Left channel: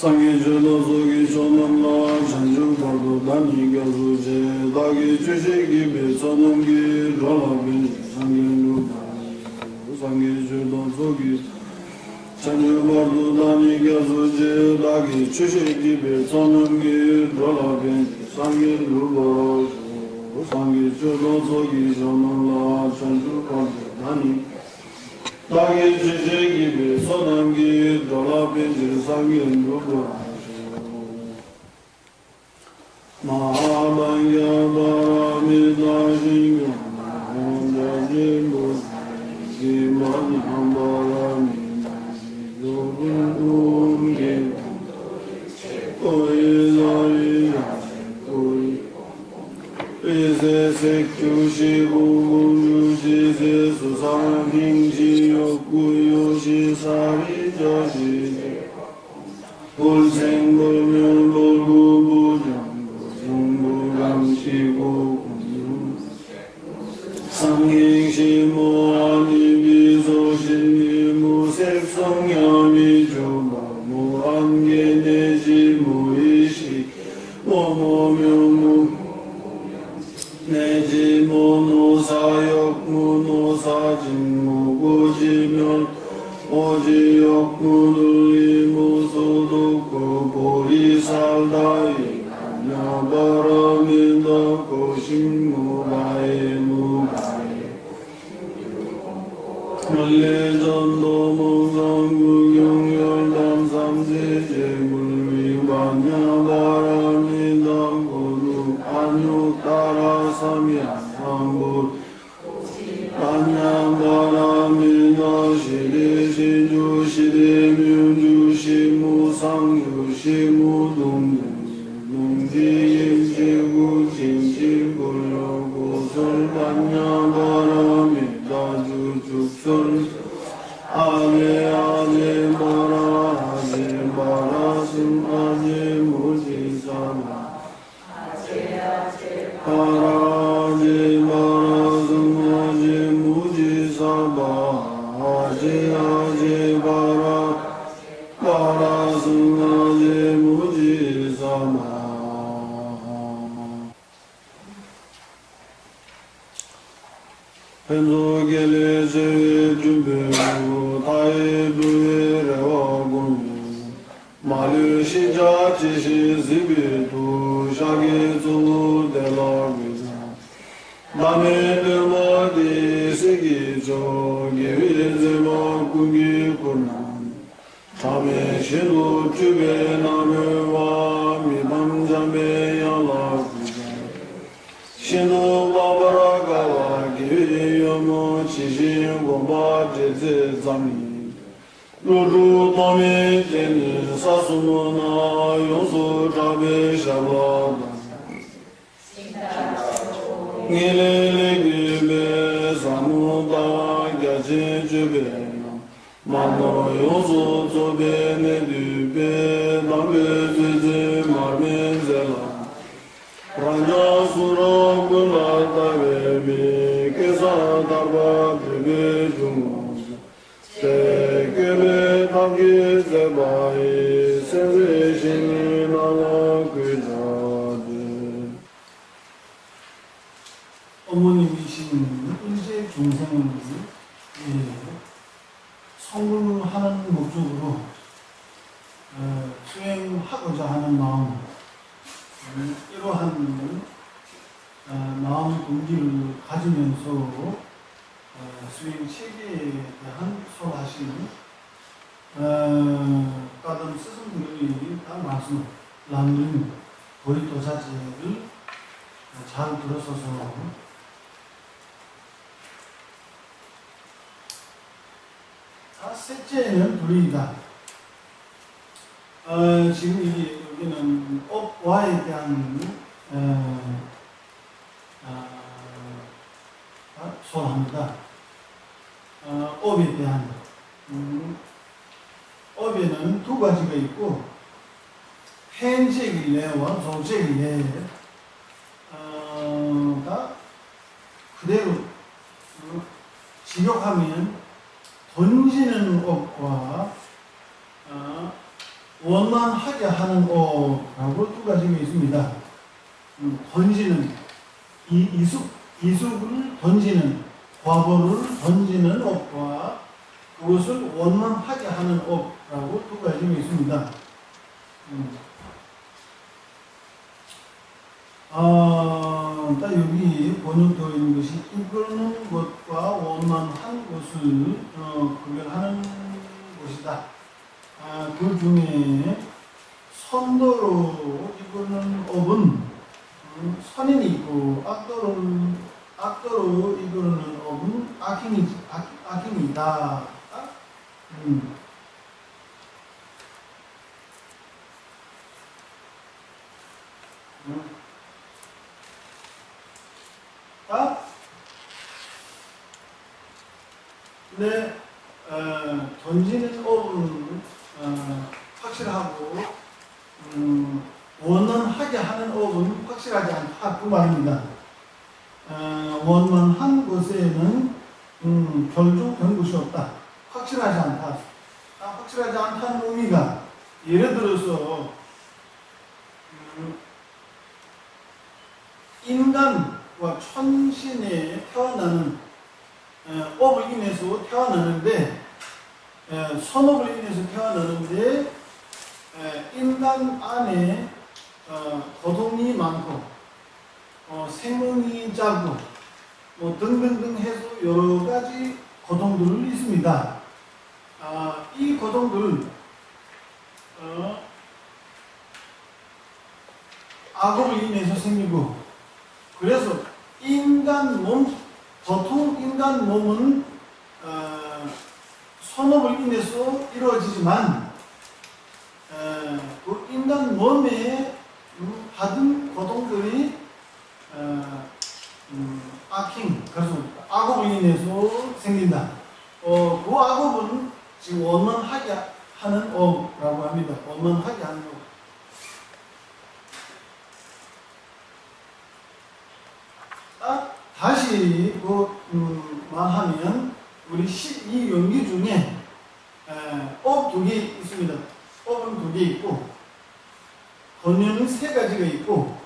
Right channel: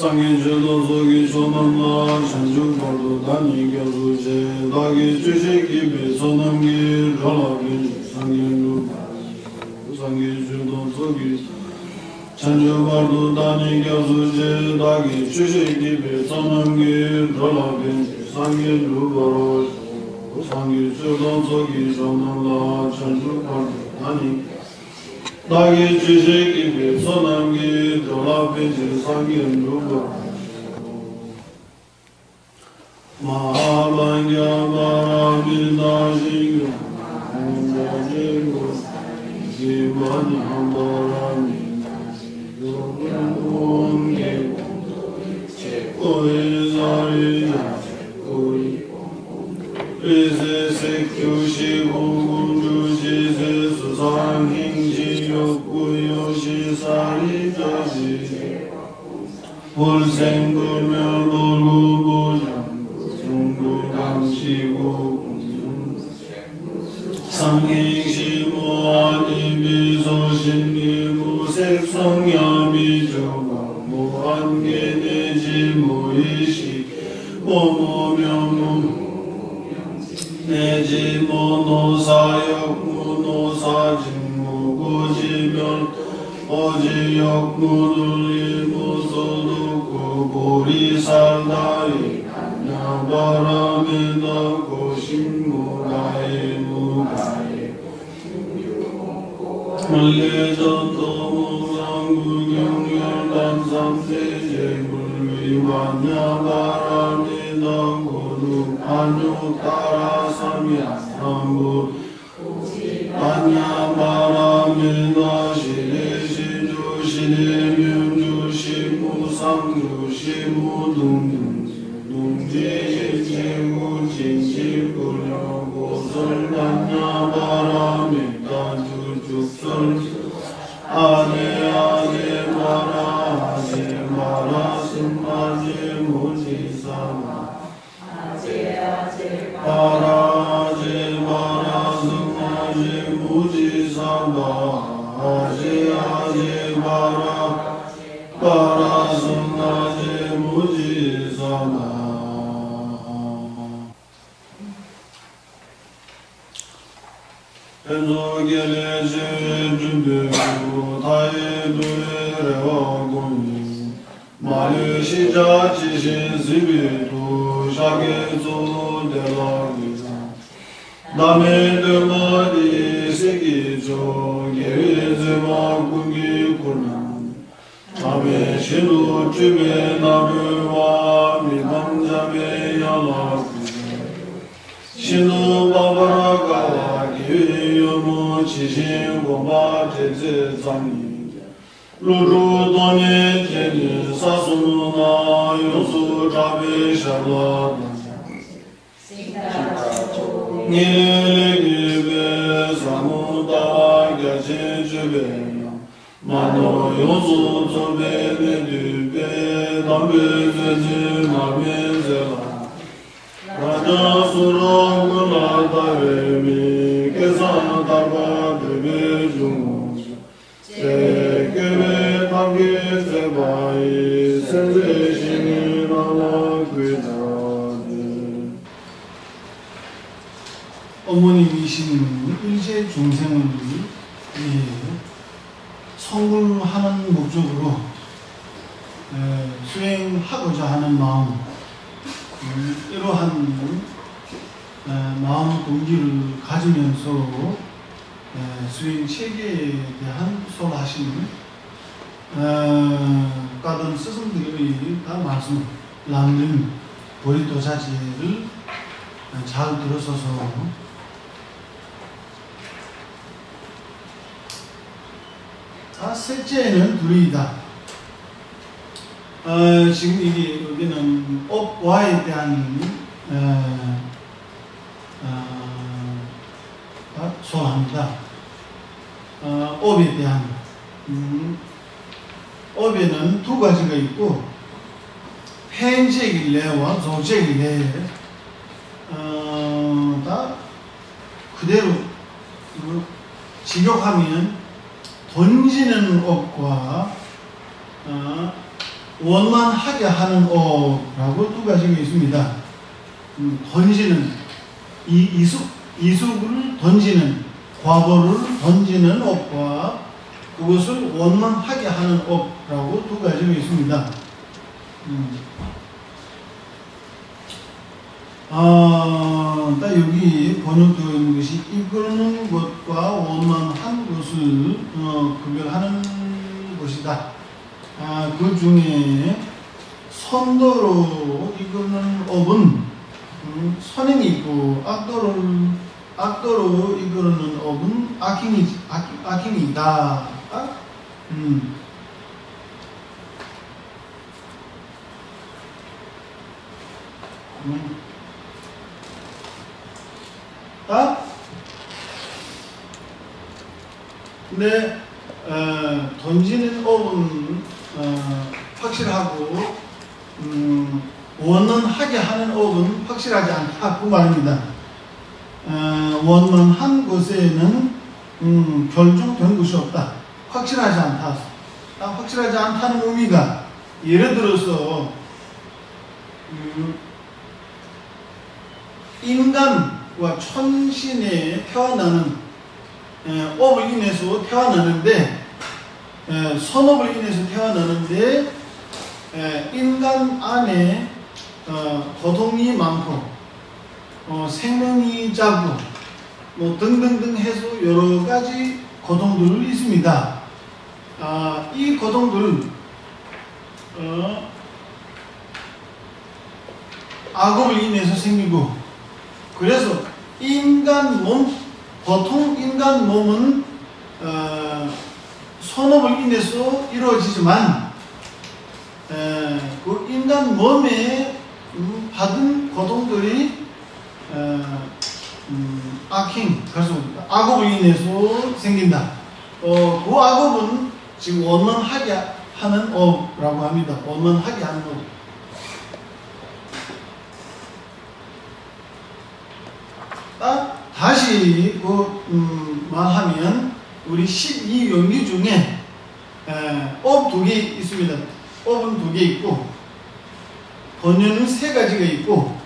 상계주도 속이 조남라 천주벌도 단위 교수제 다기 주식이 배선음기 rolabin 상계루 상계주도 속이 천주벌도 단위 교수제 다기 주식이 배선음기 rolabin 상계루 상계주도 속이 조남라 천주벌도 단위 다기 주식이 배선음기 rolabin 상계루 마하방야바라미다시요 마하자지무 기반함바라미 요분운기 오이자리자 오이 이세색주시부문주시세 수상행지욕구요시사리저지지 불생불멸놀구보정 중부강시고 상행시무아니비소신리무색성야비조가 무한계내지무이시 오모묘무 내지모노사역무노사진무구지멸 오지역무들리무소독고 보리살다이 야바라미다 고심무가에 무가에 물레전도무상구경열단삼대제물위반 야바라미다 고누 안유따라삼야상구 반야바라미다 시리시주시리명주시무상주시무둥둥 징징징고설반야바라미 다주죽설 아제아제마라 아제마라슴 아제무지사마 아라아제마라슴 아제무지사마 아제아제마라 파라슴 아제무지사마 펜조겔레제 준비하고 타이브레와고니 말레시자 지시시비도 샤게조 델라기자 남에르머디 세기조 기회제마구기구나 타메시도 주베 나르와 미방자베 야라기자 신호바바라가와 기회여모 치신고바제제자미 루루도네 제니 사수나 요수자베 샤라다 니레레기베 사무다라갸제주베 마노 요수조베 네두베 나베제제 마멘제라 라자수라굴라다베미 깨사다바드베 중무자 세계베 답기제바이 세세신이나라그자드 어머님이신 일제 중생을 성불하는 목적으로 수행하고자 하는 마음, 이러한 마음 동기를 가지면서 수행 체계에 대한 설하시는 까던 스승들이 다 말씀 람등 보리도자지를 잘 들어서서 셋째는 둘이다. 지금 여기는 업와에 대한 소합니다. 업에 대한 업에는 두 가지가 있고 펜제길래와 조제길래 다 그대로 직역하면 던지는 업과 원만하게 하는 업라고 두 가지가 있습니다. 던지는 이숙을 던지는 과보를 던지는 업과 그것을 원만하게 하는 업라고 두 가지가 있습니다. 딱 여기 번역되어 있는 것이 이끄는 것과 원만한 것을 구별하는 것이다. 그 중에 선도로 이끄는 업은 선행이 있고 악도로 이끄는 업은 악행이다. 근데 던지는 업은 확실하고 원만하게 하는 업은 확실하지 않다 그 말입니다. 원만한 것에는 결정된 것이 없다. 확실하지 않다. 확실하지 않다는 의미가 예를 들어서 인간과 천신에 태어나는 업을 인해서 태어나는데 선업을 인해서 태어나는데 인간 안에 고통이 많고 생명이 작고 뭐 등등등 해서 여러 가지 고통들이 있습니다. 이 고통들을 악업을 인해서 생기고 그래서 보통 인간 몸은 선업을 인해서 이루어지지만 그 인간 몸에 받은 고통들이 악행, 그래서 악업을 인해서 생긴다. 그 악업은 지금 원만하게 하는 업이라고 합니다. 원만하게 하는 업. 다시 말하면 우리 12연기 중에 업 2개 있습니다. 업은 2개 있고 번연은 3가지가 있고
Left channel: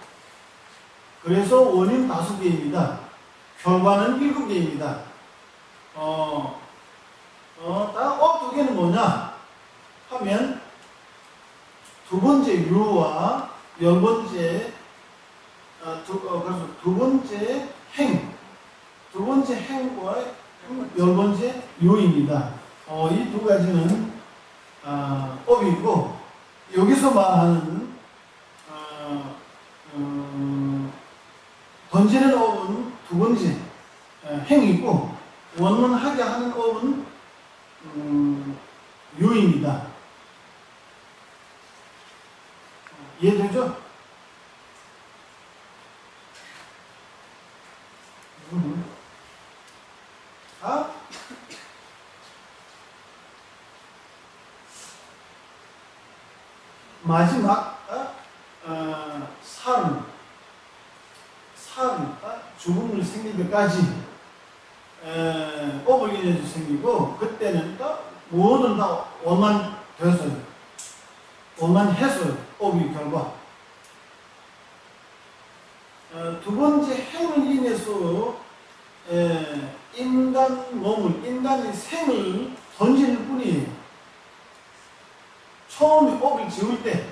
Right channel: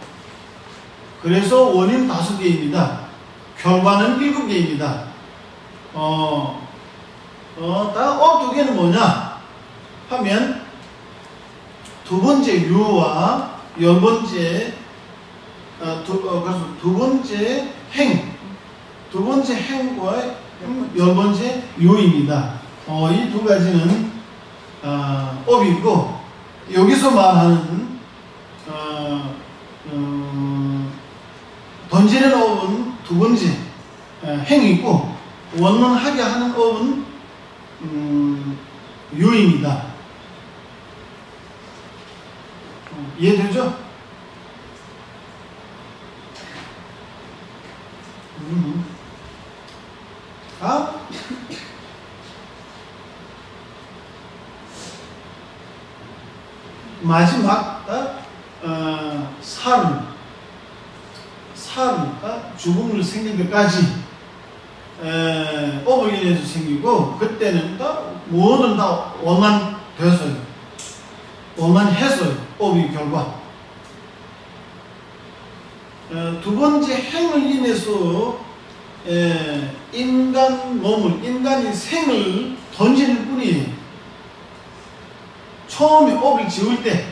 그래서 원인 5개입니다. 결과는 7개입니다. 업 2개는 뭐냐 하면 두 번째 유와 10번째 그래서 두 번째 행과 10번째 유입니다. 이 2가지는 업이고 여기서 말하는 던지는 업은 2번째 행이고 원만하게 하는 업은 유입니다. 이해되죠? 마지막 죽음을 생기기까지 업을 인해서 생기고 그때는 뭐든 다 원만해서요. 업이 결과. 두 번째 행을 인해서 인간이 생을 던지는 뿐이에요. 처음에 업을 지을 때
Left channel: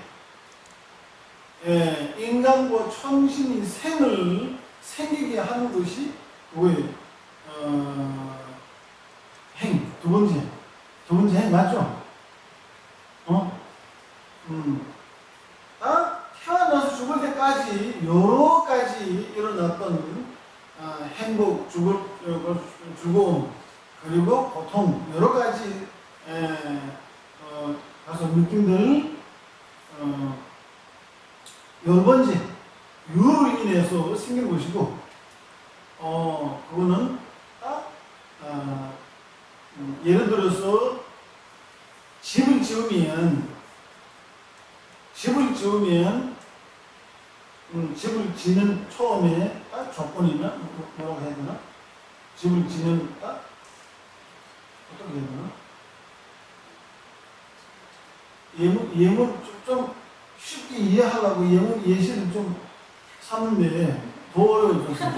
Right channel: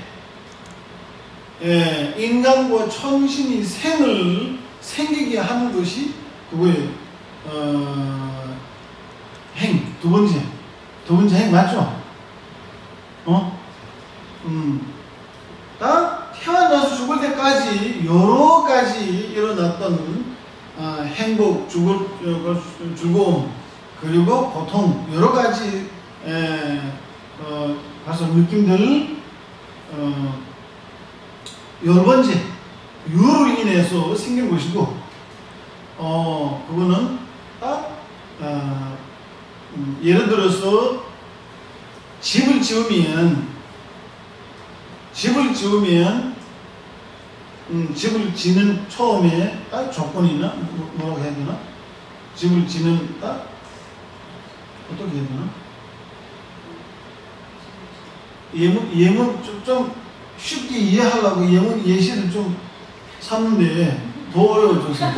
인간과 천신이 생을 생기게 하는 것이 그거예요. 두 번째 행 맞죠? 다 태어나서 죽을 때까지 여러 가지 일어났던 행복, 즐거움, 그리고 고통, 여러 가지 가서 느낌들 10번째 유로 인해서 생긴 것이고 그거는 예를 들어서 집을 지으면 집을 지는 처음에 조건이나 뭐라고 해야 되나? 집을 지는 어떻게 해야 되나? 예문 좀 쉽게 이해하려고 예문 예시를 좀 삼는데 더 어려워져서.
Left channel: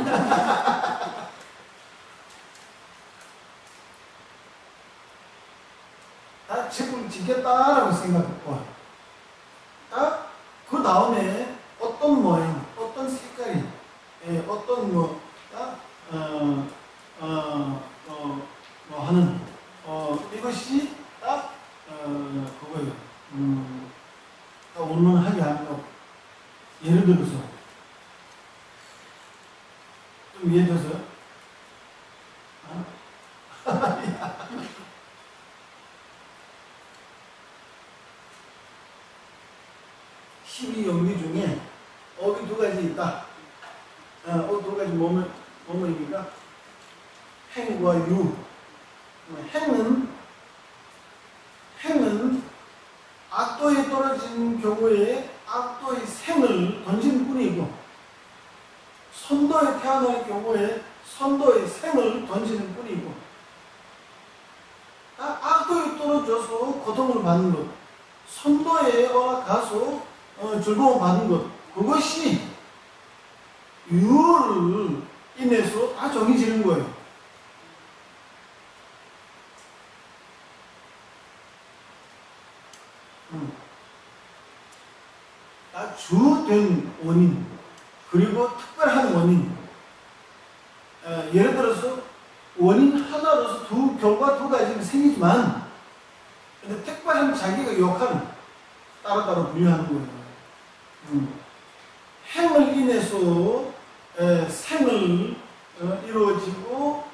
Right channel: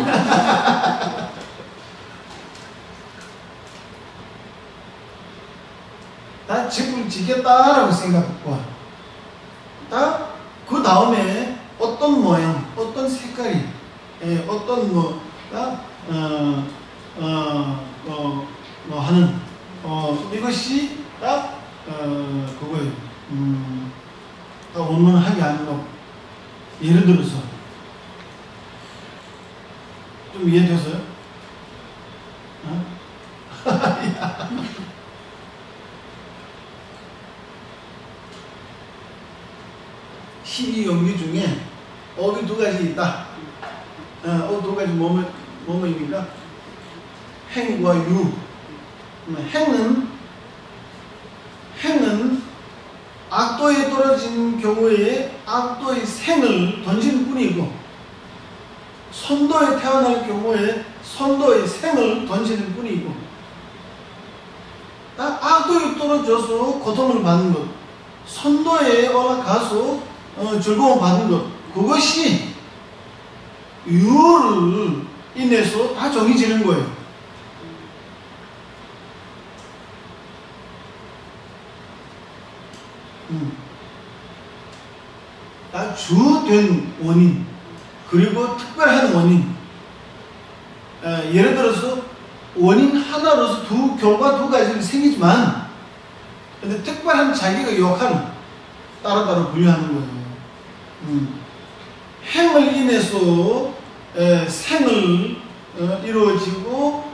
나 집을 짓겠다라고 생각했고, 그 다음에 어떤 모양, 어떤 색깔이, 어떤 하는, 이것이 딱, 그거예요. 딱 원문하게 하는 거. 예를 들어서, 좀 이해됐어요? 12연기 중에 업이 두 가지 있다. 두 가지 뭐뭐입니까? 행과 유. 행은 악도에 떨어진 경우에 악도의 생을 던지는 뿐이고, 선도에 태어날 경우에 선도의 생을 던지는 뿐이고, 악도에 떨어져서 고통을 받는 것, 선도에 올라가서 즐거움 받는 것, 그것이 유를 인해서 다 정해지는 거예요. 다 주된 원인, 그리고 특별한 원인. 예를 들어서 원인 하나로서 결과 두 가지를 생기지만, 근데 특별한 자기가 역할을 따로따로 분류하는 거예요. 행을 인해서 생을 이루어지고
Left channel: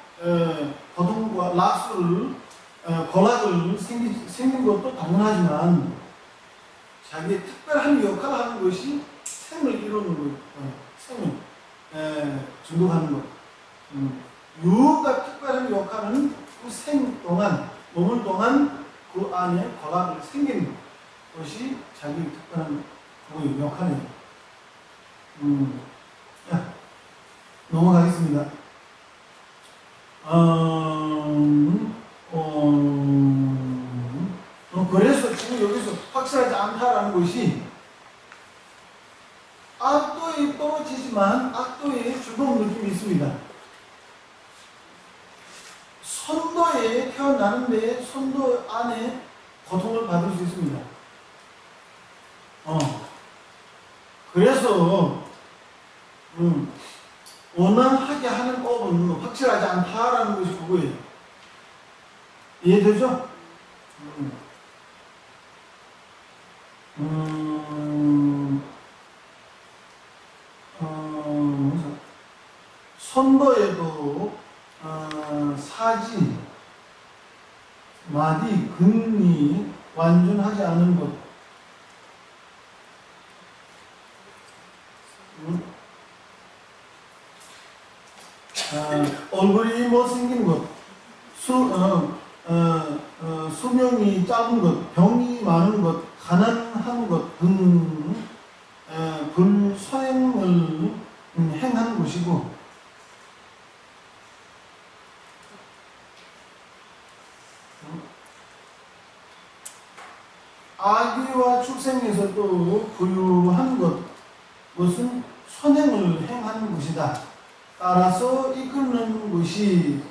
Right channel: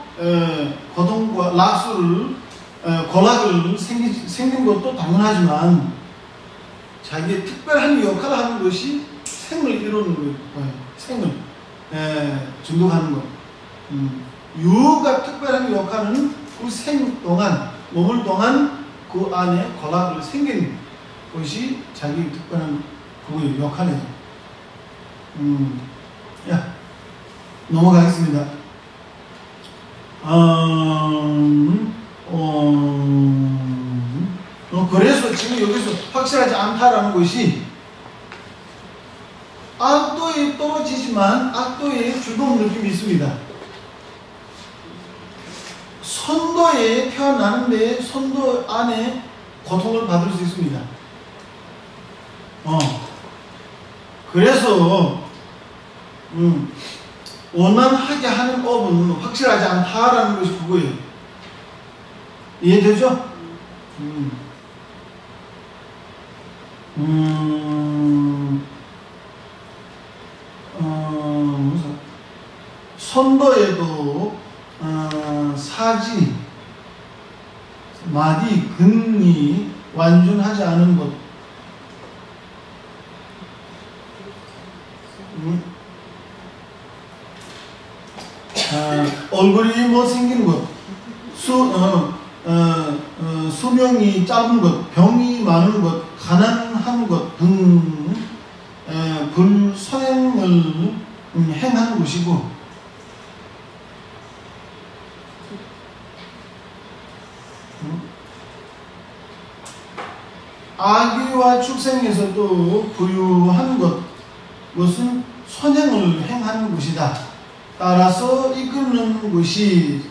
고통과 낙수를 고락을 생긴 것도 당연하지만, 자기의 특별한 역할을 하는 것이 생을 이루는 거예요. 생을 증득하는 것. 유가 특별한 역할은 그 생 동안, 몸을 동안 그 안에 고락을 생긴 것이 자기 특별한 그 역할이에요. 넘어가겠습니다. 그래서 지금 여기서 확실하지 않다라는 것이, 악도에 떨어지지만 악도에 즐거운 느낌이 있습니다. 선도에 태어나는데 선도 안에 고통을 받을 수 있습니다. 그래서 원만하게 하는 업은 확실하지 않다라는 것이 그거예요. 이해되죠? 선도에도 사지, 마디, 근이 완전하지 않은 것, 얼굴이 못생긴 것, 수명이 짧은 것, 병이 많은 것, 가난한 것 등 불선행을 행하는 것이고, 아기와 출생에서도 부유한 것은 선행을 행하는 것이다. 따라서 이끄는 것이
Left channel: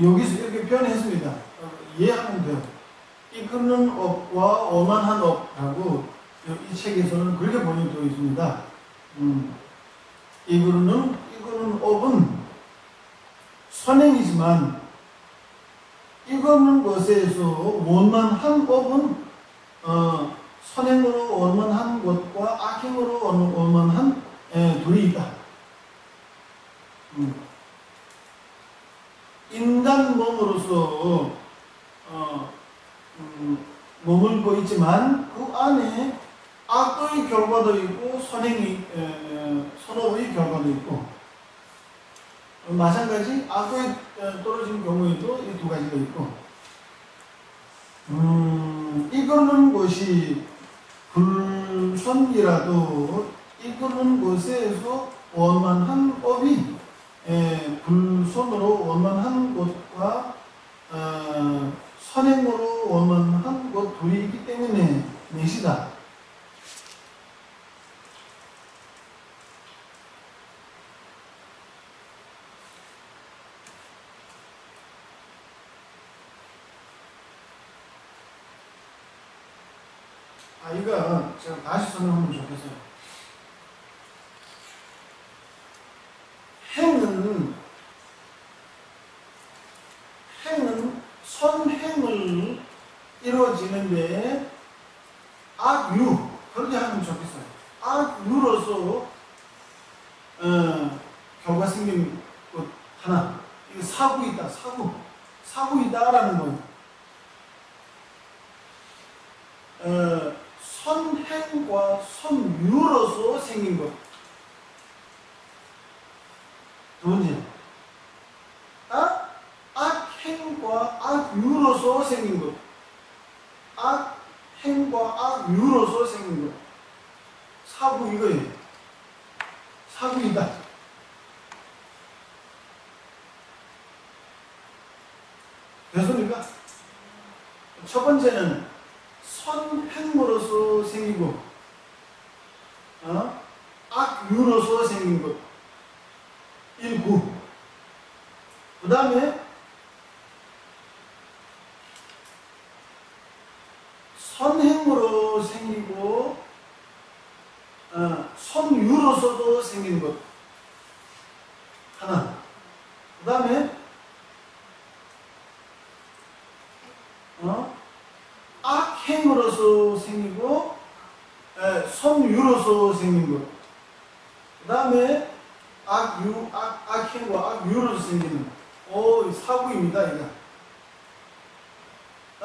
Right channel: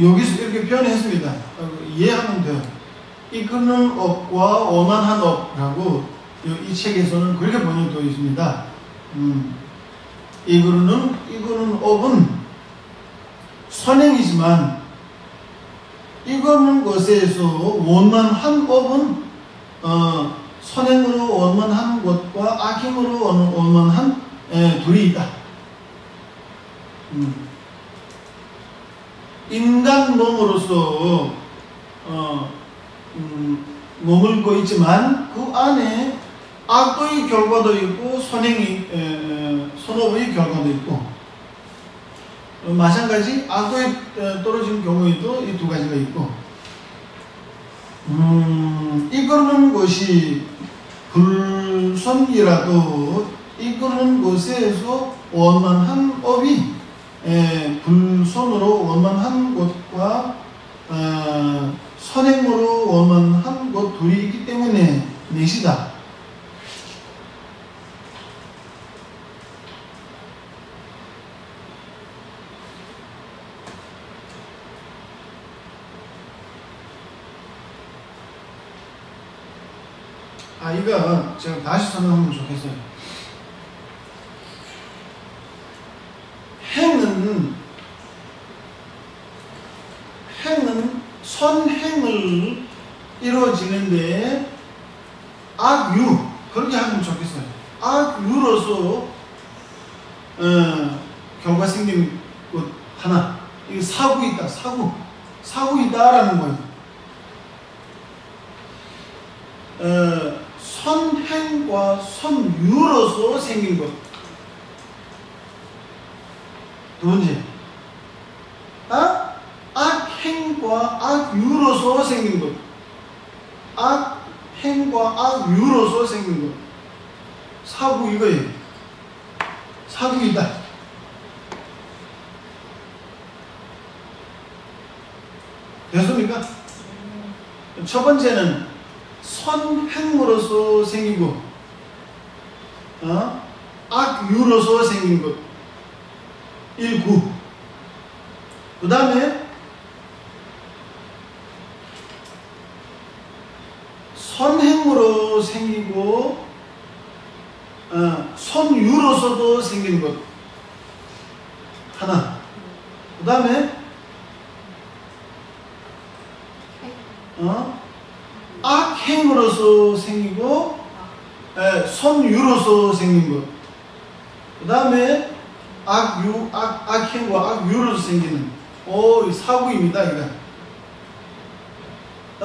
여기서 이렇게 표현했습니다. 이해하면 돼요. 이끄는 업과 원만한 업이라고 이 책에서는 그렇게 번역되어 있습니다. 이끄는 업은 선행이지만, 이끄는 것에서 원만한 업은 선행으로 원만한 것과 악행으로 원만한 둘이 있다. 인간 몸으로서 머물고 있지만 그 안에 악도의 결과도 있고 선업의 결과도 있고, 마찬가지 악도에 떨어지는 경우에도 이 두 가지가 있고, 이끄는 것이 불선이라도 이끄는 것에서 원만한 업이 불선으로 원만한 것과 선행으로 계시다. 이거 제가 다시 설명하면 좋겠어요. 행은 선행을 이루어지는데 악유, 그렇게 하면 좋겠어요. 악유로서 결과 생긴 것 하나, 이거 사구 있다, 사구 있다라는 거예요. 선행과 선유로서 생긴 것. 두 번째, 악행과 악유로서 생긴 것. 악행과 악유로서 생긴 것. 사구 이거예요. 사구 있다. 됐습니까? 첫 번째는 선행으로서 생긴 것, 악유로서 생긴 것, 1구. 그 다음에 선행으로 생기고 선유로서도 생긴 것 하나. 그 다음에 악행으로서 생기고 선유로서 생긴 것. 그 다음에 악행과 악유로서 생기는 사구입니다. 이거.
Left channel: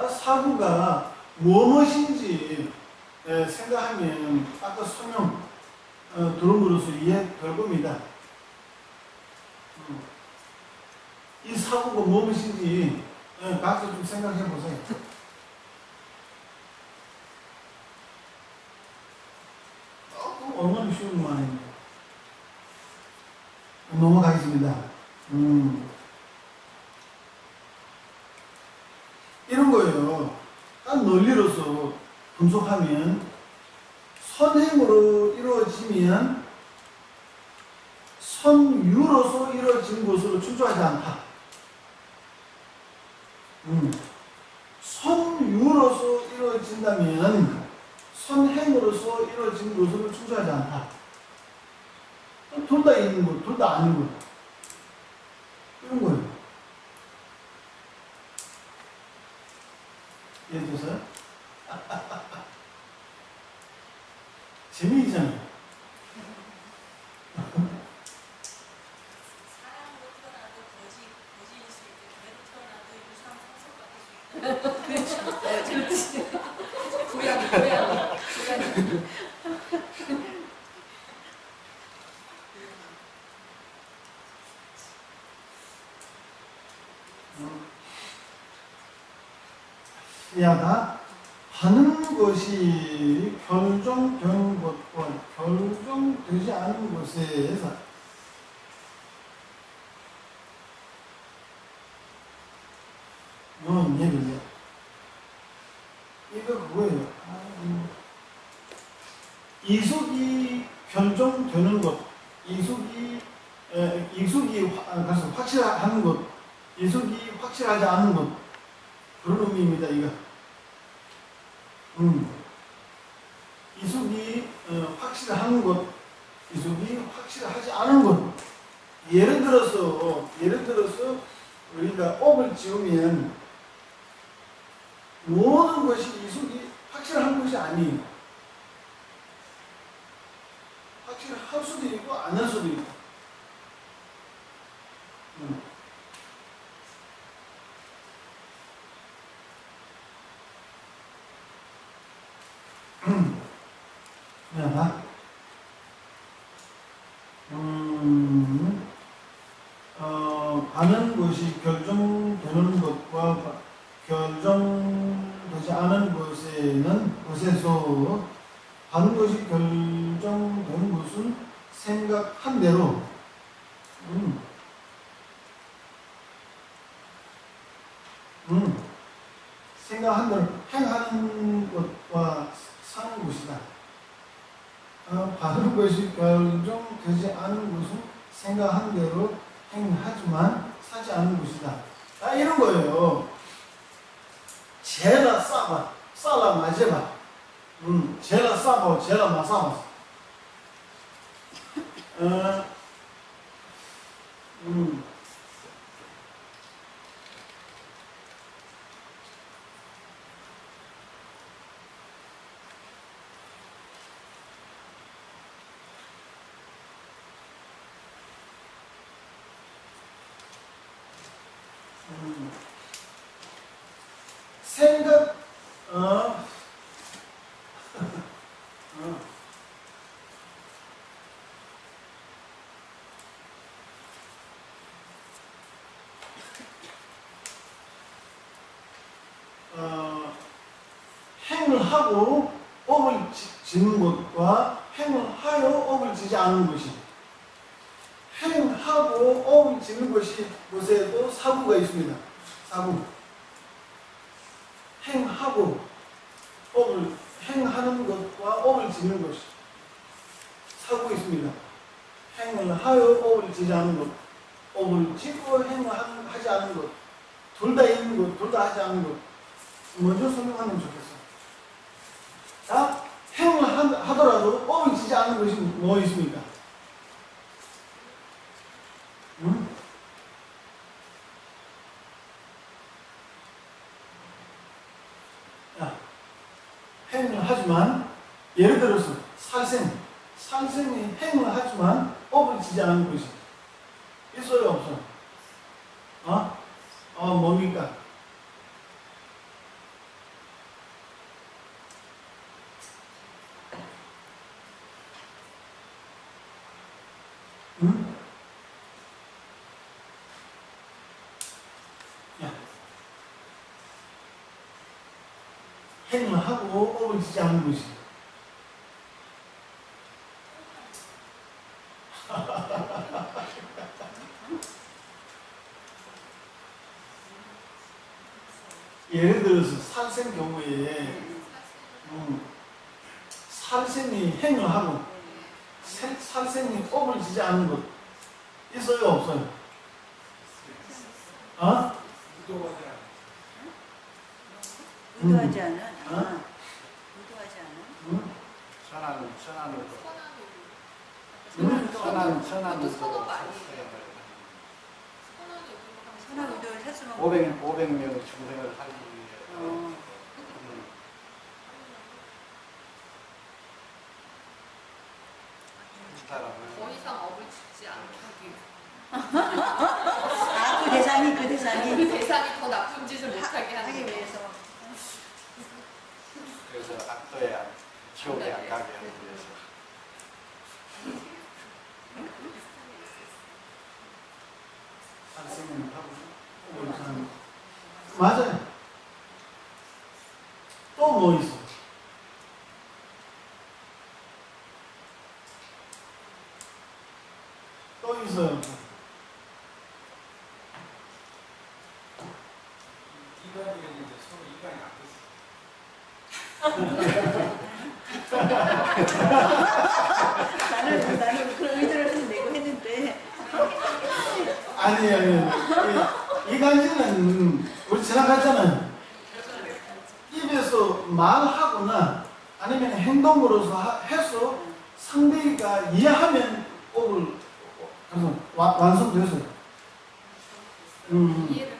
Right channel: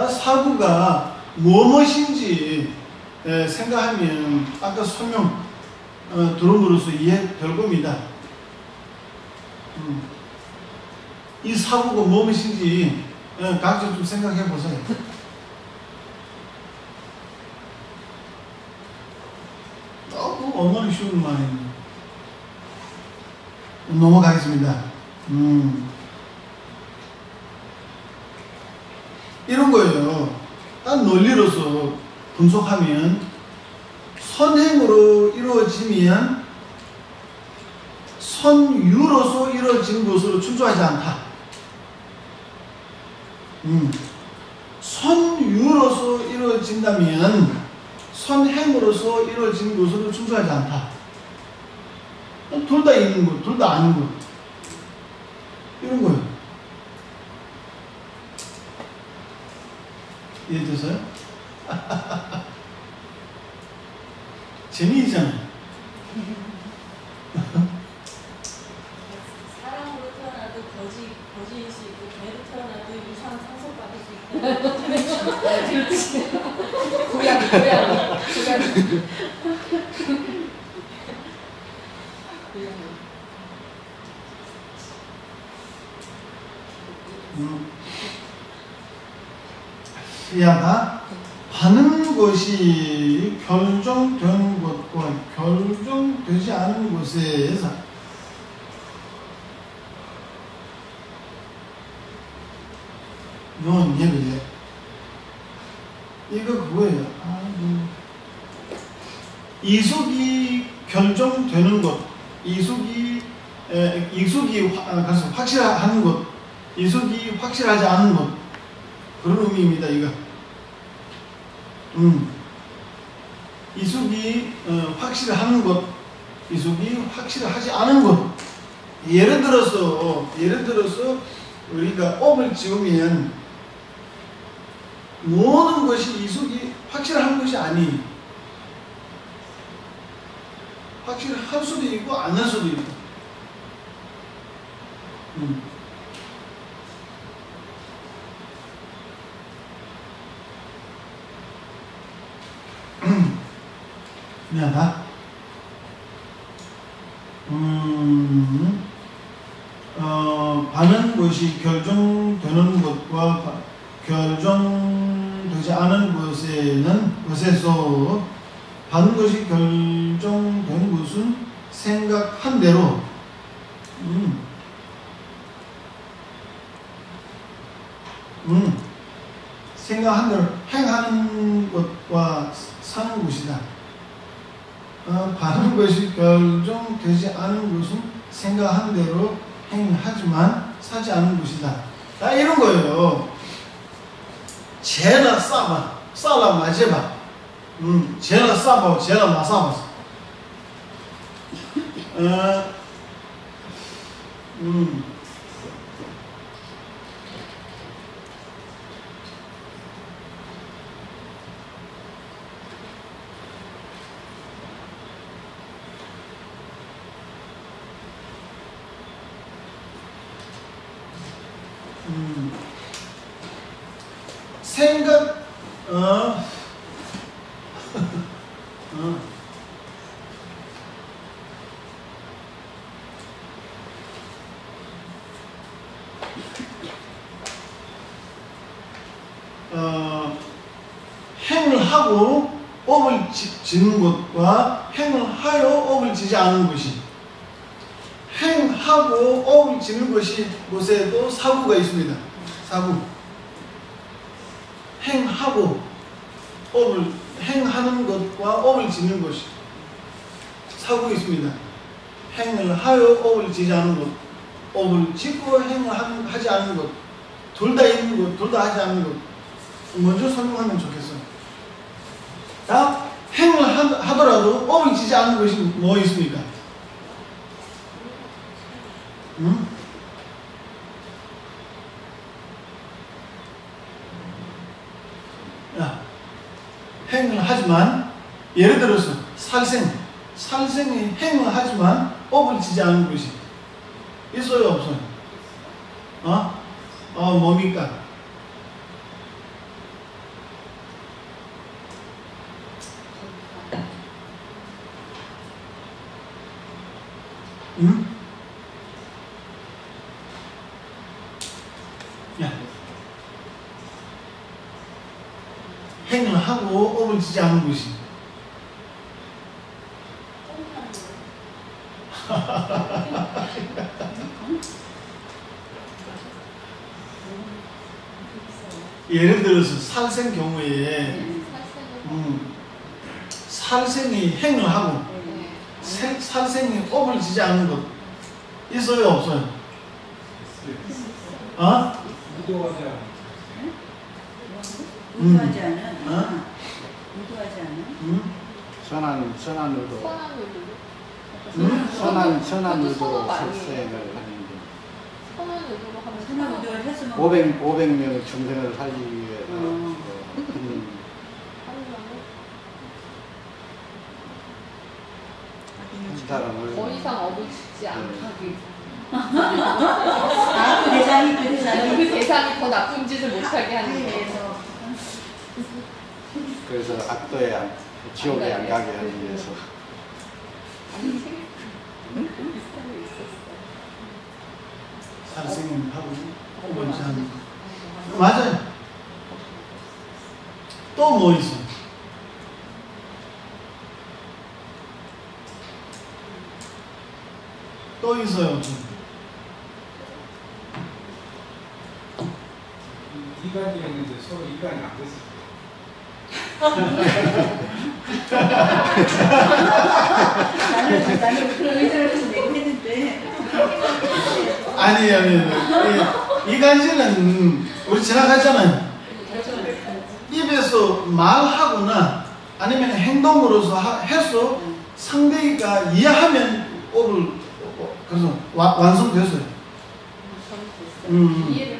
사구가 무엇인지 생각하면 아까 설명 들은 것으로서 이해될 겁니다. 이 사구가 무엇인지 각자 좀 생각해 보세요. 얼마나 쉬운 말이에요. 넘어가겠습니다. 이런 거예요. 딱 논리로서 분석하면 선행으로 이루어지면 선유로서 이루어진 것으로 충족하지 않다. 선유로서 이루어진다면 선행으로서 이루어진 것으로 충족하지 않다. 둘 다 있는 것, 둘 다 아닌 것. 이런 거예요. 이해되세요? 재미있잖아요. 사람으로 태어나도 거지일 수 있고, 개로 태어나도 이상한 상속 받을 수 있고. 고양이. 야가 하는 것이 결정된 것과 결정되지 않은 것에서 이건 예를요. 이거 그거예요. 이속이 결정되는 것, 이속이 확실한 것, 이속이 확실하지 않은 것, 그런 의미입니다. 이거. 이속이 확실한 것, 이속이 확실하지 않은 것. 예를 들어서 우리가 업을 지으면 모든 것이 이속이 확실한 것이 아니에요. 확실할 수도 있고 안 할 수도 있고. 미안하다. 받는 것이 결정되는 것과 결정되지 않은 것에서 받는 것이 결정된 것은 생각한 대로 생각한 대로 행하는 것과 사는 것이다. 바른 것이 결정되지 않은 것은 생각한 대로 행하지만 사지 않은 것이다. 다 이런 거예요. 쟤나 싸봐, 싸라 맞아봐. 쟤나 싸봐, 쟤나 맞아봐. 생각, 행을 하고 업을 짓는 것과 행을 하여 업을 지지 않는 것이, 행하고 업을 짓는 것이 곳에도 사구가 있습니다. 사구. 행하고 업을 행하는 것과 업을 짓는 것이 사구가 있습니다. 행을 하여 업을 지지 않는 것, 업을 짓고 행을 하지 않는 것, 둘 다 있는 것, 둘 다 하지 않는 것. 먼저 설명하면 좋겠어요. 다 행을 하더라도 업을 지지 않는 것이 뭐 있습니까? 행을 하지만, 예를 들어서 살생이 행을 하지만 업을 지지 않는 것이 있어요, 없어요? 뭡니까? 행을 하고 업을 지지 않는 것이. 예를 들어서 살생 경우에 살생이 행을 하고 살생이 업을 지지 않는 것 있어요, 없어요? 의도하지 않아. 의도하지 않은? 의도하지 않은? 선한 의도. 선한 의도 선호가 아니에요. 출생을 하는 거. 선한 의도로 하면 선한 의도를 했으면 500명 정생을 하기 위해 한 사람을 더 이상 업을 짓지 않기. 그 대상이 그 대상이 더 나쁜 짓을 못하게 하는 거. 위해서 그래서 악도에 지옥에 안 가게 하기 위해서. 살생을 하고 업을 지지 않는 것. 맞아요. 또 뭐 있어? 또 있어요, 없어요? 이간이 있는데 서로 이간이 안 됐어. 나는 그런 의도를 내고 했는데 아니에요. 이간질은 우리 지나가잖아요. 입에서 말하거나 아니면 행동으로서 해서 상대가 이해하면 업을 그래서 완성됐어요. 이해를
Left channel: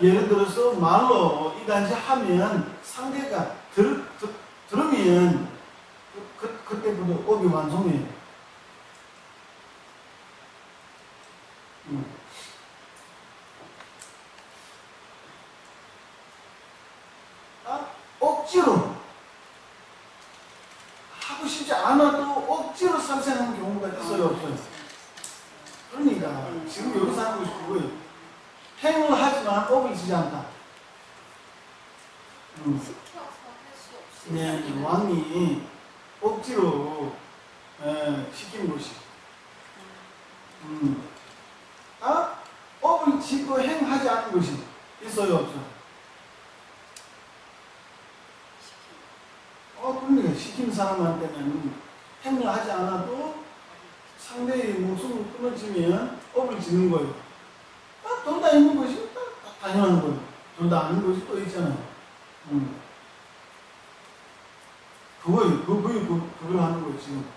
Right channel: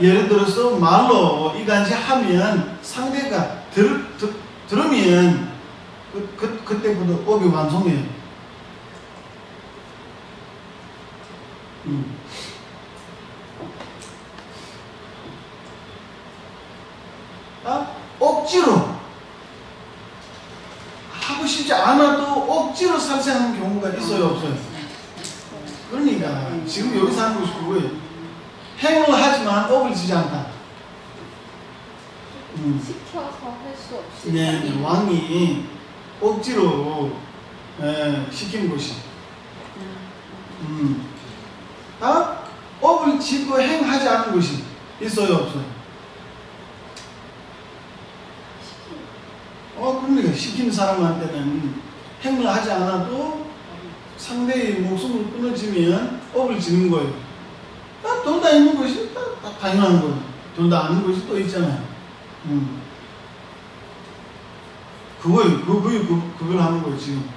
예를 들어서 말로 이간질 하면 상대가 들으면 그때부터 업이 완성이에요. 억지로 하고 싶지 않아도 억지로 살생하는 경우가 있어요, 없어요? 그러니까 지금 여기서 하는 것이 그거예요. 행을 하지만 업을 지지 않다. 시켜서 할 수 없이. 네, 왕이 억지로 시킨 것이. 업을 짓고 행하지 않은 것이 있어요, 없어요? 시킨 사람한테는 행을 하지 않아도 상대의 목숨을 끊어지면 업을 지는 거예요. 돈 다 있는 것이 다 당연한 거예요. 돈 다 아닌 것이 또 있잖아요. 그걸 하는 거예요, 지금.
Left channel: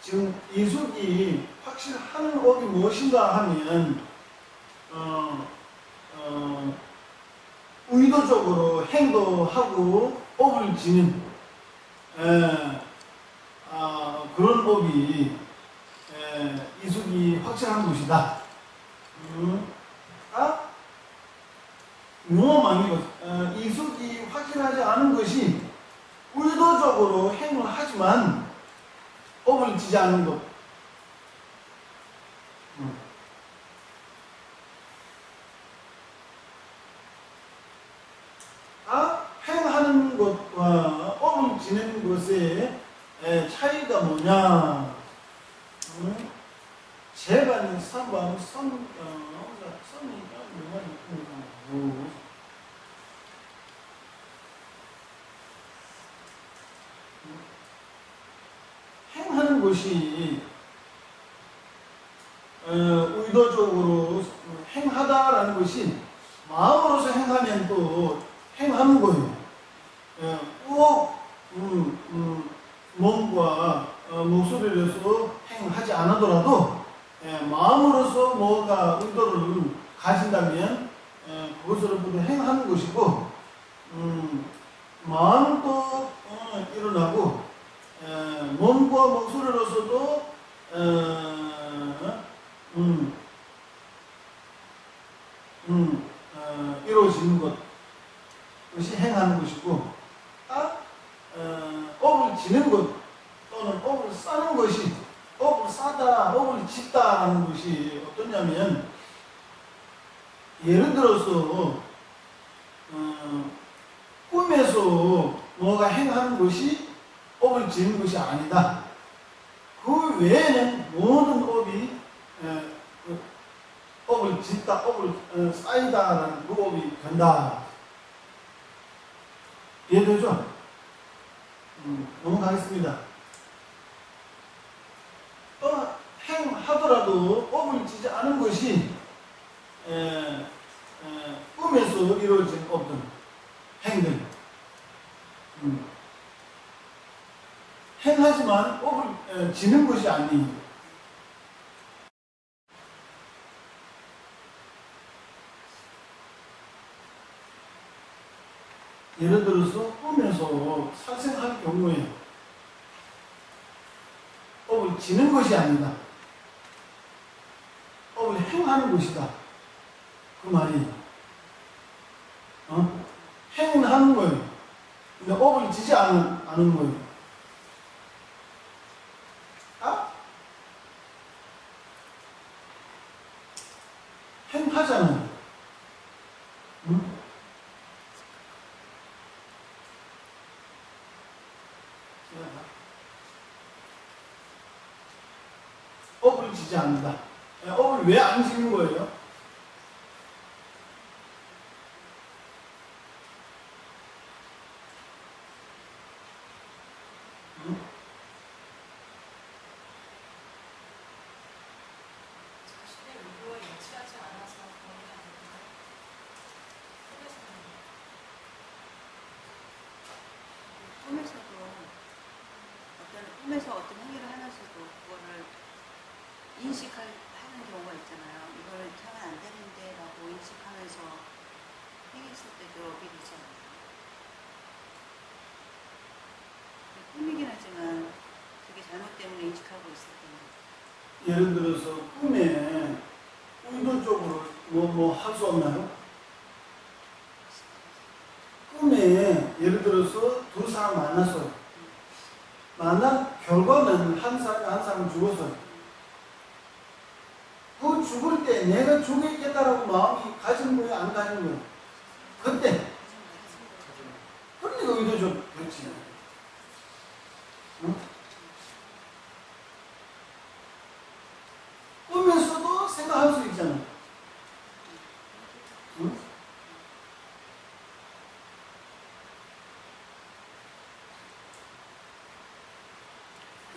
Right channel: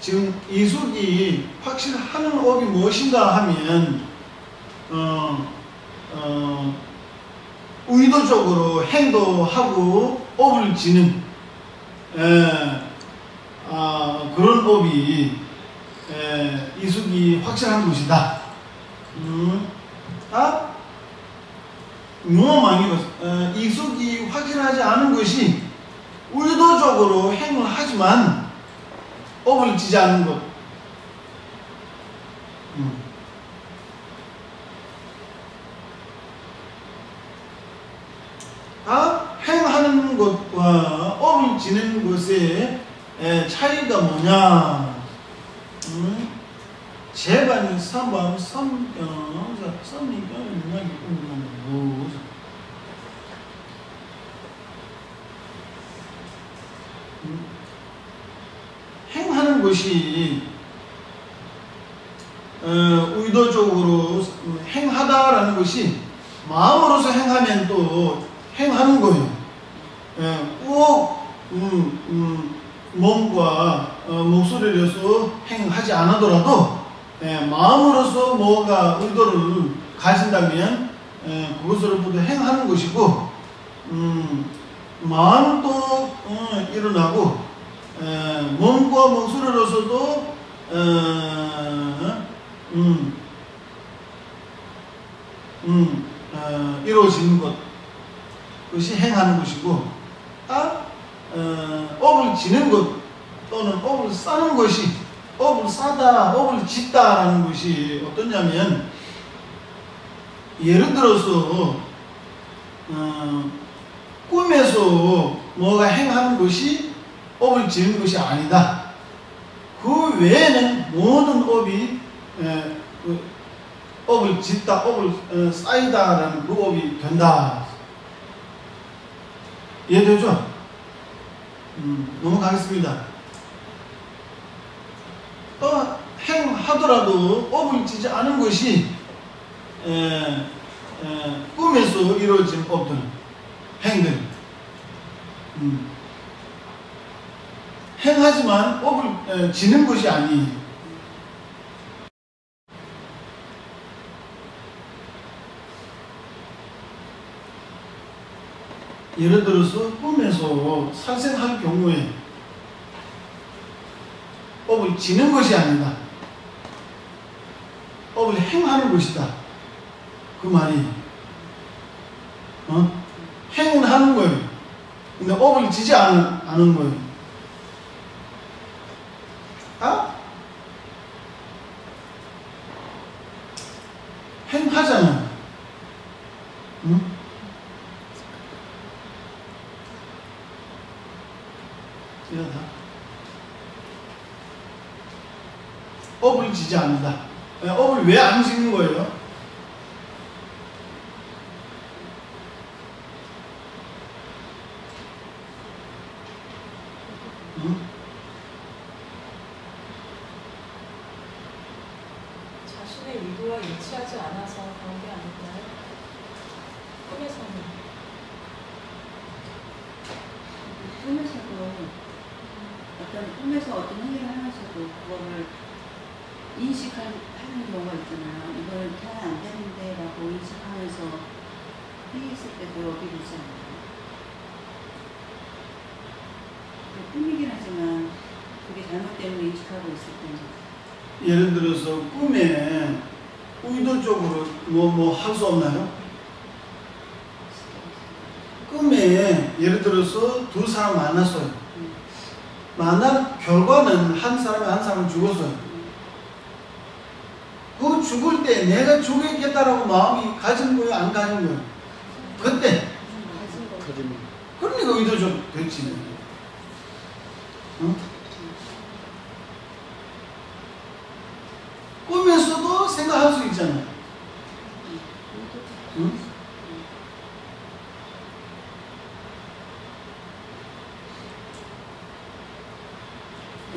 지금 이숙이 확실하는 업이 무엇인가 하면 의도적으로 행도하고 업을 지는 그런 업이 이숙이 확실한 것이다. 이숙이 확실하지 않은 것이 의도적으로 행을 하지만 업을 지지 않는 것. 행하는 것과 업을 지는 것의 차이가 뭐냐? 제반이 3번 3이니까 행하는 것이 의도적으로 행하다라는 것이 마음으로서 행하면 또 행하는 거예요. 꼭 몸과 목소리를 해서 행하지 않아더라도 마음으로서 뭐가 의도를 가진다면 그것으로부터 행하는 것이고 마음도 일어나고 몸과 목소리로서도 이루어지는 것, 그것이 행하는 것이고, 업을 지는 것 또는 업을 싸는 것이, 업을 싸다, 업을 짓다라는 것이 어떠냐면, 예를 들어서 꿈에서 뭐가 행하는 것이 업을 지는 것이 아니다. 그 외에는 모든 업이 업을 짓다, 업을 쌓이다라는 그 업이 된다. 이해되죠? 넘어가겠습니다. 또 행하더라도 업을 지지 않은 것이 꿈에서 이루어진 업들, 행들. 행하지만 업을 지는 것이 아니에요. 예를 들어서 꿈에서 살생할 경우에 업을 지는 것이 아니다. 업을 행하는 것이다. 그 말이 행은 하는 거예요. 근데 업을 지지 않은 거예요. 행하잖아요. 업을 지지 않는다. 업을 왜 안 지는 거예요? 자신의 의도와 일치하지 않아서 그런 게 아닐까요? 꿈에서 어떤 행위를 하면서도 그거를 인식하는 경우가 있잖아요. 이거는 잘 안 되는데 라고 인식하면서 행했을 때도 업이 되지 않아요. 꿈이긴 하지만 그게 잘못되는 인식하고 있을 때는 예를 들어서 꿈에 의도적으로 뭐 할 수 없나요? 꿈에 예를 들어서 두 사람 만났어요. 만난 결과는 한 사람이 한 사람 죽었어요. 그 죽을 때 내가 죽겠다라고 마음이 가진 거예요, 안 가진 거예요? 그때. 그러니까 의도적 됐지. 응? 꿈에서도 생각할 수 있잖아. 응?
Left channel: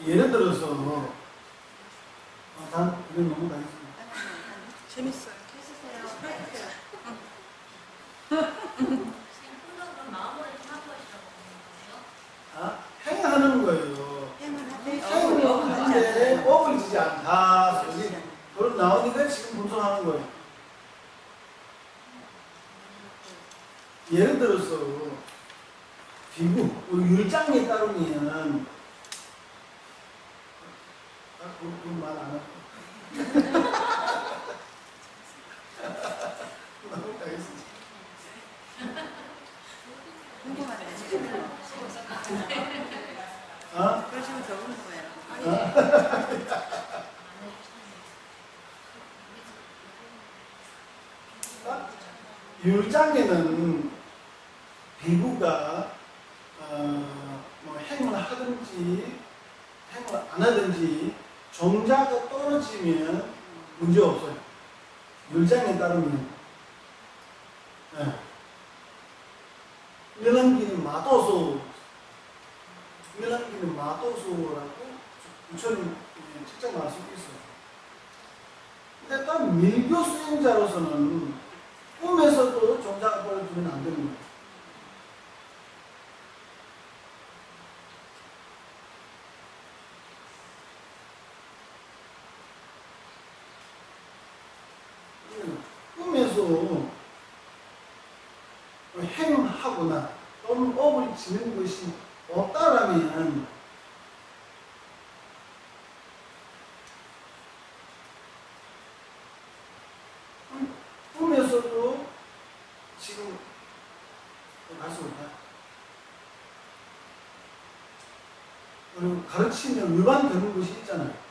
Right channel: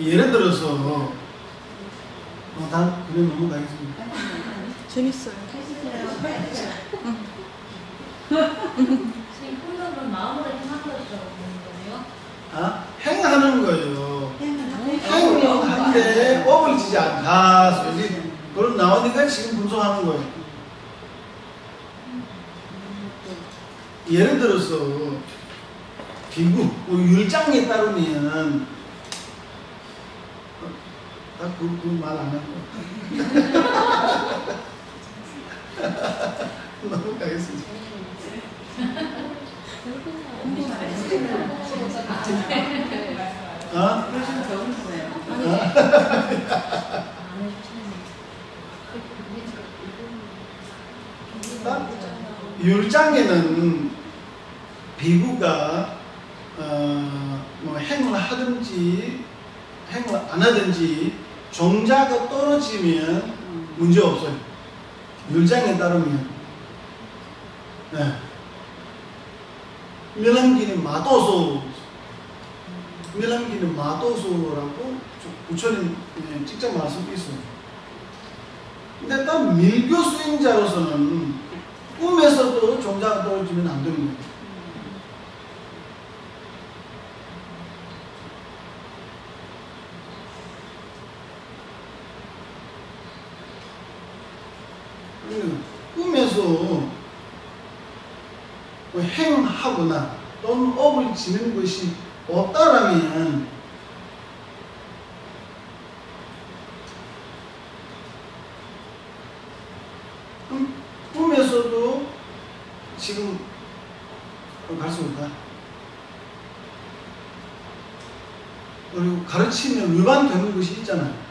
예를 들어서 난 그냥 넘어가겠습니다. 재밌어요. 지금 꿈은 마음으로 행하는 거예요? 아? 행하는 거예요. 행은 행하는데 업을 지지 않다. 소리 그런 나오니까 지금 분석하는 거예요. 예를 들어서 비구, 율장에 따르면 말 안 할 거야. 넘어가겠습니다. 아? 요즘 적은 거예요. 율장에는 비구가 뭐 행을 하든지 행을 안 하든지 종자가 떨어지면 문제 없어요. 율장에 따르면. 네. 밀람기는 마도소, 밀람기는 마도소라고 부처님 직접 말씀이 있어요. 근데 딱 밀교 수행자로서는 꿈에서도 종자가 떨어지면 안 되는 거예요. 꿈에서 행하거나 또는 업을 지는 것이 없다라면 꿈에서도 지금 갈 수 없다. 그리고 가르치면 위반되는 것이 있잖아요.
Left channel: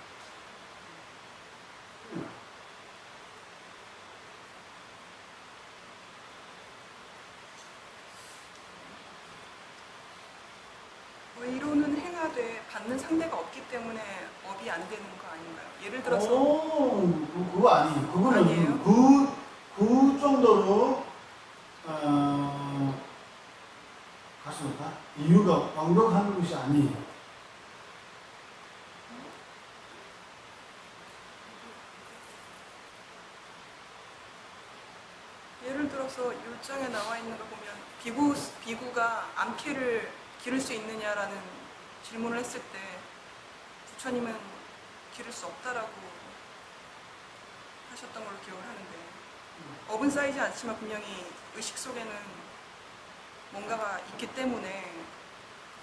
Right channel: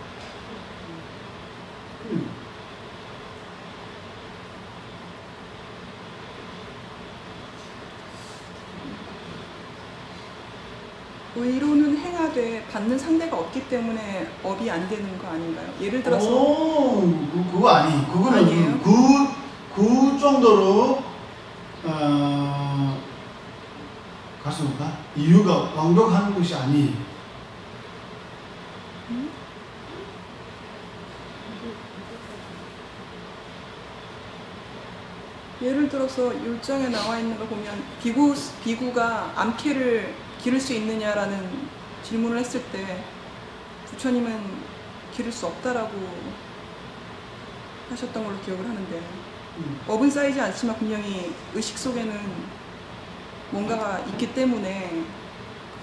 의로는 행하되 받는 상대가 없기 때문에 업이 안 되는 거 아닌가요? 예를 들어서 그거 아니. 그거는 그 정도로 갈 수 없다. 이유가 완벽한 것이 아니에요. 예를 들어서 율정에 나와 있는 거 보면 비구가 암캐를 기를 수 있느냐라는 질문을 했을 때 부처님은 기를 수 없다라고 하셨던 걸로 기억을 하는데 업은 쌓이지 않지만 분명히 의식 속에는 뭔가가 있기 때문에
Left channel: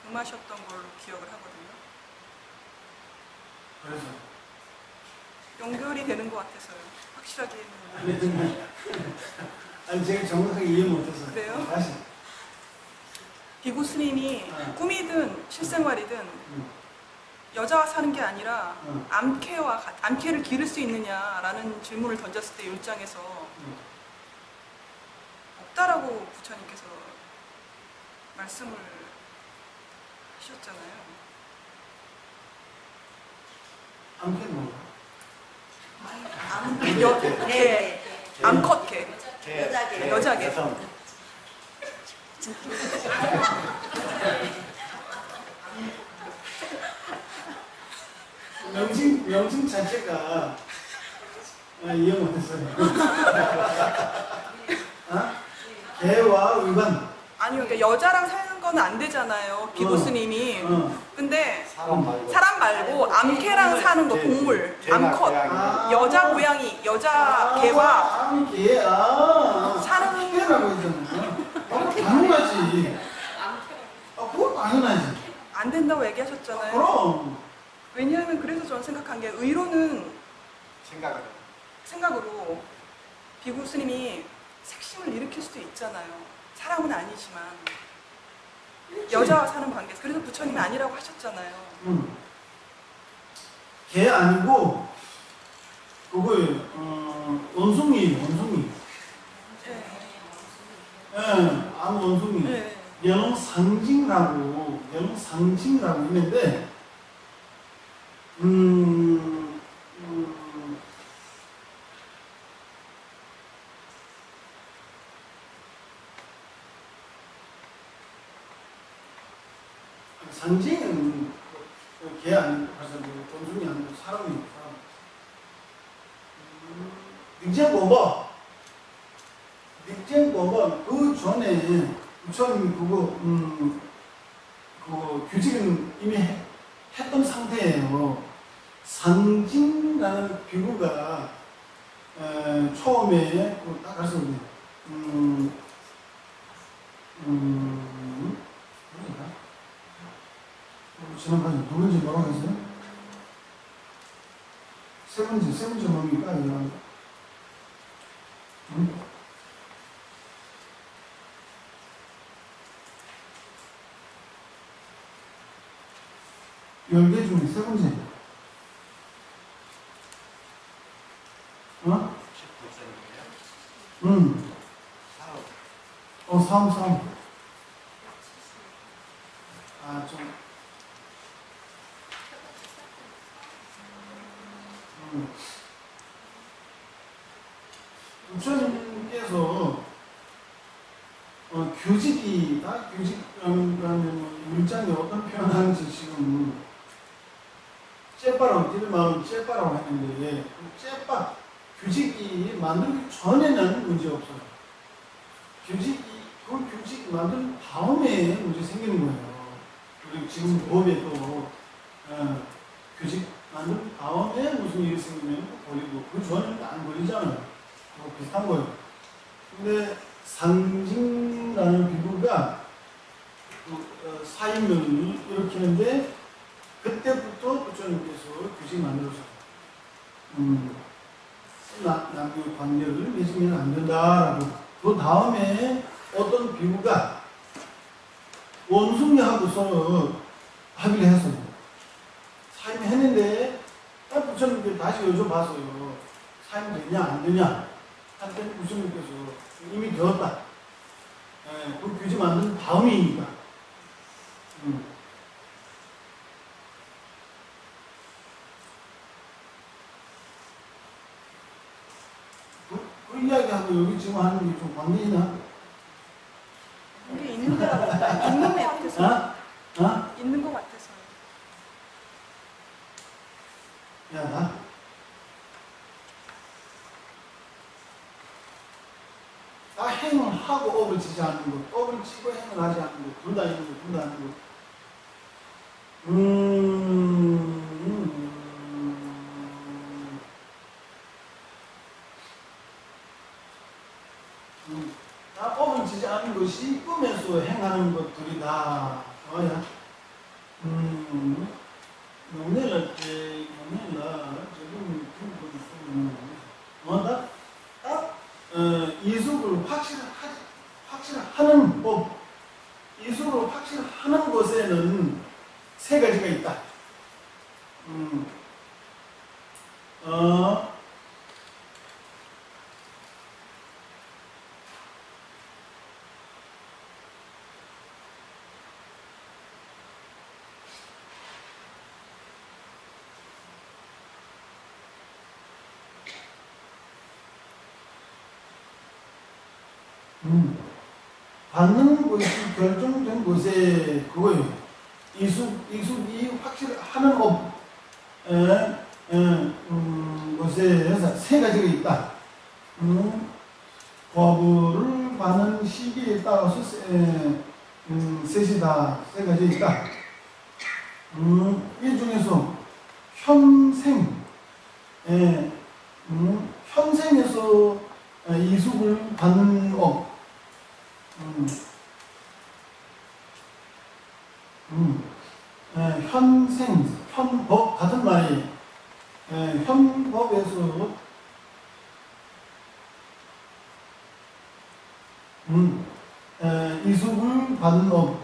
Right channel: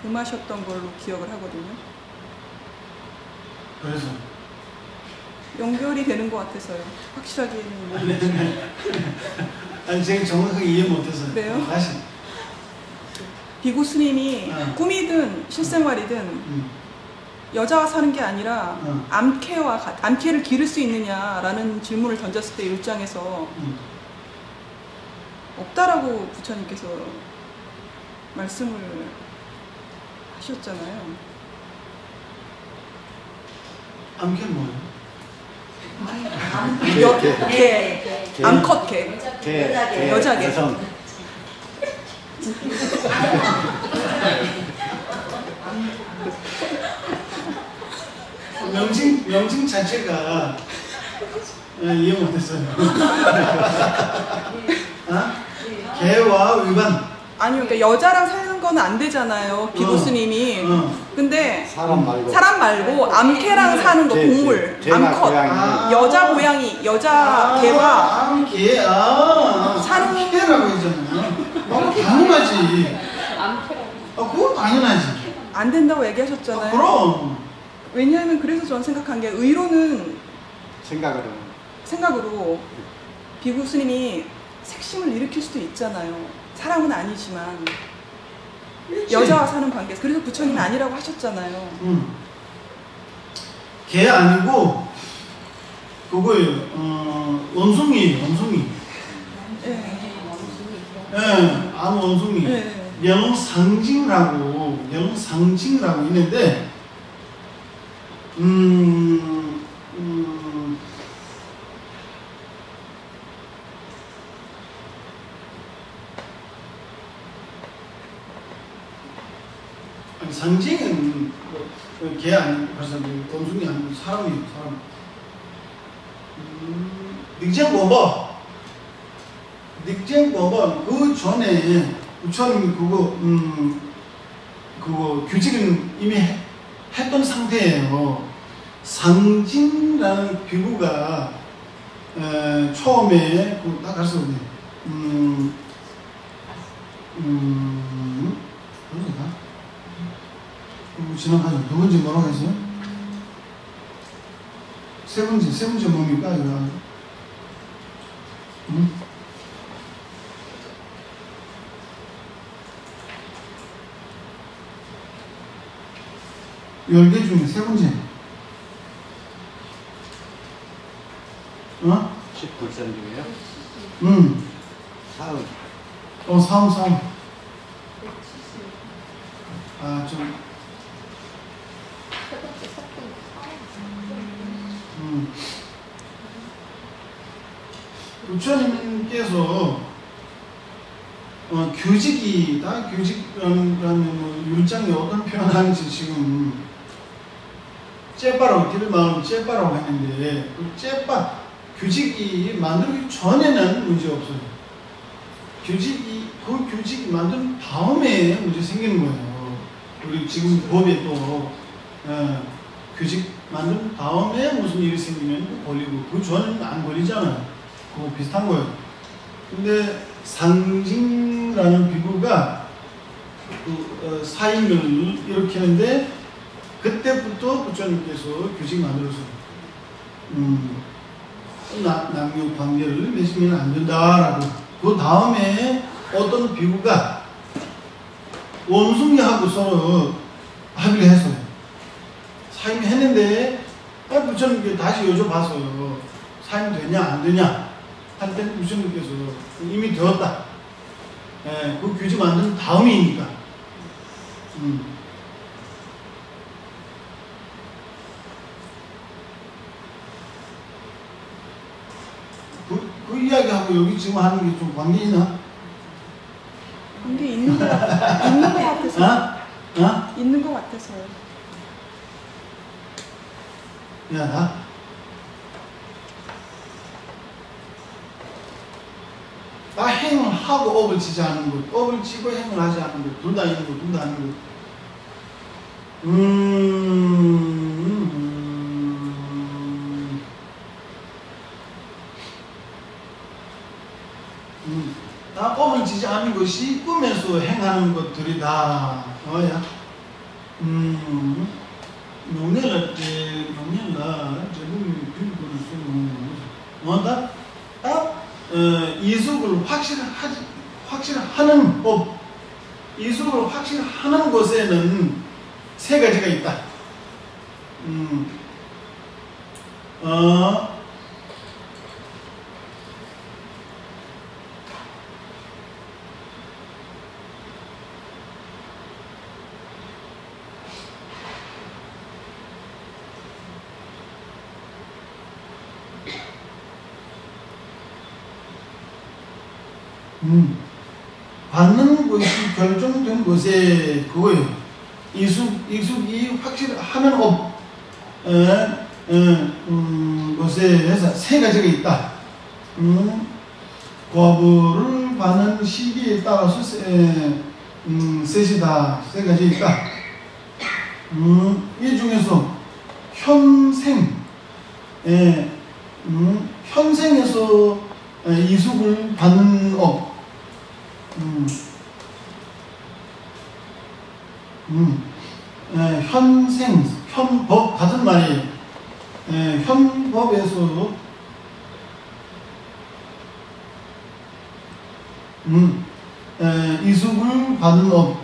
금하셨던 걸로 기억을 하거든요. 그래서 연결이 되는 것 같아서요. 확실하게. 아니 제가 정확하게 이해 못해서 네. 다시. 비구 스님이 꿈이든 실생활이든 여자가 사는 게 아니라 암캐를 기를 수 있느냐라는 질문을 던졌을 때 율장에서 없다라고 부처님께서 말씀을 하셨잖아요. 암캐 뭐예요? 암컷개. 여자개. 여성. 명칭 자체가 이해 못했어요. 개와 위반. 아니 그러니까 여자랑 사는 건 안 되잖아요. 비구 스님이. 근데 사람 말고 암캐랑 사는 거 동물. 개나 암컷. 고양이. 여자 고양이, 여자 개가 암개. 암개라고 했잖아요. 당연하지. 그건 당연하지. 안 된다고 얘기하셨잖아요. 그럼. 왜냐하면 그래서 저는 생각한 게 의로는 생각으로 비구 스님이 색심을 일으킬 수도 있잖아요. 사람은 아니지만 여자와 사는 관계에서. 그래서 부처님은 아니라고 하셨잖아요. 개 아니고 그거예요. 원숭이에요, 원숭이. 예, 아무 원숭이. 네. 명상징이라고 있는데, 아니, 상징은 개 아니고 벌써 원숭이 아니고 사람이에요, 사람. 닉쟁법은 그 전에 부처님이 그거 규칙은 이미 했던 상태예요. 상징이라는 비구가 처음에 딱 가르쳤는데 그런가? 지나가죠. 두 번째 뭐라고 했어요? 세 번째 뭡니까 이거? 응? 10개 중에 세 번째. 19선 중에요? 사움. 좀. 부처님께서 규직이라면 율장이 어떤 표현하는지 지금 째빠라고 길을 말하면 째빠라고 했는데 규직이 만들기 전에는 문제 없어요. 그 규직이 만든 다음에 문제 생기는 거예요. 우리 지금 법에 또 규직 만든 다음에 무슨 일이 생기면 걸리고 그 전에는 안 걸리잖아요. 그거 비슷한 거예요. 근데 상징이라는 비구가 사임을 일으키는데 그때부터 부처님께서 규칙 만들어서 남녀 관계를 맺으면 안 된다라고. 그 다음에 어떤 비구가 원숭이하고 서로 합의를 했어요. 사임했는데 부처님께 다시 여쭤봤어요. 사임 되냐 안 되냐 할 때는 부처님께서 이미 되었다. 그 규칙 만든 다음이니까. 그 이야기하고 여기 지금 하는 게 좀 관계 있나? 관계 있는 것 같아서. 있는 것 같아서요. 미안하다. 나 행을 하고 업을 치지 않는 것, 업을 치고 행을 하지 않는 것, 둘 다 있는 것, 둘 다 아닌 것. 다 업을 치지 않는 것이 꿈에서 행하는 것들이다. 뭐야? 용례라 때 용례라 저는 빌고를 쓰는 뭐다? 이숙을 확실하는 법, 이숙을 확실하는 것에는 세 가지가 있다. 받는 것이 결정된 것에 그거예요. 이숙이 확실하는 것에 해서 세 가지가 있다. 과부를 받는 시기에 따라서 셋이다. 세 가지 있다. 이 중에서 현생에서 이숙을 받는 업. 현법 같은 말이에요. 현법에서 이숙을 받는 업.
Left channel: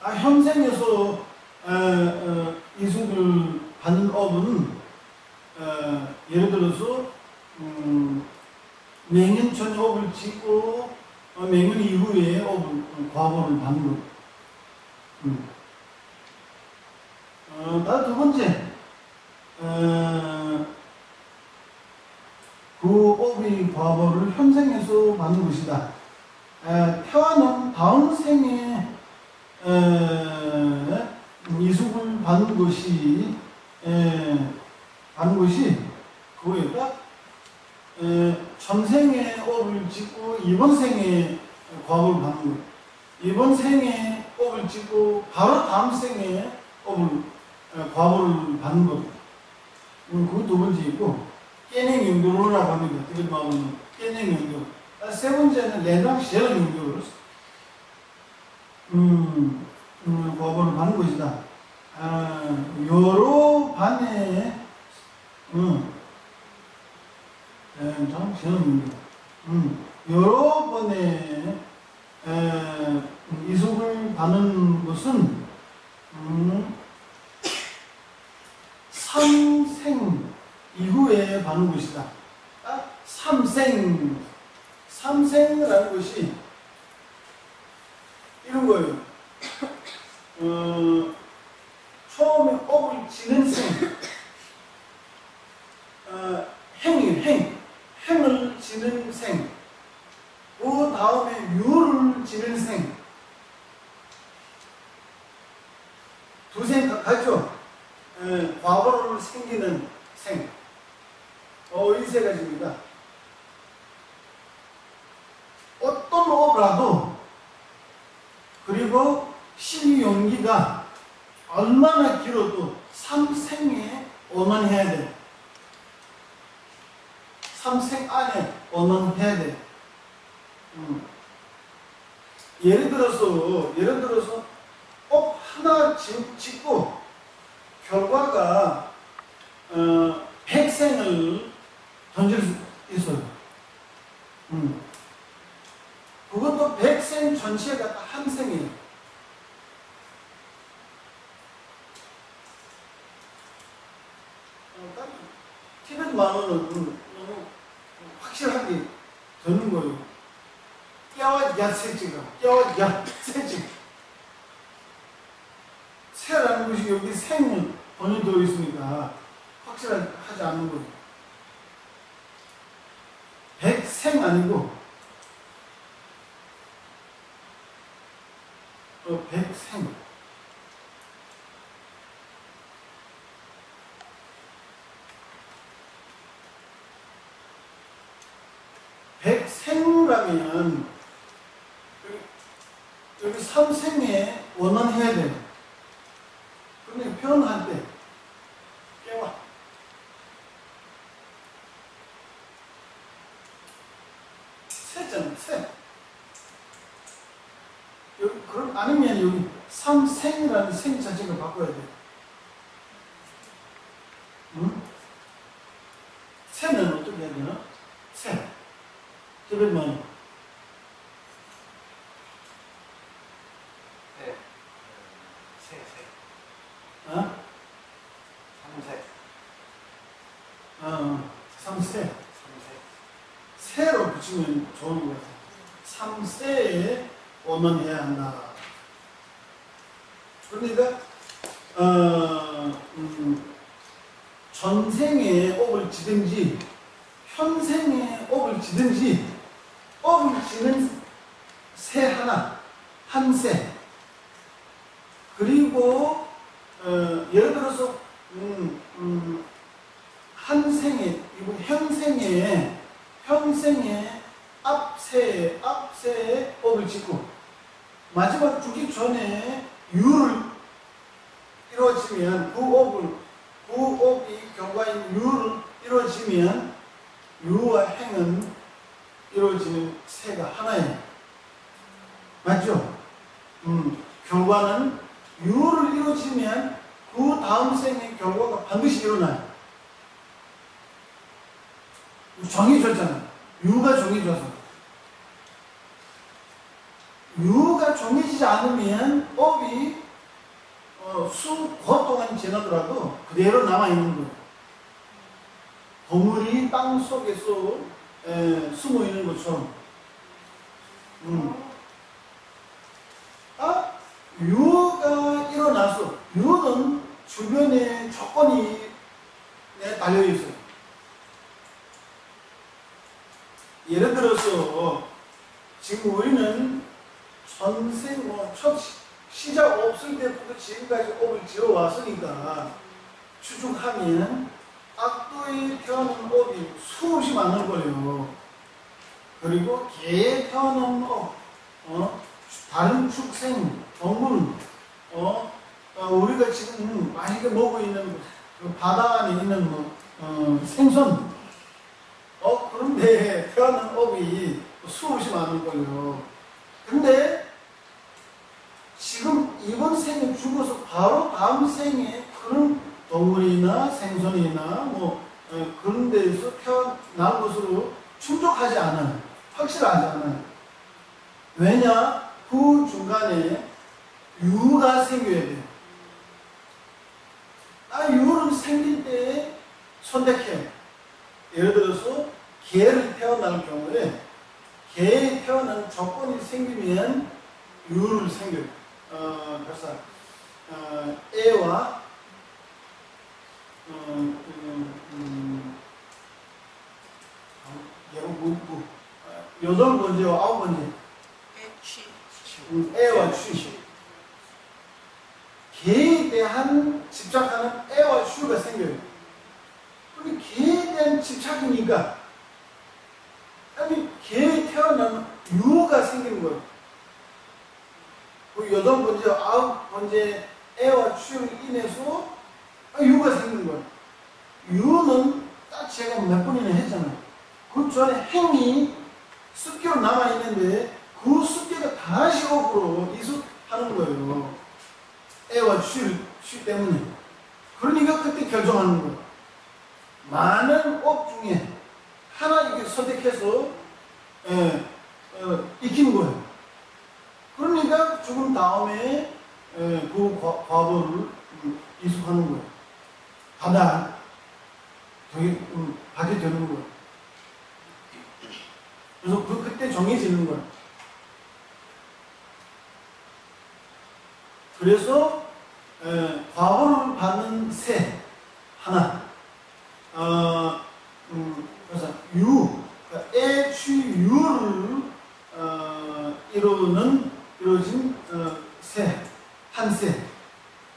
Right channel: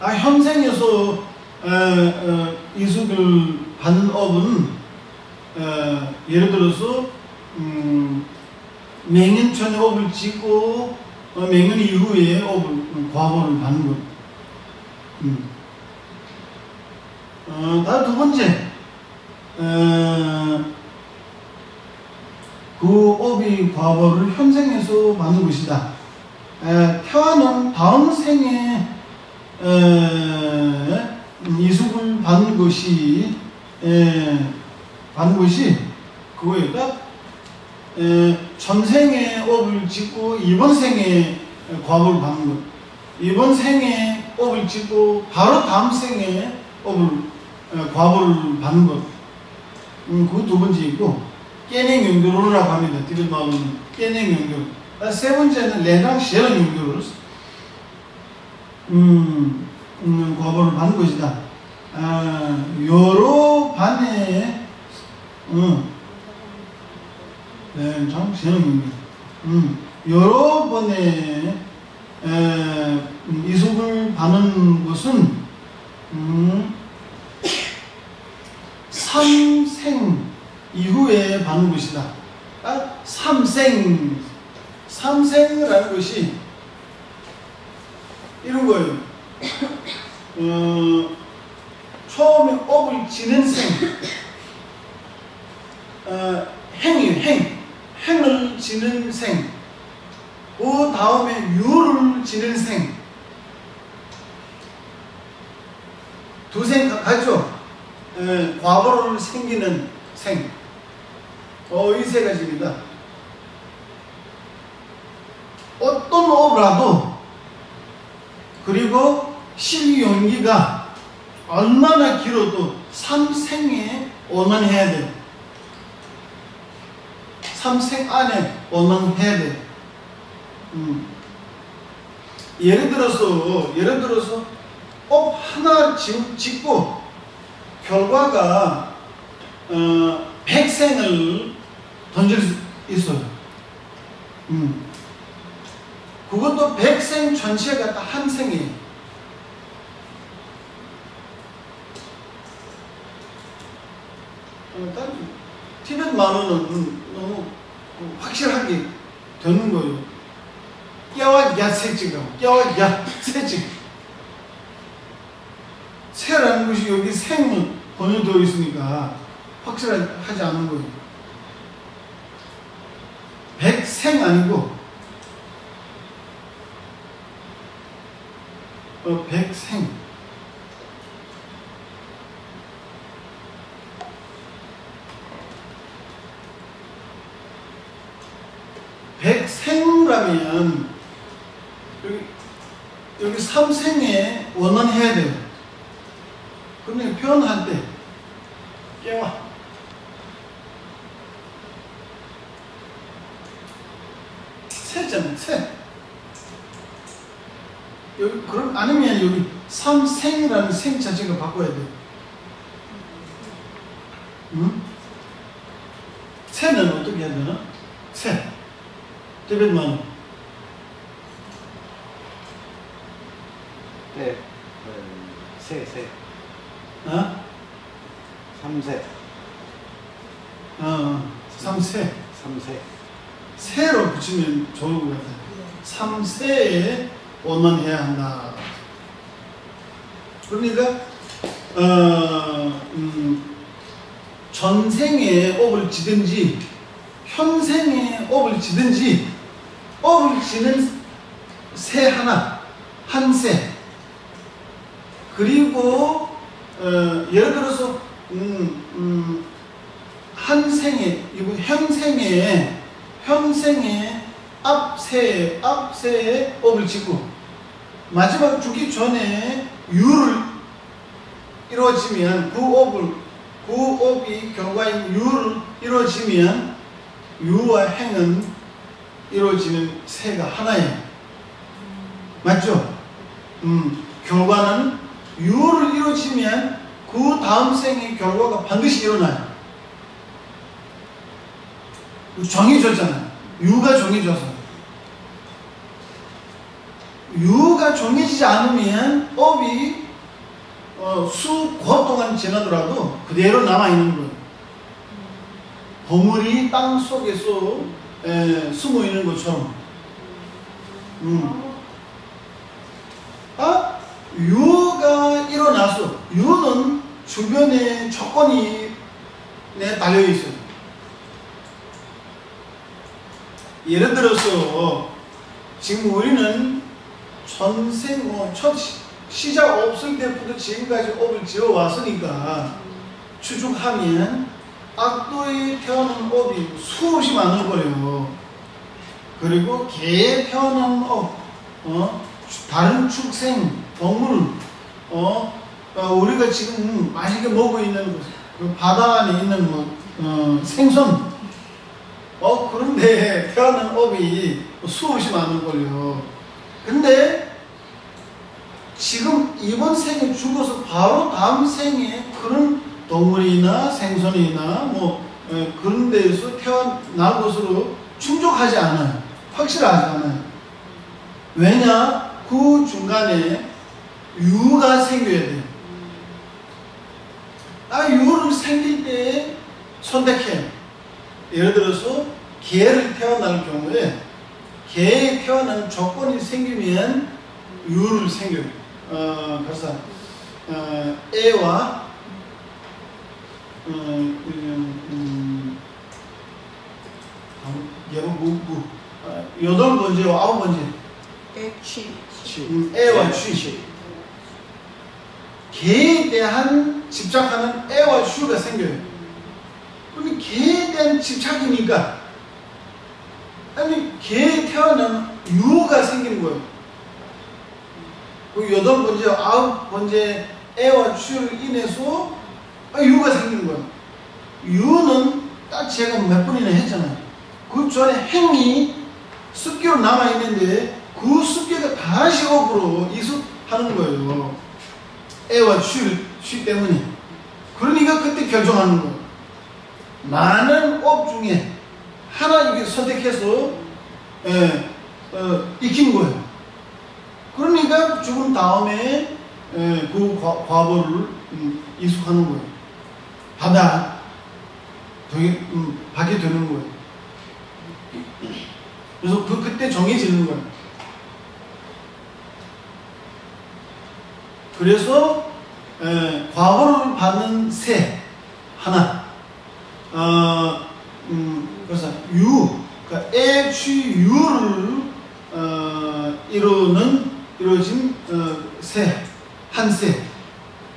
현생에서 이수를 받는 업은 예를 들어서 맹년 전에 업을 짓고 맹년 이후에 과보를 받는 것. 다음 두 번째, 그 업의 과보를 현생에서 받는 것이다. 태어난 다음 생에 이숙을 받는 것이 그거였다. 전생에 업을 짓고 이번 생에 과보를 받는 것. 이번 생에 업을 짓고 바로 다음 생에 과보를 받는 것. 그거 두 번째 있고, 깨냉 용도로라고 합니다. 티벳 말로는 깨냉 용도로. 세 번째는 레랑 시에랑 용도로. 과보를 받는 것이다. 여러 반에 참 재능입니다. 여러 번의 이숙을 받는 것은 3생 이후에 받는 것이다. 3생이라는 것이 이런 거예요. 처음에 업을 지는 생, 행을 지는 생, 그 다음에 유를 지는 생, 두 생 같죠? 과보를 생기는 생, 이 세 가지입니다. 어떤 업이라도, 그리고 실용기가 얼마나 길어도 3생에 원만해야 돼. 3생 안에 원만해야 돼. 예를 들어서 업 하나 짓고 결과가 100생을 던질 수 있어요. 그것도 100생 전체가 딱 한 생이에요. 티벳 만화는 너무 확실하게 되는 거예요. 깨와 야세지가 깨와 야세지. 세라는 것이 여기 생을 번역되어 있으니까 확실하지 않은 거예요. 100생 아니고 100생. 백생라면 여기 3생에 원만해야 돼요. 그런데 표현할 때 깨와 세잖아요. 세. 여기 그럼 아니면 여기 3생이라는 생 자체가 바꿔야 돼요. 세는 어떻게 해야 되나? 세. 티벳만. 네, 세. 3세. 3세. 세로 붙이면 좋을 것 같아요. 3세에 원만해야 한다. 그러니까 전생에 업을 지든지 현생에 업을 지든지 업을 지는 새 하나, 한 새. 그리고 예를 들어서 한 생에, 이거 현생에 앞세에 업을 짓고 마지막 죽기 전에 유를 이루어지면 그 업이 결과인 유를 이루어지면 유와 행은 이루어지는 새가 하나예요. 맞죠? 결과는 유를 이루어지면 그 다음 생의 결과가 반드시 일어나요. 정해졌잖아요. 유가 정해져서. 유가 정해지지 않으면 업이 수고 동안 지나더라도 그대로 남아있는 거예요. 보물이 땅 속에서 숨어 있는 것처럼. 유가 일어나서 유는 주변에 조건이 달려 있어요. 예를 들어서 지금 우리는 전생 첫 시작 없을 때부터 지금까지 업을 지어 왔으니까 추측하면 악도에 태어난 업이 수없이 많을 거예요. 그리고 개에 태어난 업, 다른 축생, 동물, 우리가 지금 맛있게 먹고 있는 그 바다 안에 있는 생선, 그런데 태어난 업이 수없이 많을 거예요. 근데 지금 이번 생에 죽어서 바로 다음 생에 그런 동물이나 생선이나 그런 데에서 태어날 것으로 충족하지 않아요. 확실하지 않아요. 왜냐? 그 중간에 유가 생겨야 돼요. 유를 생길 때 선택해요. 예를 들어서 개를 태어날 경우에 개에 태어나는 조건이 생기면 유를 생겨요. 그래서 애와 여덟 번째와 아홉 번째 애와 취 개에 대한 집착하는 애와 취가 생겨요. 그럼 개에 대한 집착이니까 개에 태어난 유가 생기는 거예요. 그 여덟 번째, 아홉 번째 애와 취를 인해서 유가 생기는 거예요. 유는 딱 제가 몇 번이나 했잖아요. 그 전에 행이 습기로 남아있는데 그 습기가 다시 업으로 이습하는 거예요. 애와 취 때문에. 그러니까 그때 결정하는 거예요. 많은 업 중에 하나 이게 선택해서 익힌 거예요. 그러니까 죽은 다음에 그 과보를 이숙하는 거예요. 받게 되는 거예요. 그래서 그때 정해지는 거예요. 그래서 과보를 받는 새 하나, 그래서 그러니까 애, 취, 유를 이루어진 새, 한 새,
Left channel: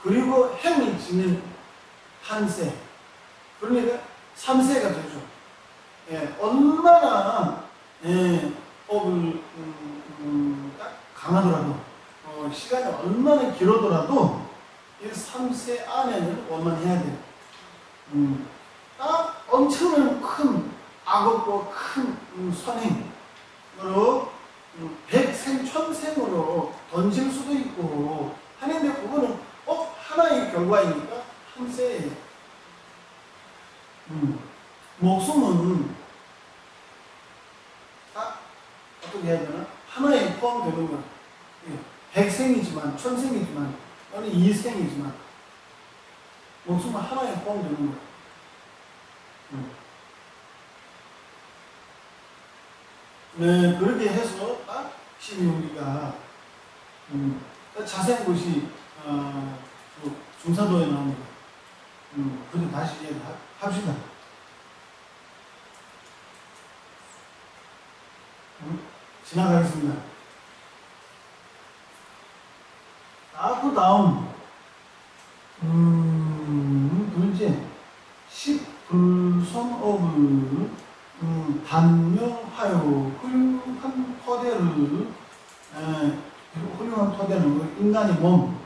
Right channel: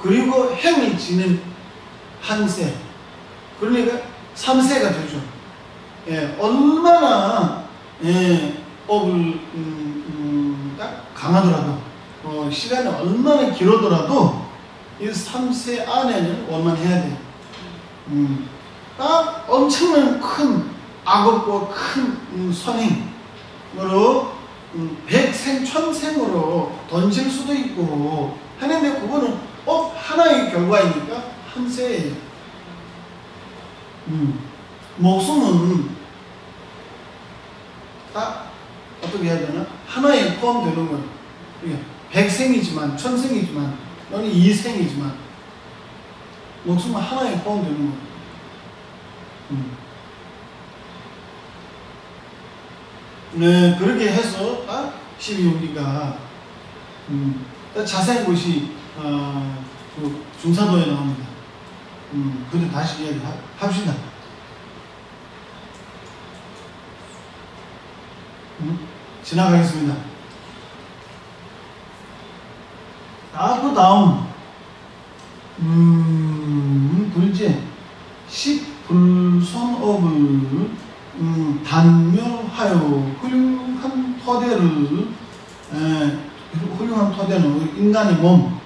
그리고 행이 지는 한 새, 그러니까 3세가 되죠. 얼마나 업을 강하더라도 시간이 얼마나 길어더라도 이 3세 안에는 원만해야 돼요. 엄청난 큰 악업과 큰 선행으로 백생 천생으로 던질 수도 있고 하는데 그거는 하나의 결과이니까 한 세예요. 목숨은 딱 어떻게 해야 되나? 하나에 포함되는 거예요. 백생이지만 천생이지만 너는 이생이지만 목숨은 하나에 포함되는 거예요. 네, 그렇게 해서 12용기가 자세한 것이 그 중사도에 나옵니다. 그때 다시 이야기합시다. 지나가겠습니다. 그 다음 둘째 십불선업을 단멸하여 훌륭한 토대는 인간의 몸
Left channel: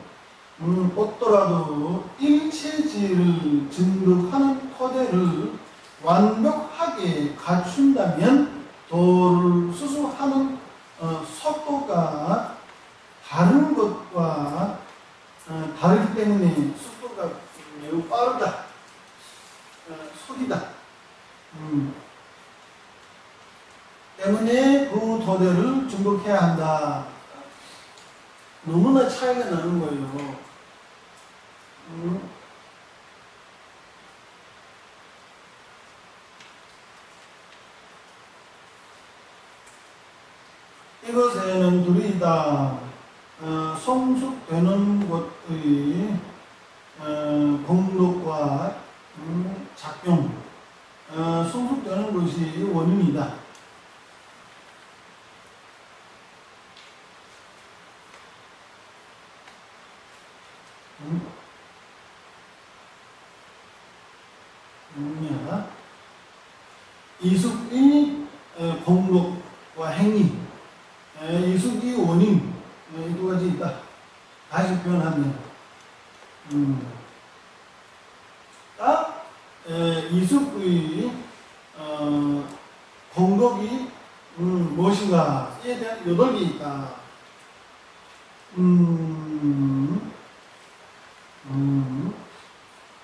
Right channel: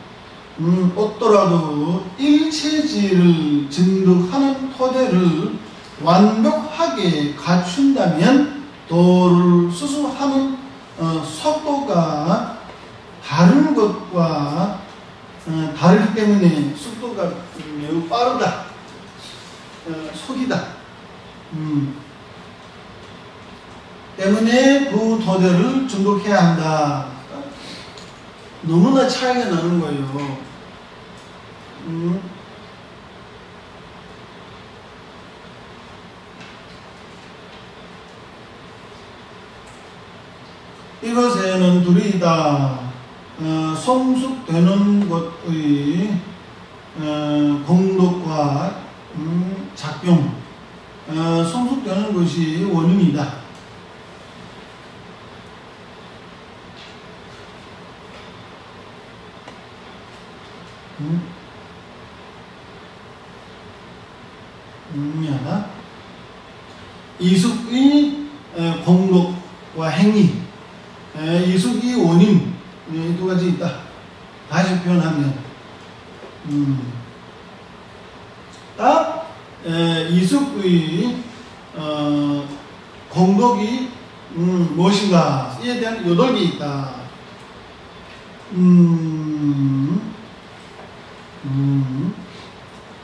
얻더라도 일체지를 증득하는 토대를 완벽하게 갖춘다면 도를 수수하는 속도가 다른 것과 다르기 때문에 속도가 매우 빠르다. 속이다. 때문에 그 도대를 증득해야 한다. 너무나 차이가 나는 거예요. 이것에는 둘이 다 성숙되는 것의 공덕과 작용, 성숙되는 것이 원인이다. 이숙의 공덕과 행위, 이숙의 원인, 이 두 가지 있다. 다시 표현하면 이숙의 공덕이 무엇인가에 대한 요덕이 있다.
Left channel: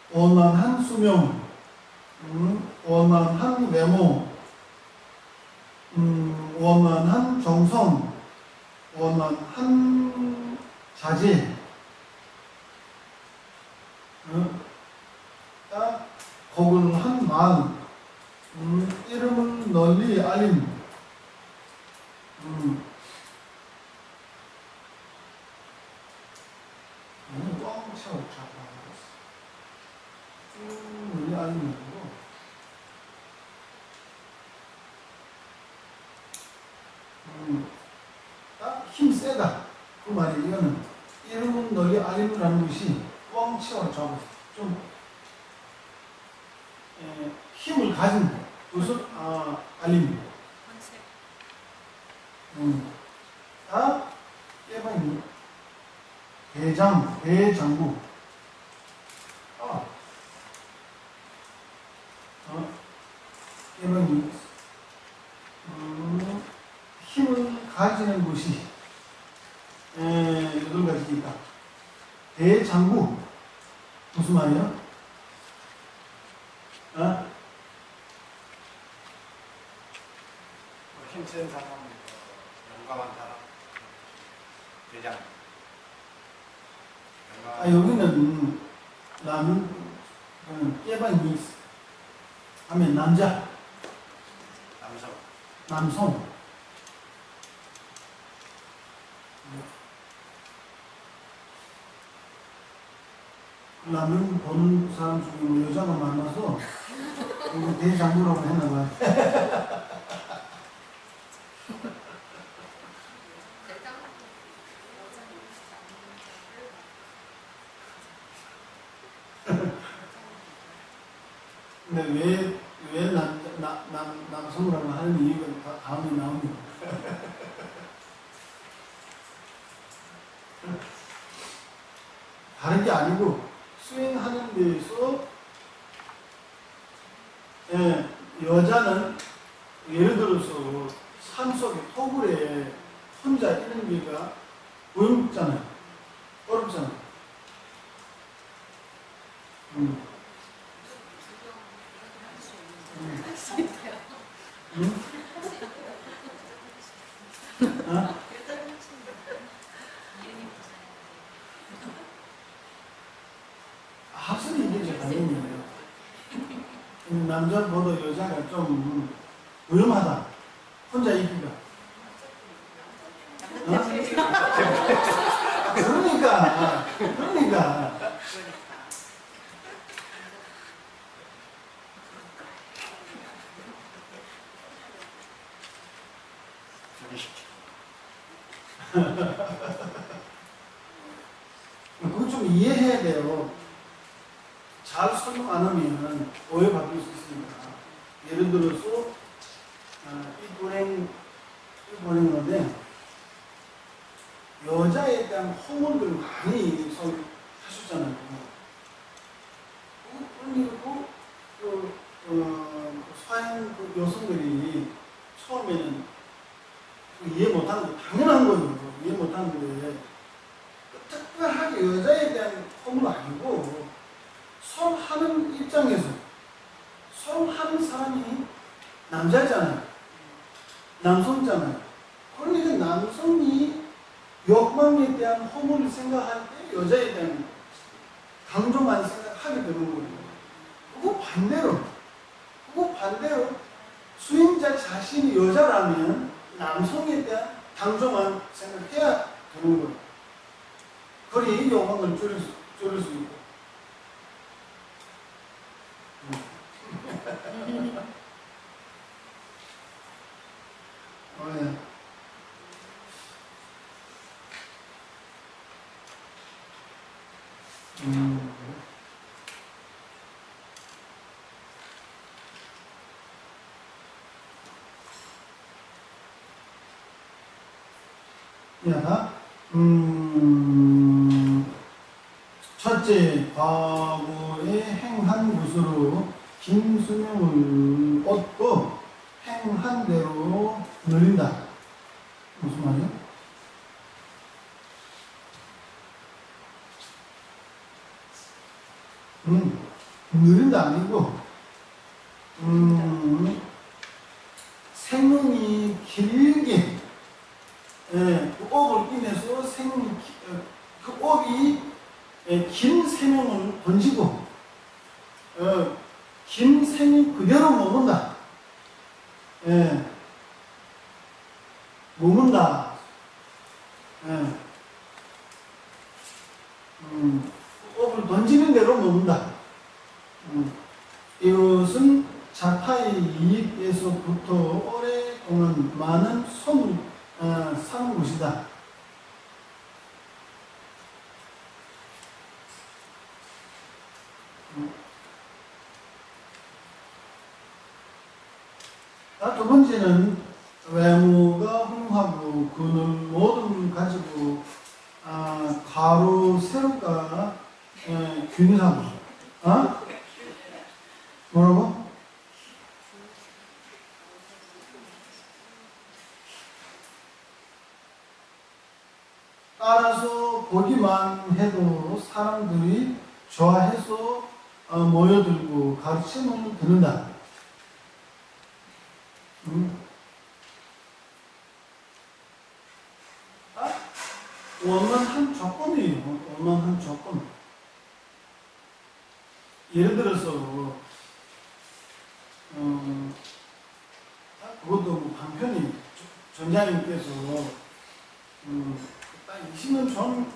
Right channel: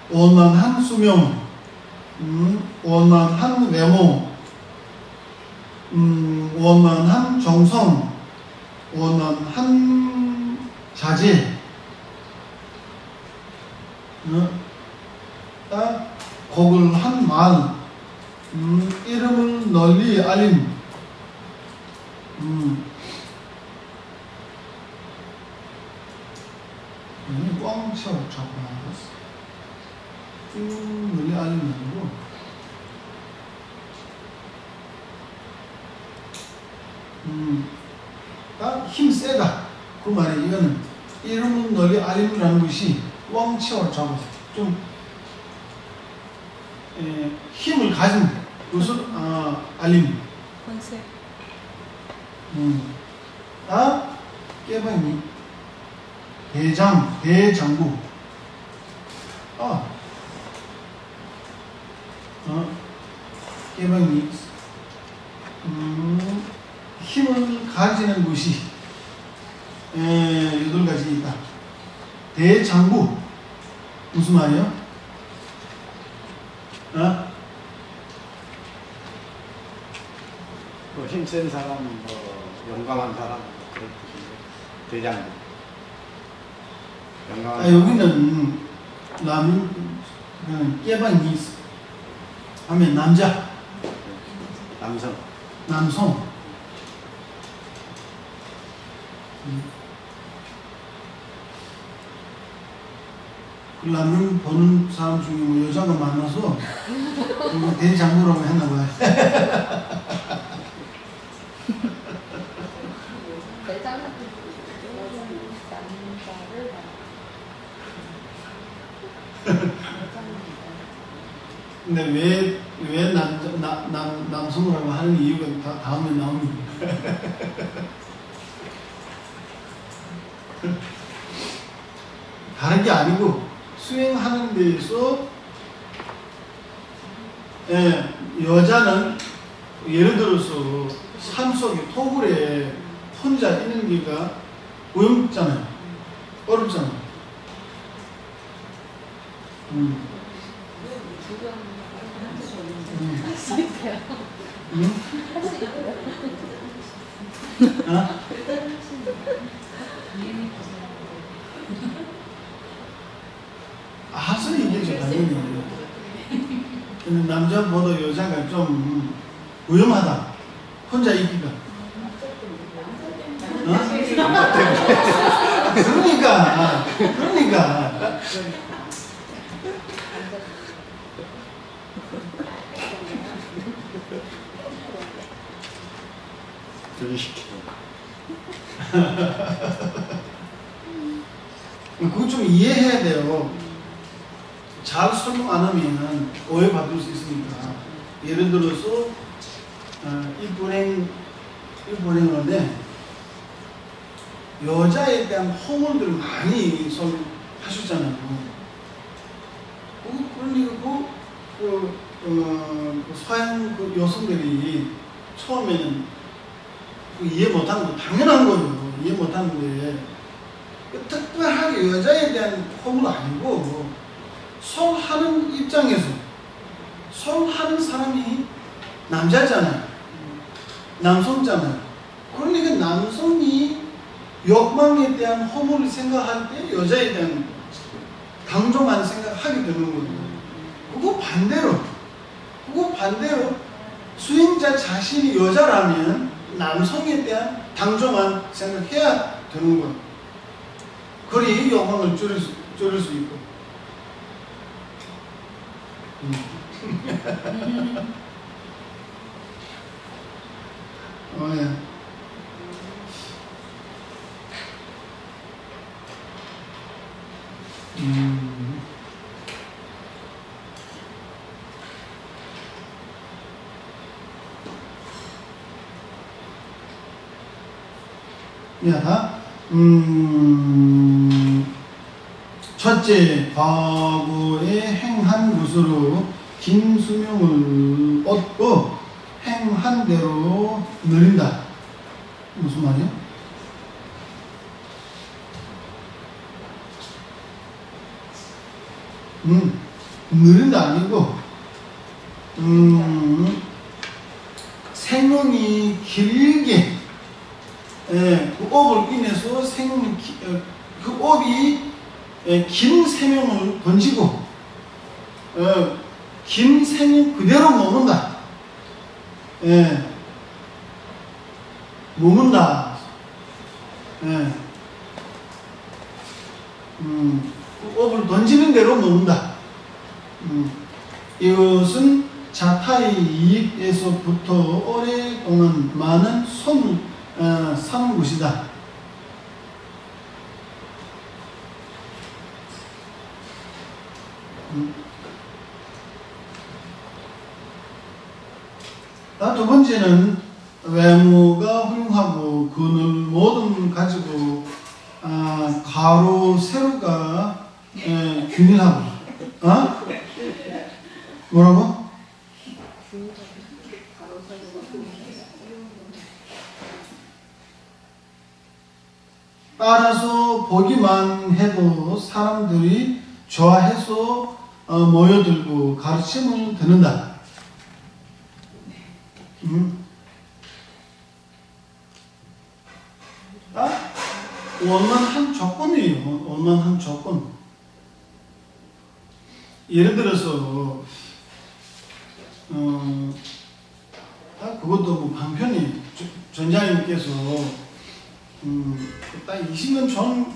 원만한 수명, 원만한 외모, 원만한 정성, 원만한 자제, 고글한 말, 이름을 널리 알림, 꽝쳐 잡아 널리 알림 아니고 힘 세다 그 말이 이거는 이름은 널리 알림이라는 것이 꽝쳐 잡아 좀 힘을 가진 것을 알림. 깨방이 대장부. 깨방이 힘을 가지는 것이 8가지 있다. 대장부 무슨 말이에요? 힘센 사람, 영광한 사람, 대장. 여기는 깨방이 하면 남자, 남성. 그 라면 보는 사람 중에 뭐 여자가 많아서 대장부라고 했나봐요. 근데 왜 남성이라고 하는 이유가 다음에 나옵니다. 다른 게 아니고 수행하는 데서 여자는 예를 들어서 산속에 토굴에 혼자 있는 게가 어렵잖아요. 할 수는 있겠죠, 당연히. 근데 남자보다 여자가 좀 위험하다. 혼자 있기가. 그러니까. 그거 좀 이해해야 돼요. 잘 설명 안 하면 오해받을 수 있으니까. 예를 들어서 이 불행하는데 여자에 대한 허물들을 많이 하셨잖아요. 그러니까 서양 여성들이 처음에는 이해 못하는 거 당연한 거예요. 이해 못하는데 특별하게 여자에 대한 허물은 아니고 설하는 입장에서 설하는 사람이 남자잖아요. 남성잖아요. 그러니까 남성이 욕망에 대한 허물을 생각할 때 여자에 대한 당종만 생각하게 되는 거예요. 그거 반대로 수행자 자신이 여자라면 남성에 대한 당종만 생각해야 되는 거예요. 그리 욕망을 줄일 수 있고. 예. 야, 첫째, 과거에 행한 것으로 긴 수명을 얻고 행한 대로 누린다. 무슨 말이야? 누린다 아니고 생명이 길게 그 업을 인해서 그 업이 긴 생명을 던지고 긴 생명 그대로 머문다. 머문다. 그 업을 던지는 대로 머문다. 이것은 자타의 이익에서부터 오랫동안 많은 손을 사는 것이다. 두 번째는 외모가 훌륭하고 그늘 뭐든 가지고 가로 세로가 균일하고 뭐라고? 따라서 보기만 해도 사람들이 좋아해서 모여들고 가르침을 듣는다. 원만한 조건이에요. 원만한 조건. 예를 들어서 그것도 뭐 방편이 전자님께서 딱 20년 전,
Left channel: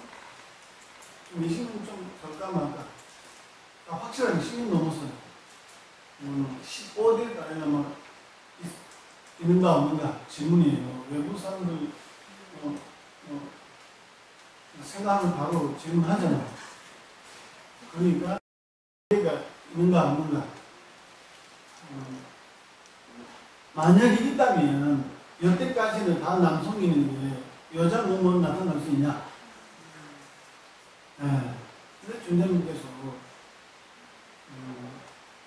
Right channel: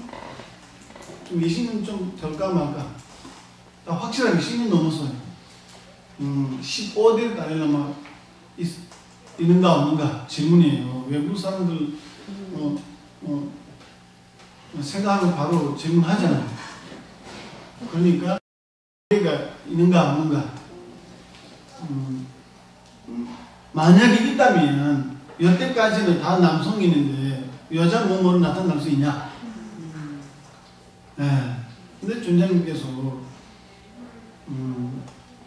좀 20년 좀 될까 말까. 딱 확실하게 10년 넘었어요. 15대 달려면 있는가 없는가 질문이에요. 외국 사람들 생각하면 바로 질문하잖아요. 그러니까 얘가 있는가 없는가. 만약에 있다면 여태까지는 다 남성인데 여자 몸으로 나타날 수 있냐? 근데 존자님께서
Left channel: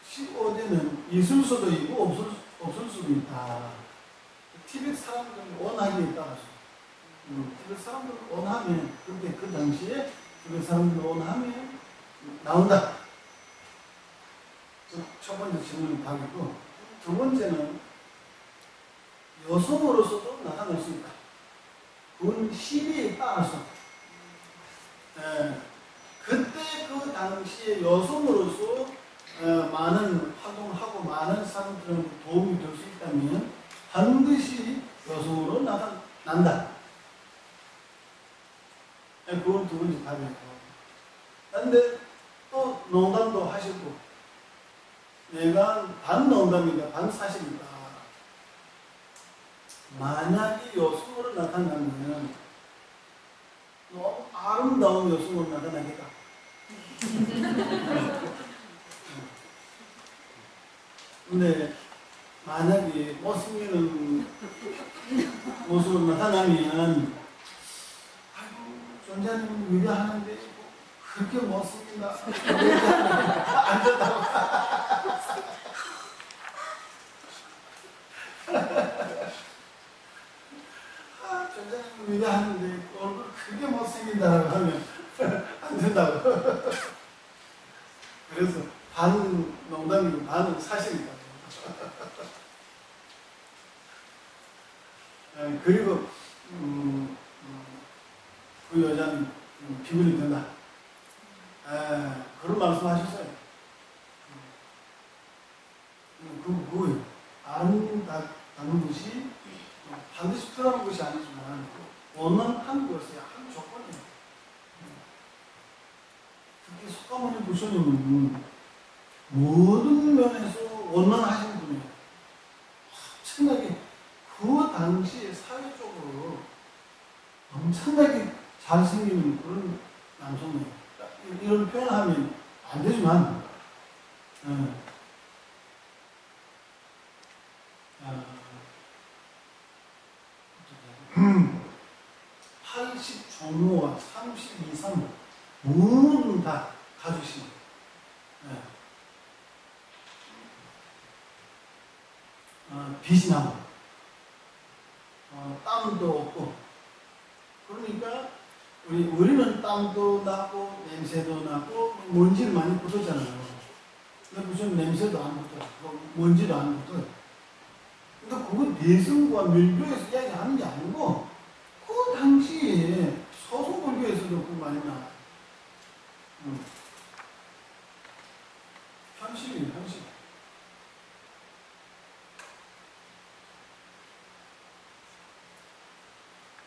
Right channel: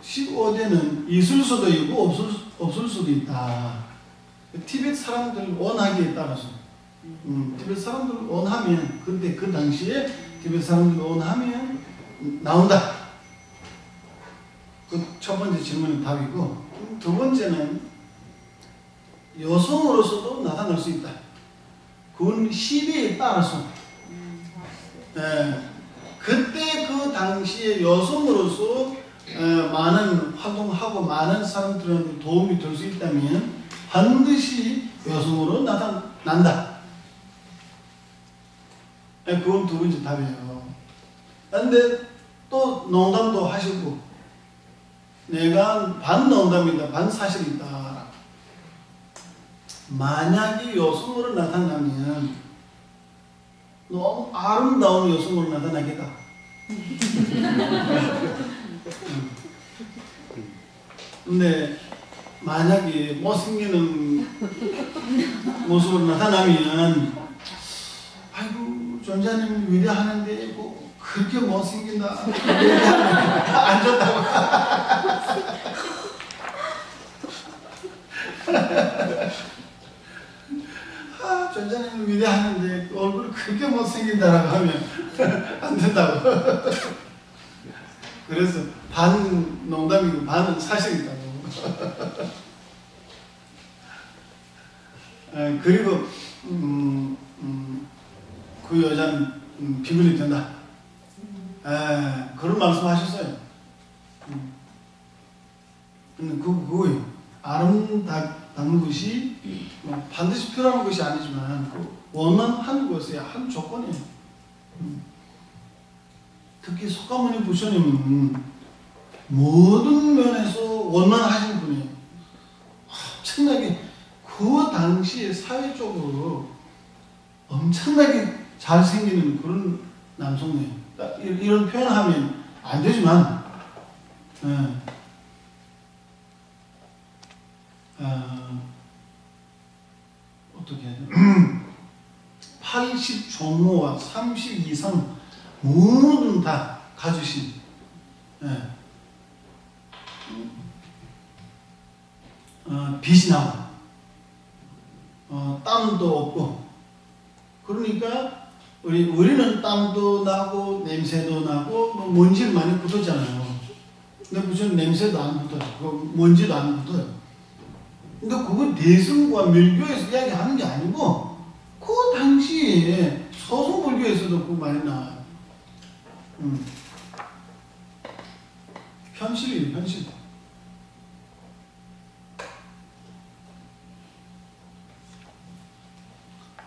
15대는 있을 수도 있고 없을 수도 있다. 티벳 사람들 원하기에 따라서 티벳 사람들 원하면 그때 그 당시에 티벳 사람들 원하면 나온다. 그 첫 번째 질문의 답이고, 두 번째는 여성으로서도 나타날 수 있다. 그건 시대에 따라서 그때 그 당시에 여성으로서 많은 활동하고 많은 사람들한테 도움이 될 수 있다면 반드시 여성으로 나타난다. 그건 두 번째 답이에요. 그런데 또 농담도 하시고, 내가 반 농담이다, 반 사실이다. 만약에 여성으로 나타나면 너무 아름다운 여성으로 나타나겠다. 근데 만약에 못생기는 모습으로 나타나면 아이고 존자님 위대하는데 뭐 그렇게 못생긴다 안 좋다고. 존자님 위대하는데 얼굴 그렇게 못생긴다라고 하면 안 된다고. 그래서 반 농담이고 반은 사실이다고. 그리고 그 여자는 비굴이 된다. 그런 말씀하셨어요. 그거예요. 아름다운 것이 반드시 필요한 것이 아니지만 원만한 것의 한 조건이에요. 특히 석가모니 부처님은 모든 면에서 원만하신 분이에요. 엄청나게 그 당시에 사회적으로 엄청나게 잘생기는 그런 남성이에요. 이런 표현하면 안 되지만 어떻게 해야 돼? 80 종호와 30 이상 모든 다 가지신 빛이 나고 땀도 없고 그러니까 우리는 땀도 나고 냄새도 나고 먼지를 많이 붙었잖아요. 근데 무슨 냄새도 안 붙어요. 먼지도 안 붙어요. 근데 그건 대승과 밀교에서 이야기하는 게 아니고 그 당시에 서성불교에서도 그거 많이 나와요. 현실이에요, 현실.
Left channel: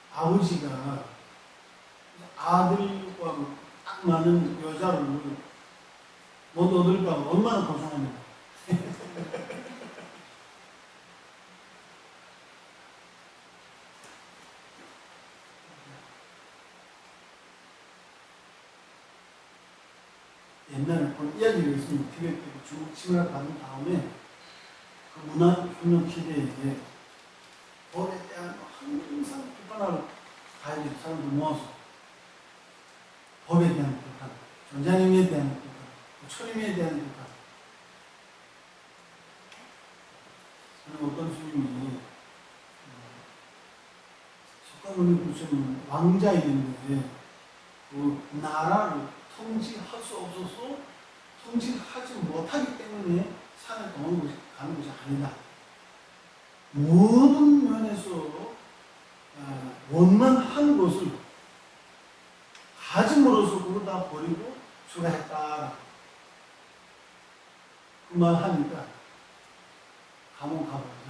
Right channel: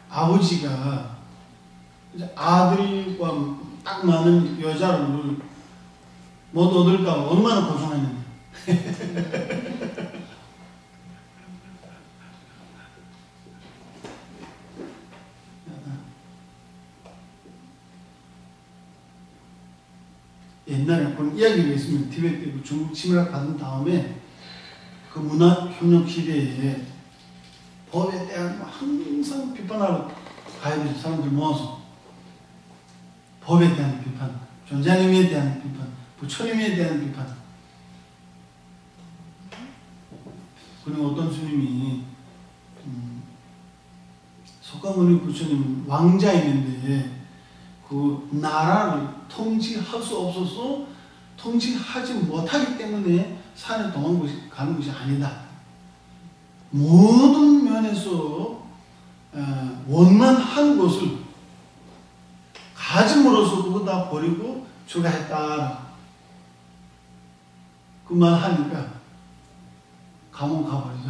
아버지가 아들과 딱 많은 여자를 못 얻을까 얼마나 고생했는데. 옛날에 그런 이야기가 있습니다. 티베트 때 중국 침략 받은 다음에 그 문화협력 시대에 법에 대한 항상 비판하러 가야 돼요. 사람들 모아서 법에 대한 비판, 존자님에 대한 비판, 부처님에 대한 비판. 그리고 어떤 스님이 석가모니 부처님은 왕자이는데 그 나라를 통치할 수 없어서 통치하지 못하기 때문에 산에 가는 것이 아니다. 모든 면에서 원만한 것을 가짐으로써 그거 다 버리고 출가했다. 그 말 하니까 감옥 가버리죠.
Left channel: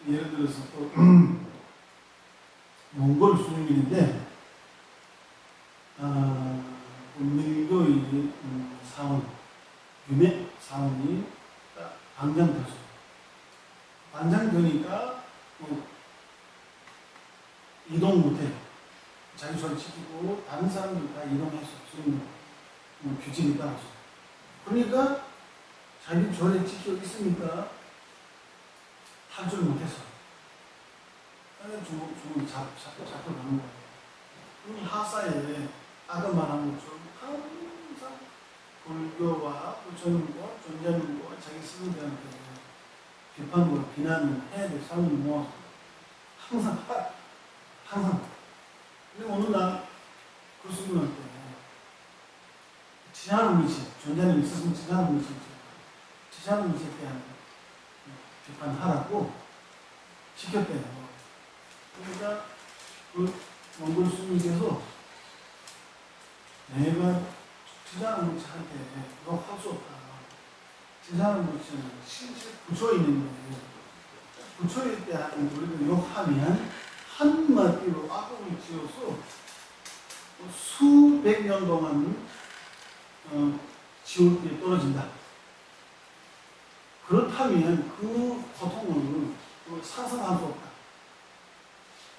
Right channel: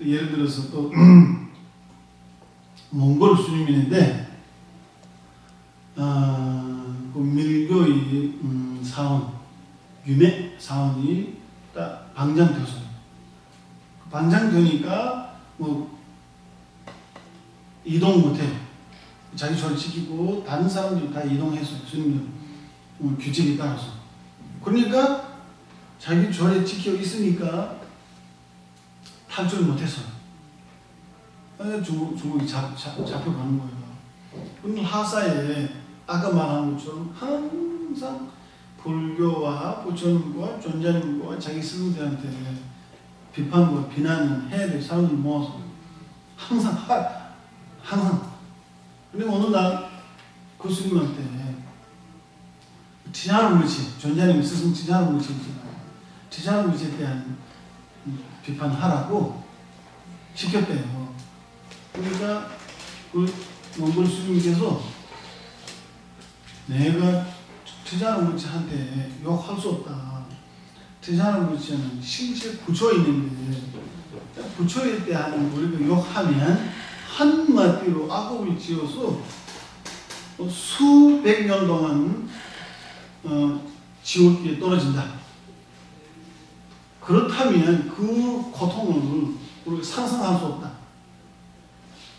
예를 들어서 또 몽골 스님인데 그 밀교의 사원 유매 사원이 딱 방장되었어요. 방장되니까 뭐 이동 못해. 자기 절 지키고 다른 사람들이 다 이동했어요. 스님들 규칙에 따라서. 그러니까 자기 절에 지켜 있으니까 탈출 못해서 중국이 잡혀가는 거예요. 그럼 하사에 아까 말한 것처럼 항상 불교와 부처님과 존자님과 자기 스승들한테 비판과 비난을 해야 돼. 사람들 모아서 항상. 근데 어느 날 그 스님한테 지자르무치, 존자님 스승 지자르무치 있잖아요. 지자르무치에 대한 비판하라고 시켰대요. 그러니까 그 몽골 스님께서 내가 지자르무치한테 욕할 수 없다. 지자르무치는 실제 부처에 있는데 부처에 대한 우리가 욕하면 한마디로 악업을 지어서 수백 년 동안 지옥에 떨어진다. 그렇다면 그 고통을 우리가 상상할 수 없다.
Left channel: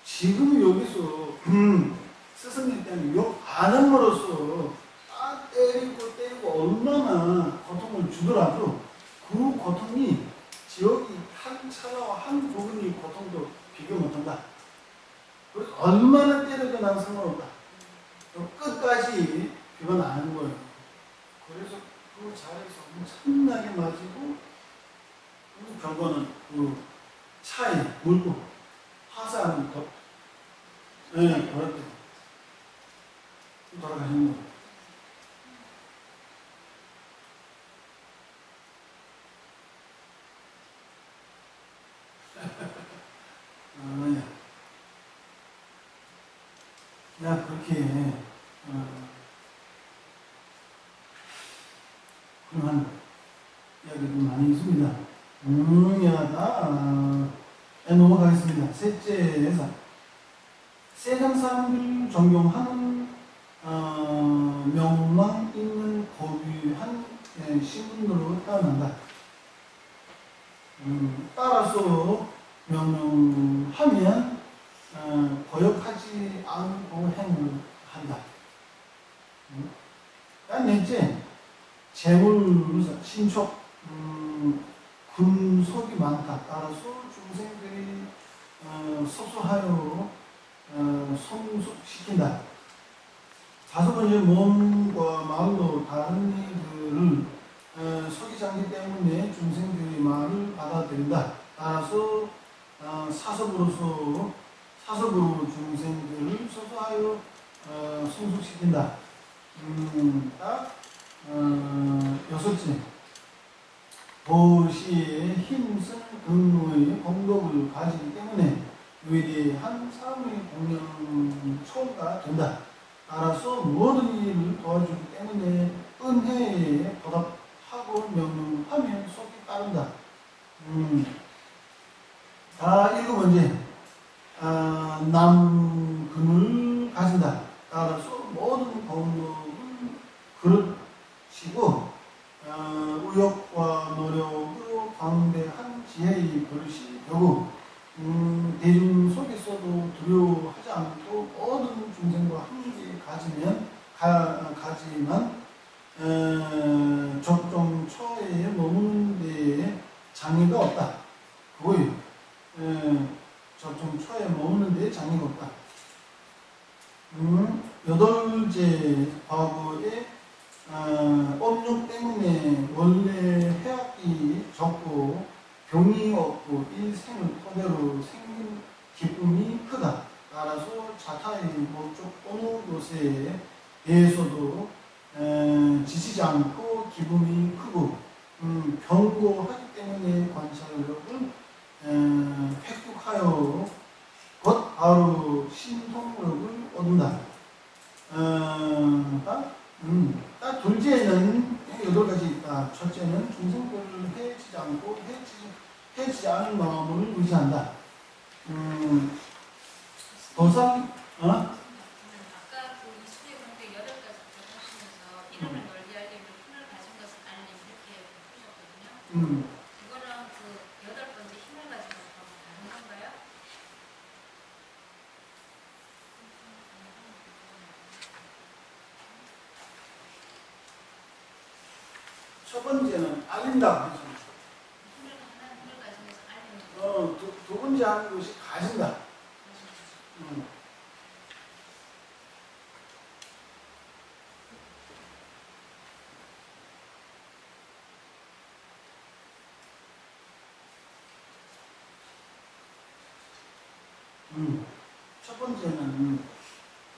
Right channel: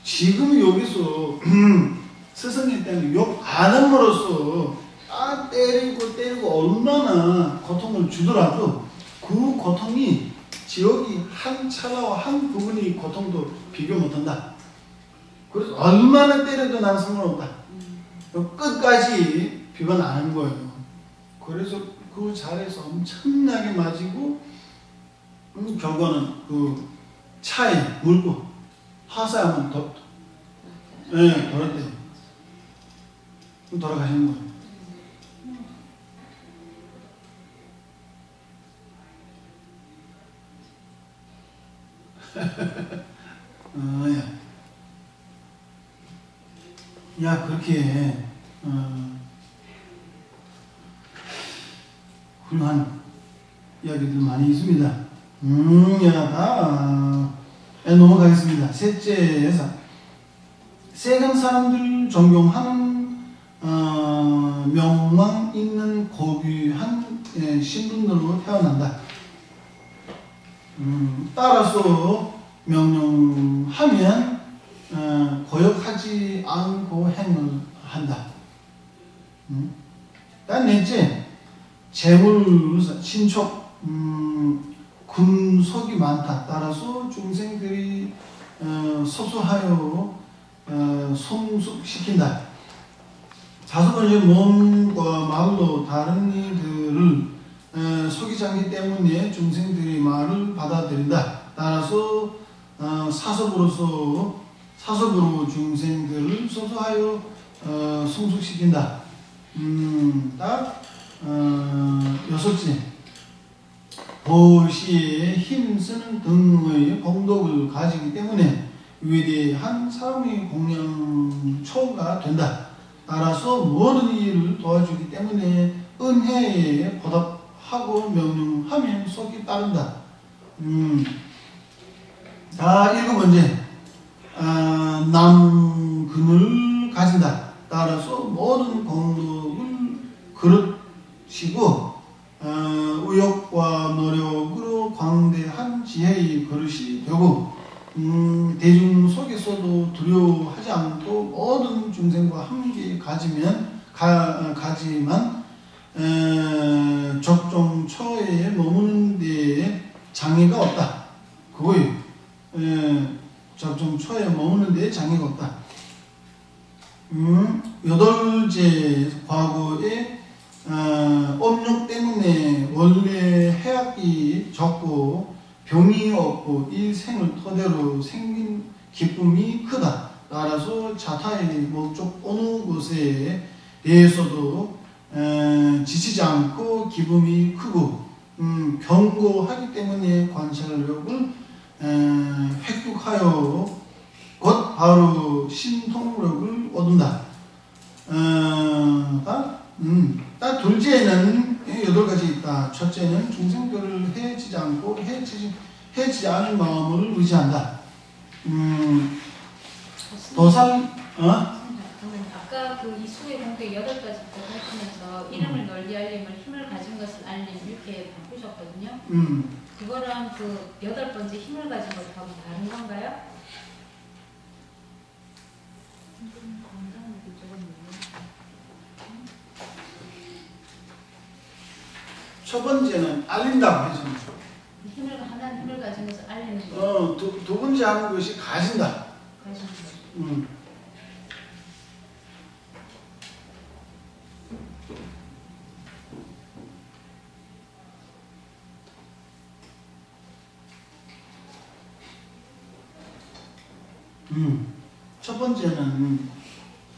지금 여기서 스승에 대한 욕 안 함으로써 때리고 얼마나 고통을 주더라도 그 고통이 지옥이 한 찰나와 한 부분의 고통도 비교 못한다. 그래서 얼마나 때려도 난 상관없다. 끝까지 비판 안 하는 거예요. 그래서 그 자리에서 엄청나게 맞이고 결과는 그 차에 물고 하사하면 돌았대요. 돌아가시는 거예요. 야 그렇게 훌륭한 이야기들 많이 있습니다. 넘어가겠습니다. 셋째에서 세간 사람들 존경하는 명망 있는 고귀한 신분으로 태어난다. 따라서 명령하면 거역하지 않고 행을 한다. 넷째, 재물, 신촉, 군속이 많다. 따라서 중생들이 소소하여 성숙시킨다. 다섯 번째, 몸과 말로 다른 이들을 속이지 않기 때문에 중생들이 말을 받아들인다. 따라서 사섭으로 중생들을 소소하여 성숙시킨다. 여섯째, 보시에 힘쓰는 등의 공덕을 가지기 때문에 위대한 사람의 공양초가 된다. 따라서 모든 일을 도와주기 때문에 은혜에 보답하고 명령하면 속이 따른다. 일곱 번째, 남근을 가진다. 따라서 모든 공덕을 그릇이고 의욕과 노력으로 광대한 지혜의 그릇이 되고 대중 속에서도 두려워하지 않고 모든 중생과 함께 가지만 적종처에 머무는 데에 장애가 없다. 그거예요. 적종처에 머무는 데에 장애가 없다. 여덟째, 과거에 업력 때문에 원래 해악이 적고 병이 없고 이 생을 토대로 생긴 기쁨이 크다. 따라서 자타의 목적 어느 것에 대해서도 지치지 않고 기쁨이 크고 견고하기 때문에 관찰력을 획득하여 곧 바로 신통력을 얻는다. 둘째는 8가지 있다. 첫째는 중생들을 해치지 않고 해치지 않을 마음을 의지한다. 도산 아까 그 이수의 공개 8가지 하시면서 이름을 널리 알리면 힘을 가진 것을 알리는 이렇게 바꾸셨거든요. 그거랑 그 8번째 힘을 가진 것하고 다른 건가요? 첫 번째는 알린다고 했잖아요. 하나님 힘을 가진 것을 알리는 거. 두 번째 하는 것이 가진다. 첫 번째는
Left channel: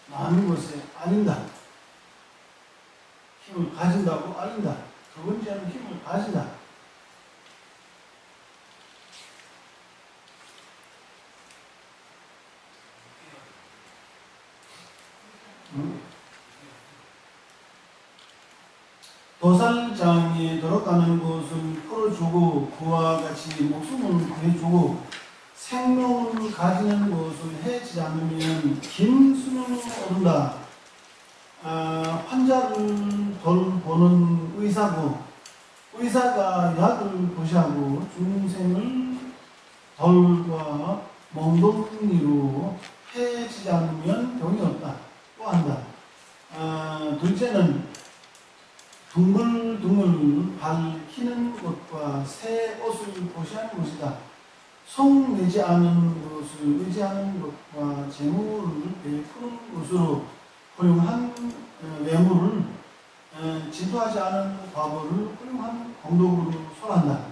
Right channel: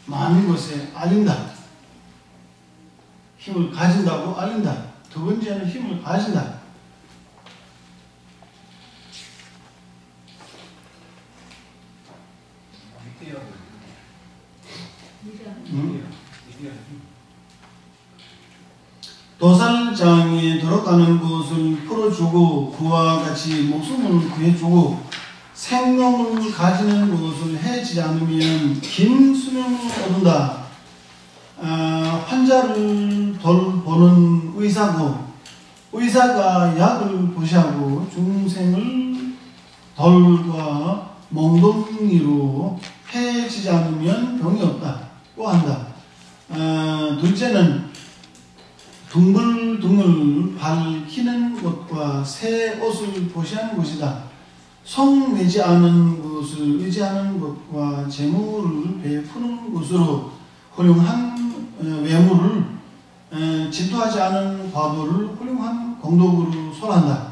많은 것에 알린다. 힘을 가진다고 알린다. 두 번째는 힘을 가진다. 도살장에 들어가는 것을 풀어주고 그와 같이 목숨을 구해주고 생명을 가지는 것을 해치지 않으면 긴 수명을 얻는다. 환자를 돌보는 의사고 의사가 약을 보시하고 중생을 돌과 몽둥이로 해치지 않으면 병이 없다고 한다. 둘째는 둥글둥글 밝히는 것과 새 옷을 보시하는 것이다. 성내지 않은 것을 의지하는 것과 재물을 베푸는 것으로 훌륭한 외모를 질투하지 않은 과보를 훌륭한 공덕으로 설한다.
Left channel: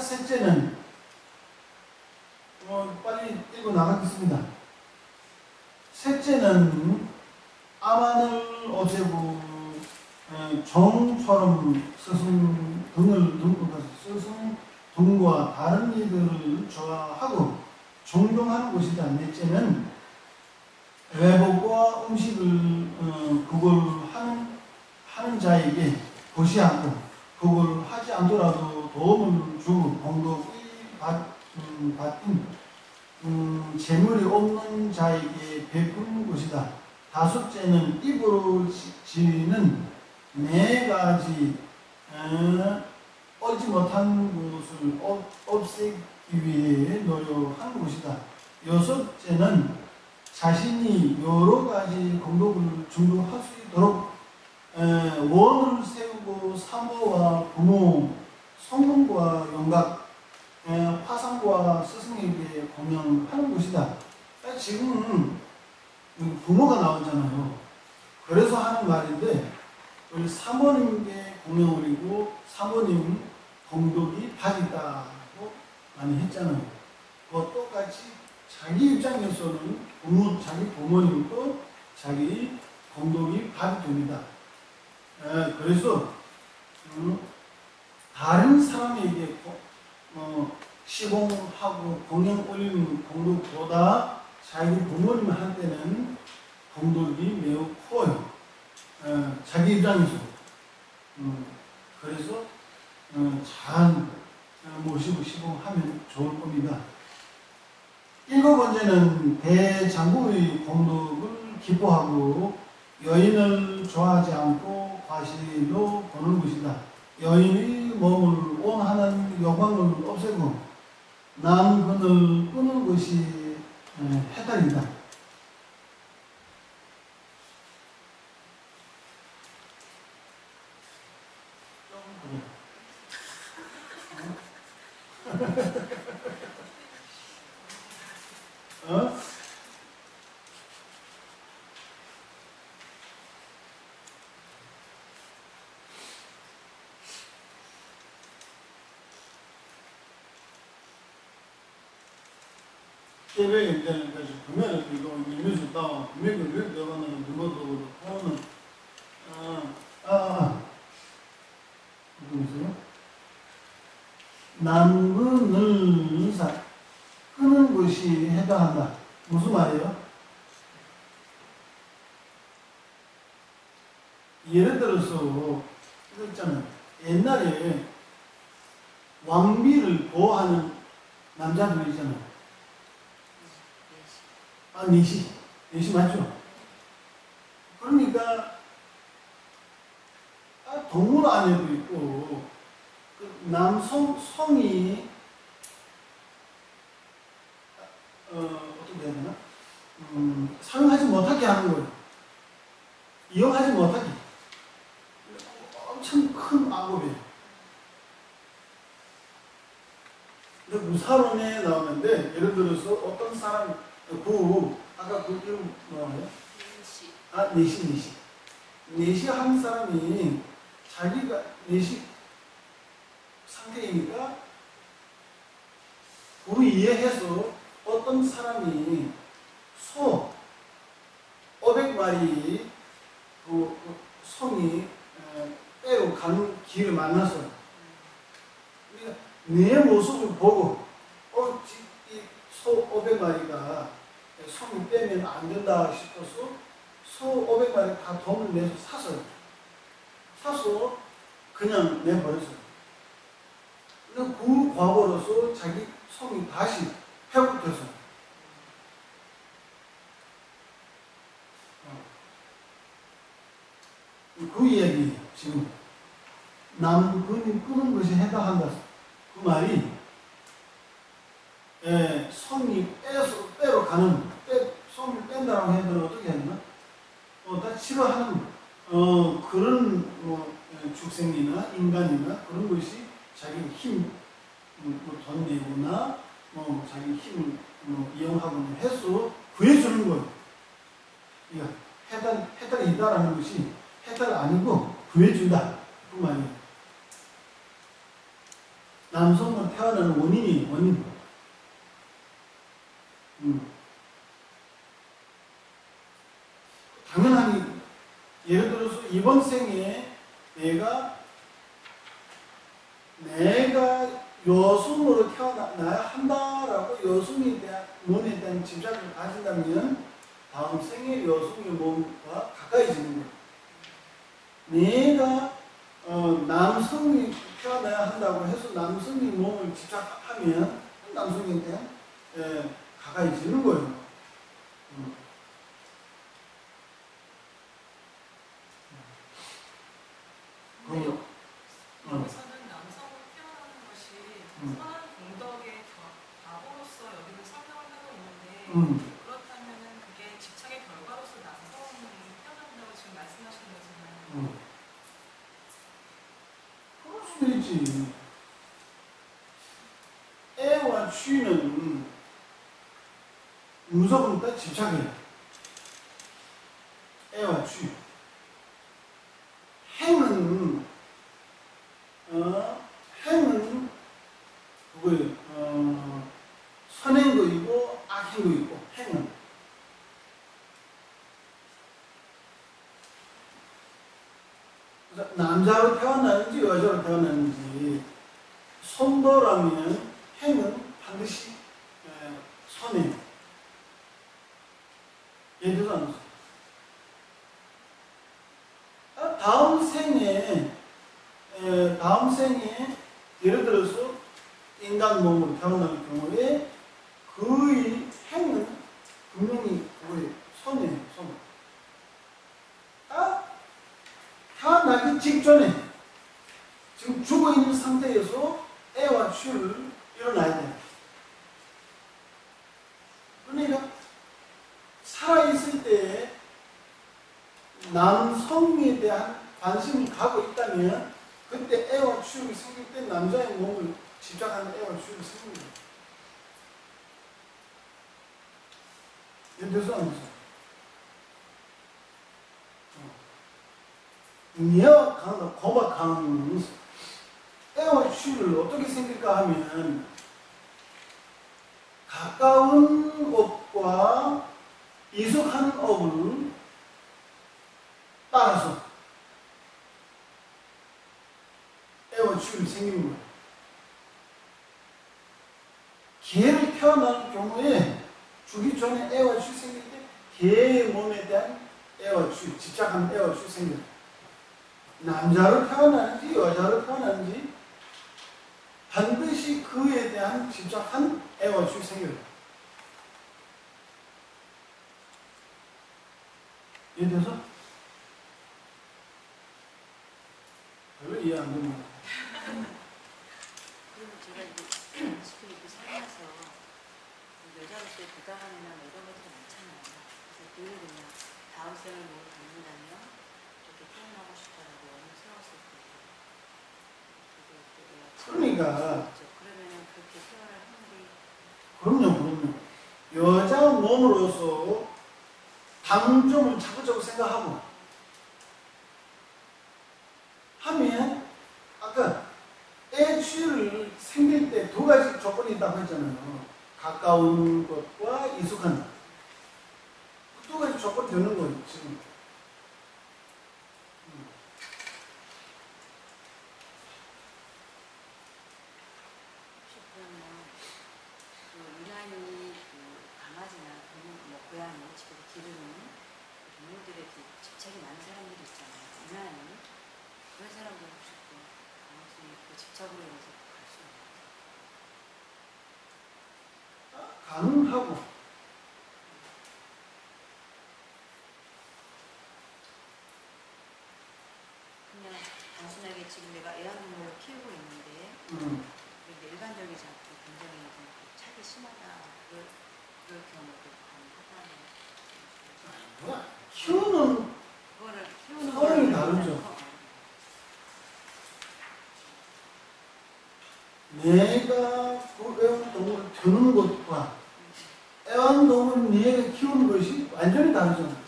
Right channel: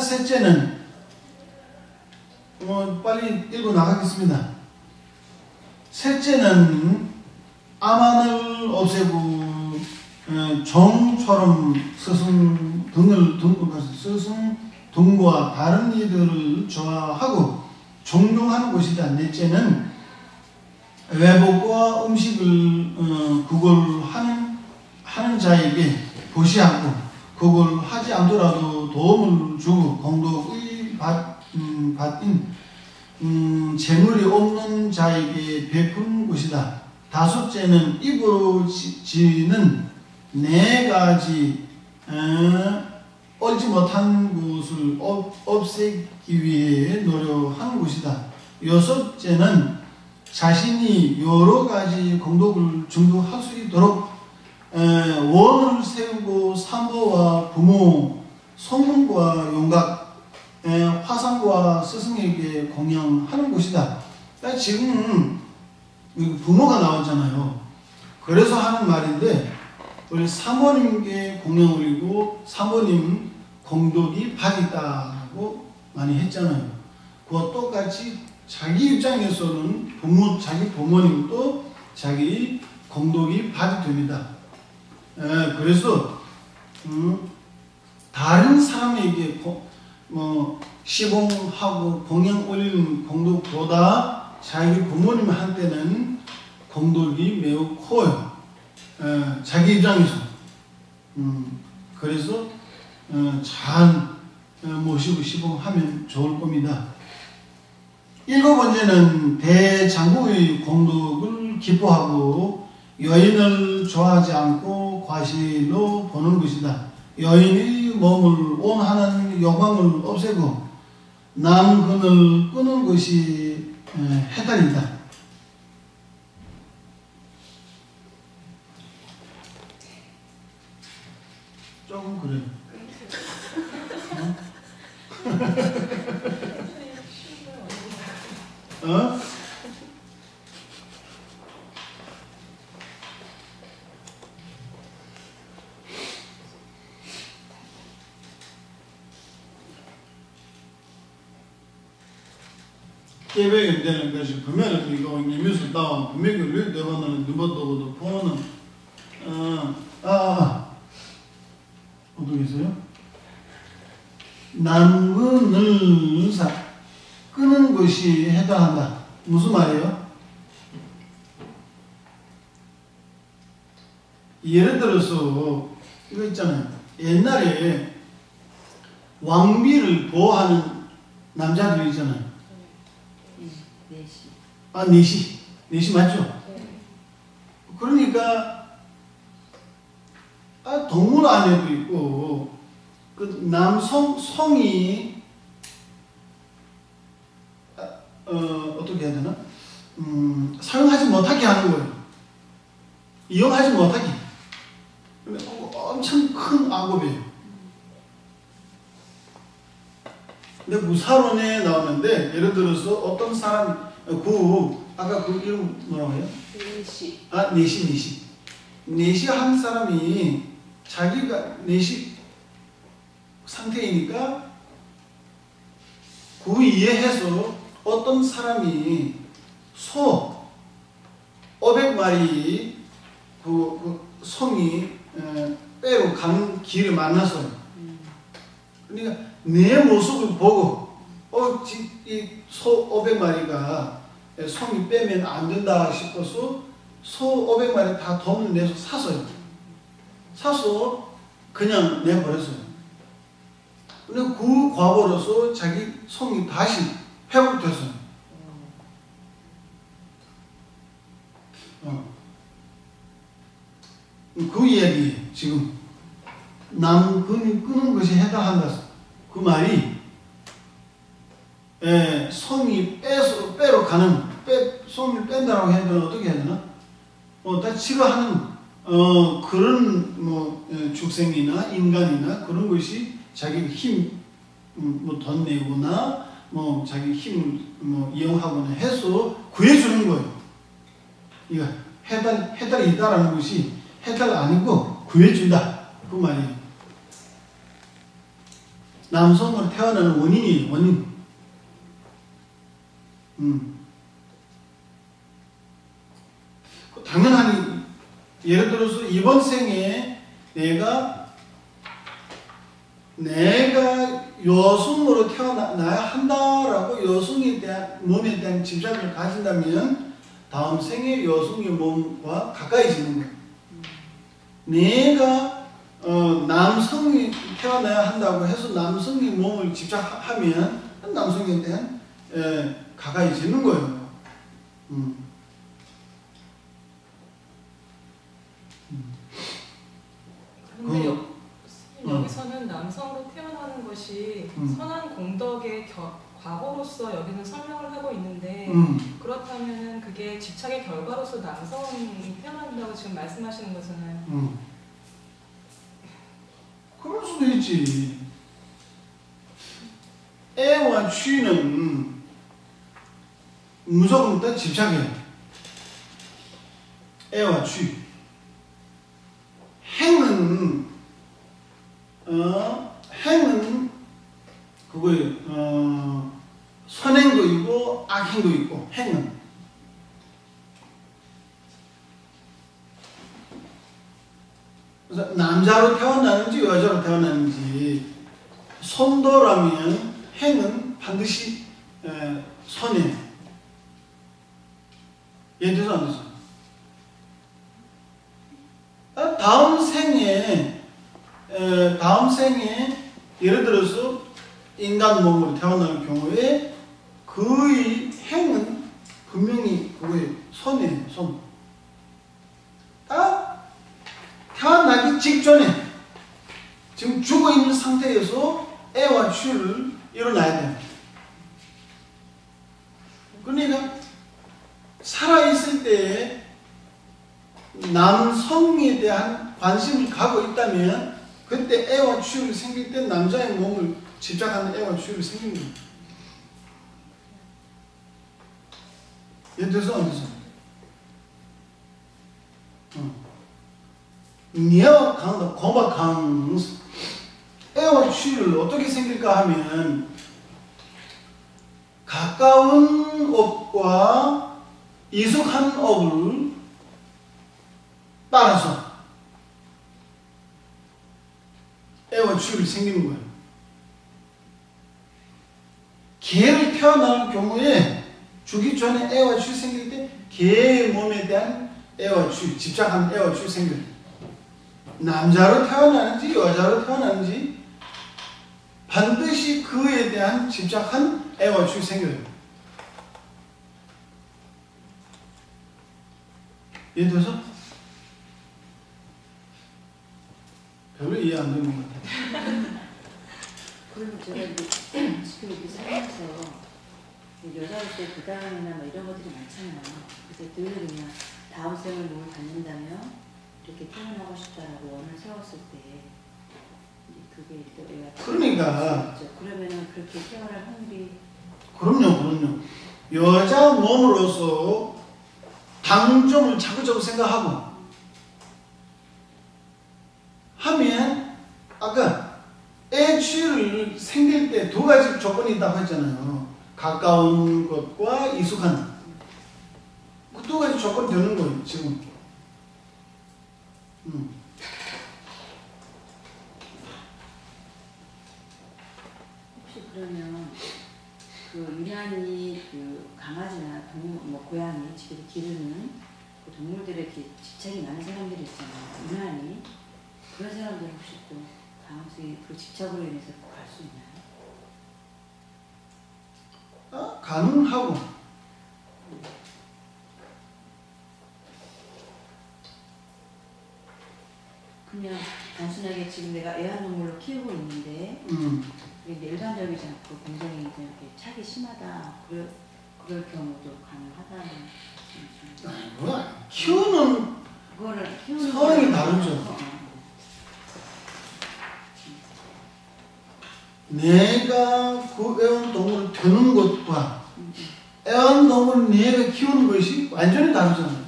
셋째는 빨리 읽어 나가겠습니다. 셋째는 암환을 없애고 정처럼 스승 등을 등급해서 스승 등과 다른 이들을 좋아하고 존경하는 것이다. 넷째는 외복과 음식을 하는 자에게 보시 않고 그걸 하지 않더라도 도움을 주고 공덕의 받인 재물이 없는 자에게 베푸는 것이다. 다섯째는 입으로 지는 네 가지 옳지 못한 것을 없애기 위해 노력하는 것이다. 여섯째는 자신이 여러 가지 공덕을 증득할 수 있도록 원을 세우고 산보와 부모, 성문과 용각, 화상과 스승에게 공양하는 것이다. 지금 부모가 나왔잖아요. 그래서 하는 말인데 우리 사모님께 공양 올리고 사모님 공덕이 받있다고 많이 했잖아요. 그와 똑같이 자기 입장에서는 자기 부모님도 자기 공덕이 받이 됩니다. 그래서 다른 사람에게 시봉하고 공양 올리는 공덕보다 자기 부모님한테는 공덕이 매우 커요. 자기 입장에서. 그래서 잘 모시고 시봉하면 좋을 겁니다. 일곱 번째는 대장부의 공덕을 기뻐하고 여인을 좋아하지 않고 과실로 보는 것이다. 여인의 몸을 원하는 욕망을 없애고 남근을 끄는 것이 해탈이다. 조금 그래요. 어? 깨백이 되는 것이 분명히 이거 이미수 따와 분명히 왜 대화는 누구도 보는 어떻게 있어요? 남근을 끄는 것이 해당한다. 무슨 말이에요? 예를 들어서 이거 있잖아요. 옛날에 왕비를 보호하는 남자들 있잖아요. 내시 맞죠? 그러니까 동물 안에도 있고 그 성이 어떻게 해야 되나? 사용하지 못하게 하는 거예요. 이용하지 못하게. 근데 엄청 큰 악업이에요. 근데 무사론에 나오는데 예를 들어서 어떤 사람 아까 그 이름 뭐라고 해요? 내시 한 사람이 자기가 내시 상태이니까 그 이해해서 어떤 사람이 소 500마리 그 성이 빼로 가는 길을 만났어요. 그러니까 내 모습을 보고 이 소 500마리가 성이 빼면 안 된다 싶어서 소 500마리 다 돈을 내서 샀어요. 사서 그냥 내버렸어요. 근데 그 과보로서 자기 성이 다시 회복됐어요. 그 이야기예요. 지금 남근이 끄는 것이 해당한다. 그 말이 성이 빼로 가는 성을 뺀다라고 해야 되나 어떻게 해야 되나? 다 치료하는 그런 축생이나 인간이나 그런 것이 자기 힘 돈 내거나 자기 힘을 이용하거나 해서 구해주는 거예요. 이거 해달이다라는 것이 해달 아니고 구해준다 그 말이에요. 남성으로 태어나는 원인이에요. 원인. 당연하니 예를 들어서 이번 생에 내가 여성으로 태어나야 한다라고 여성에 대한 몸에 대한 집착을 가진다면 다음 생에 여성의 몸과 가까이지는 거예요. 내가 남성이 태어나야 한다고 해서 남성의 몸을 집착하면 남성에 대한 가까이지는 거예요. 근데 여기서는 남성으로 태어나는 것이 선한 공덕의 과거로서 여기는 설명을 하고 있는데 그렇다면 그게 집착의 결과로서 남성이 태어난다고 지금 말씀하시는 거잖아요. 그럴 수도 있지. 애와 취는 무조건 다 집착이에요. 애와 취. 행은 그거예요. 선행도 있고 악행도 있고 행은. 그래서 남자로 태어나는지 여자로 태어나는지 선도라면 행은 반드시 선이에요. 이해돼서 안 되죠? 다음 생에 예를 들어서 인간 몸으로 태어나는 경우에 그의 행은 분명히 그거예요. 선이에요. 선. 태어나기 직전에 지금 죽어있는 상태에서 애와 취를 일어나야 돼요. 그러니까 살아있을 때에 남성에 대한 관심을 갖고 있다면 그때 애와 취율이 생길 때 남자의 몸을 집착하는 애와 취율이 생긴 거예요. 이해돼서 안 돼서? 니와 강다 고바 강 애와 취율을 어떻게 생길까 하면 가까운 업과 이숙한 업을 따라서 애와 취율이 생기는 거예요. 개를 태어나는 경우에 죽기 전에 애와 취율이 생길 때 개의 몸에 대한 애와 취율, 집착하는 애와 취율이 생겨요. 남자로 태어나는지 여자로 태어나는지 반드시 그에 대한 집착한 애와 취율이 생겨요. 이해돼서? 별로 이해 안 되는 것 같아요. 그럼 제가 지금 여기 살면서 여자로서의 부당함이나 이런 것들이 많잖아요. 그래서 그걸 그냥 다음 생을 몸을 갖는다면 이렇게 태어나고 싶다라고 원을 세웠을 때 그게 이제 그러니까 그러면은 그렇게 태어날 확률이 그럼요. 여자 몸으로서 당점을 자꾸자꾸 생각하고 하면 아까 애 취를 생길 때 두 가지 조건이 있다고 했잖아요. 가까운 것과 이숙한 그 두 가지 조건이 되는 거예요. 지금 혹시 그러면 그 유난히 그 강아지나 동물, 뭐 고양이, 집에서 기르는 그 동물들에 이렇게 집착이 많은 사람들이 있잖아요. 유난히 그런 사람들 혹시 또 강아지 그 집착으로 인해서 갈 수 있나요? 가능하고 그냥 단순하게 지금 내가 애완동물로 키우고 있는데 이게 일반적이지 않고 굉장히 좀 착이 심하다 그럴 경우도 가능하다는 뭐야 키우는 그거를 키우는 상황이 다르죠. 내가 그 애완동물을 두는 것과 애완동물을 내가 키우는 것이 완전히 다르잖아요.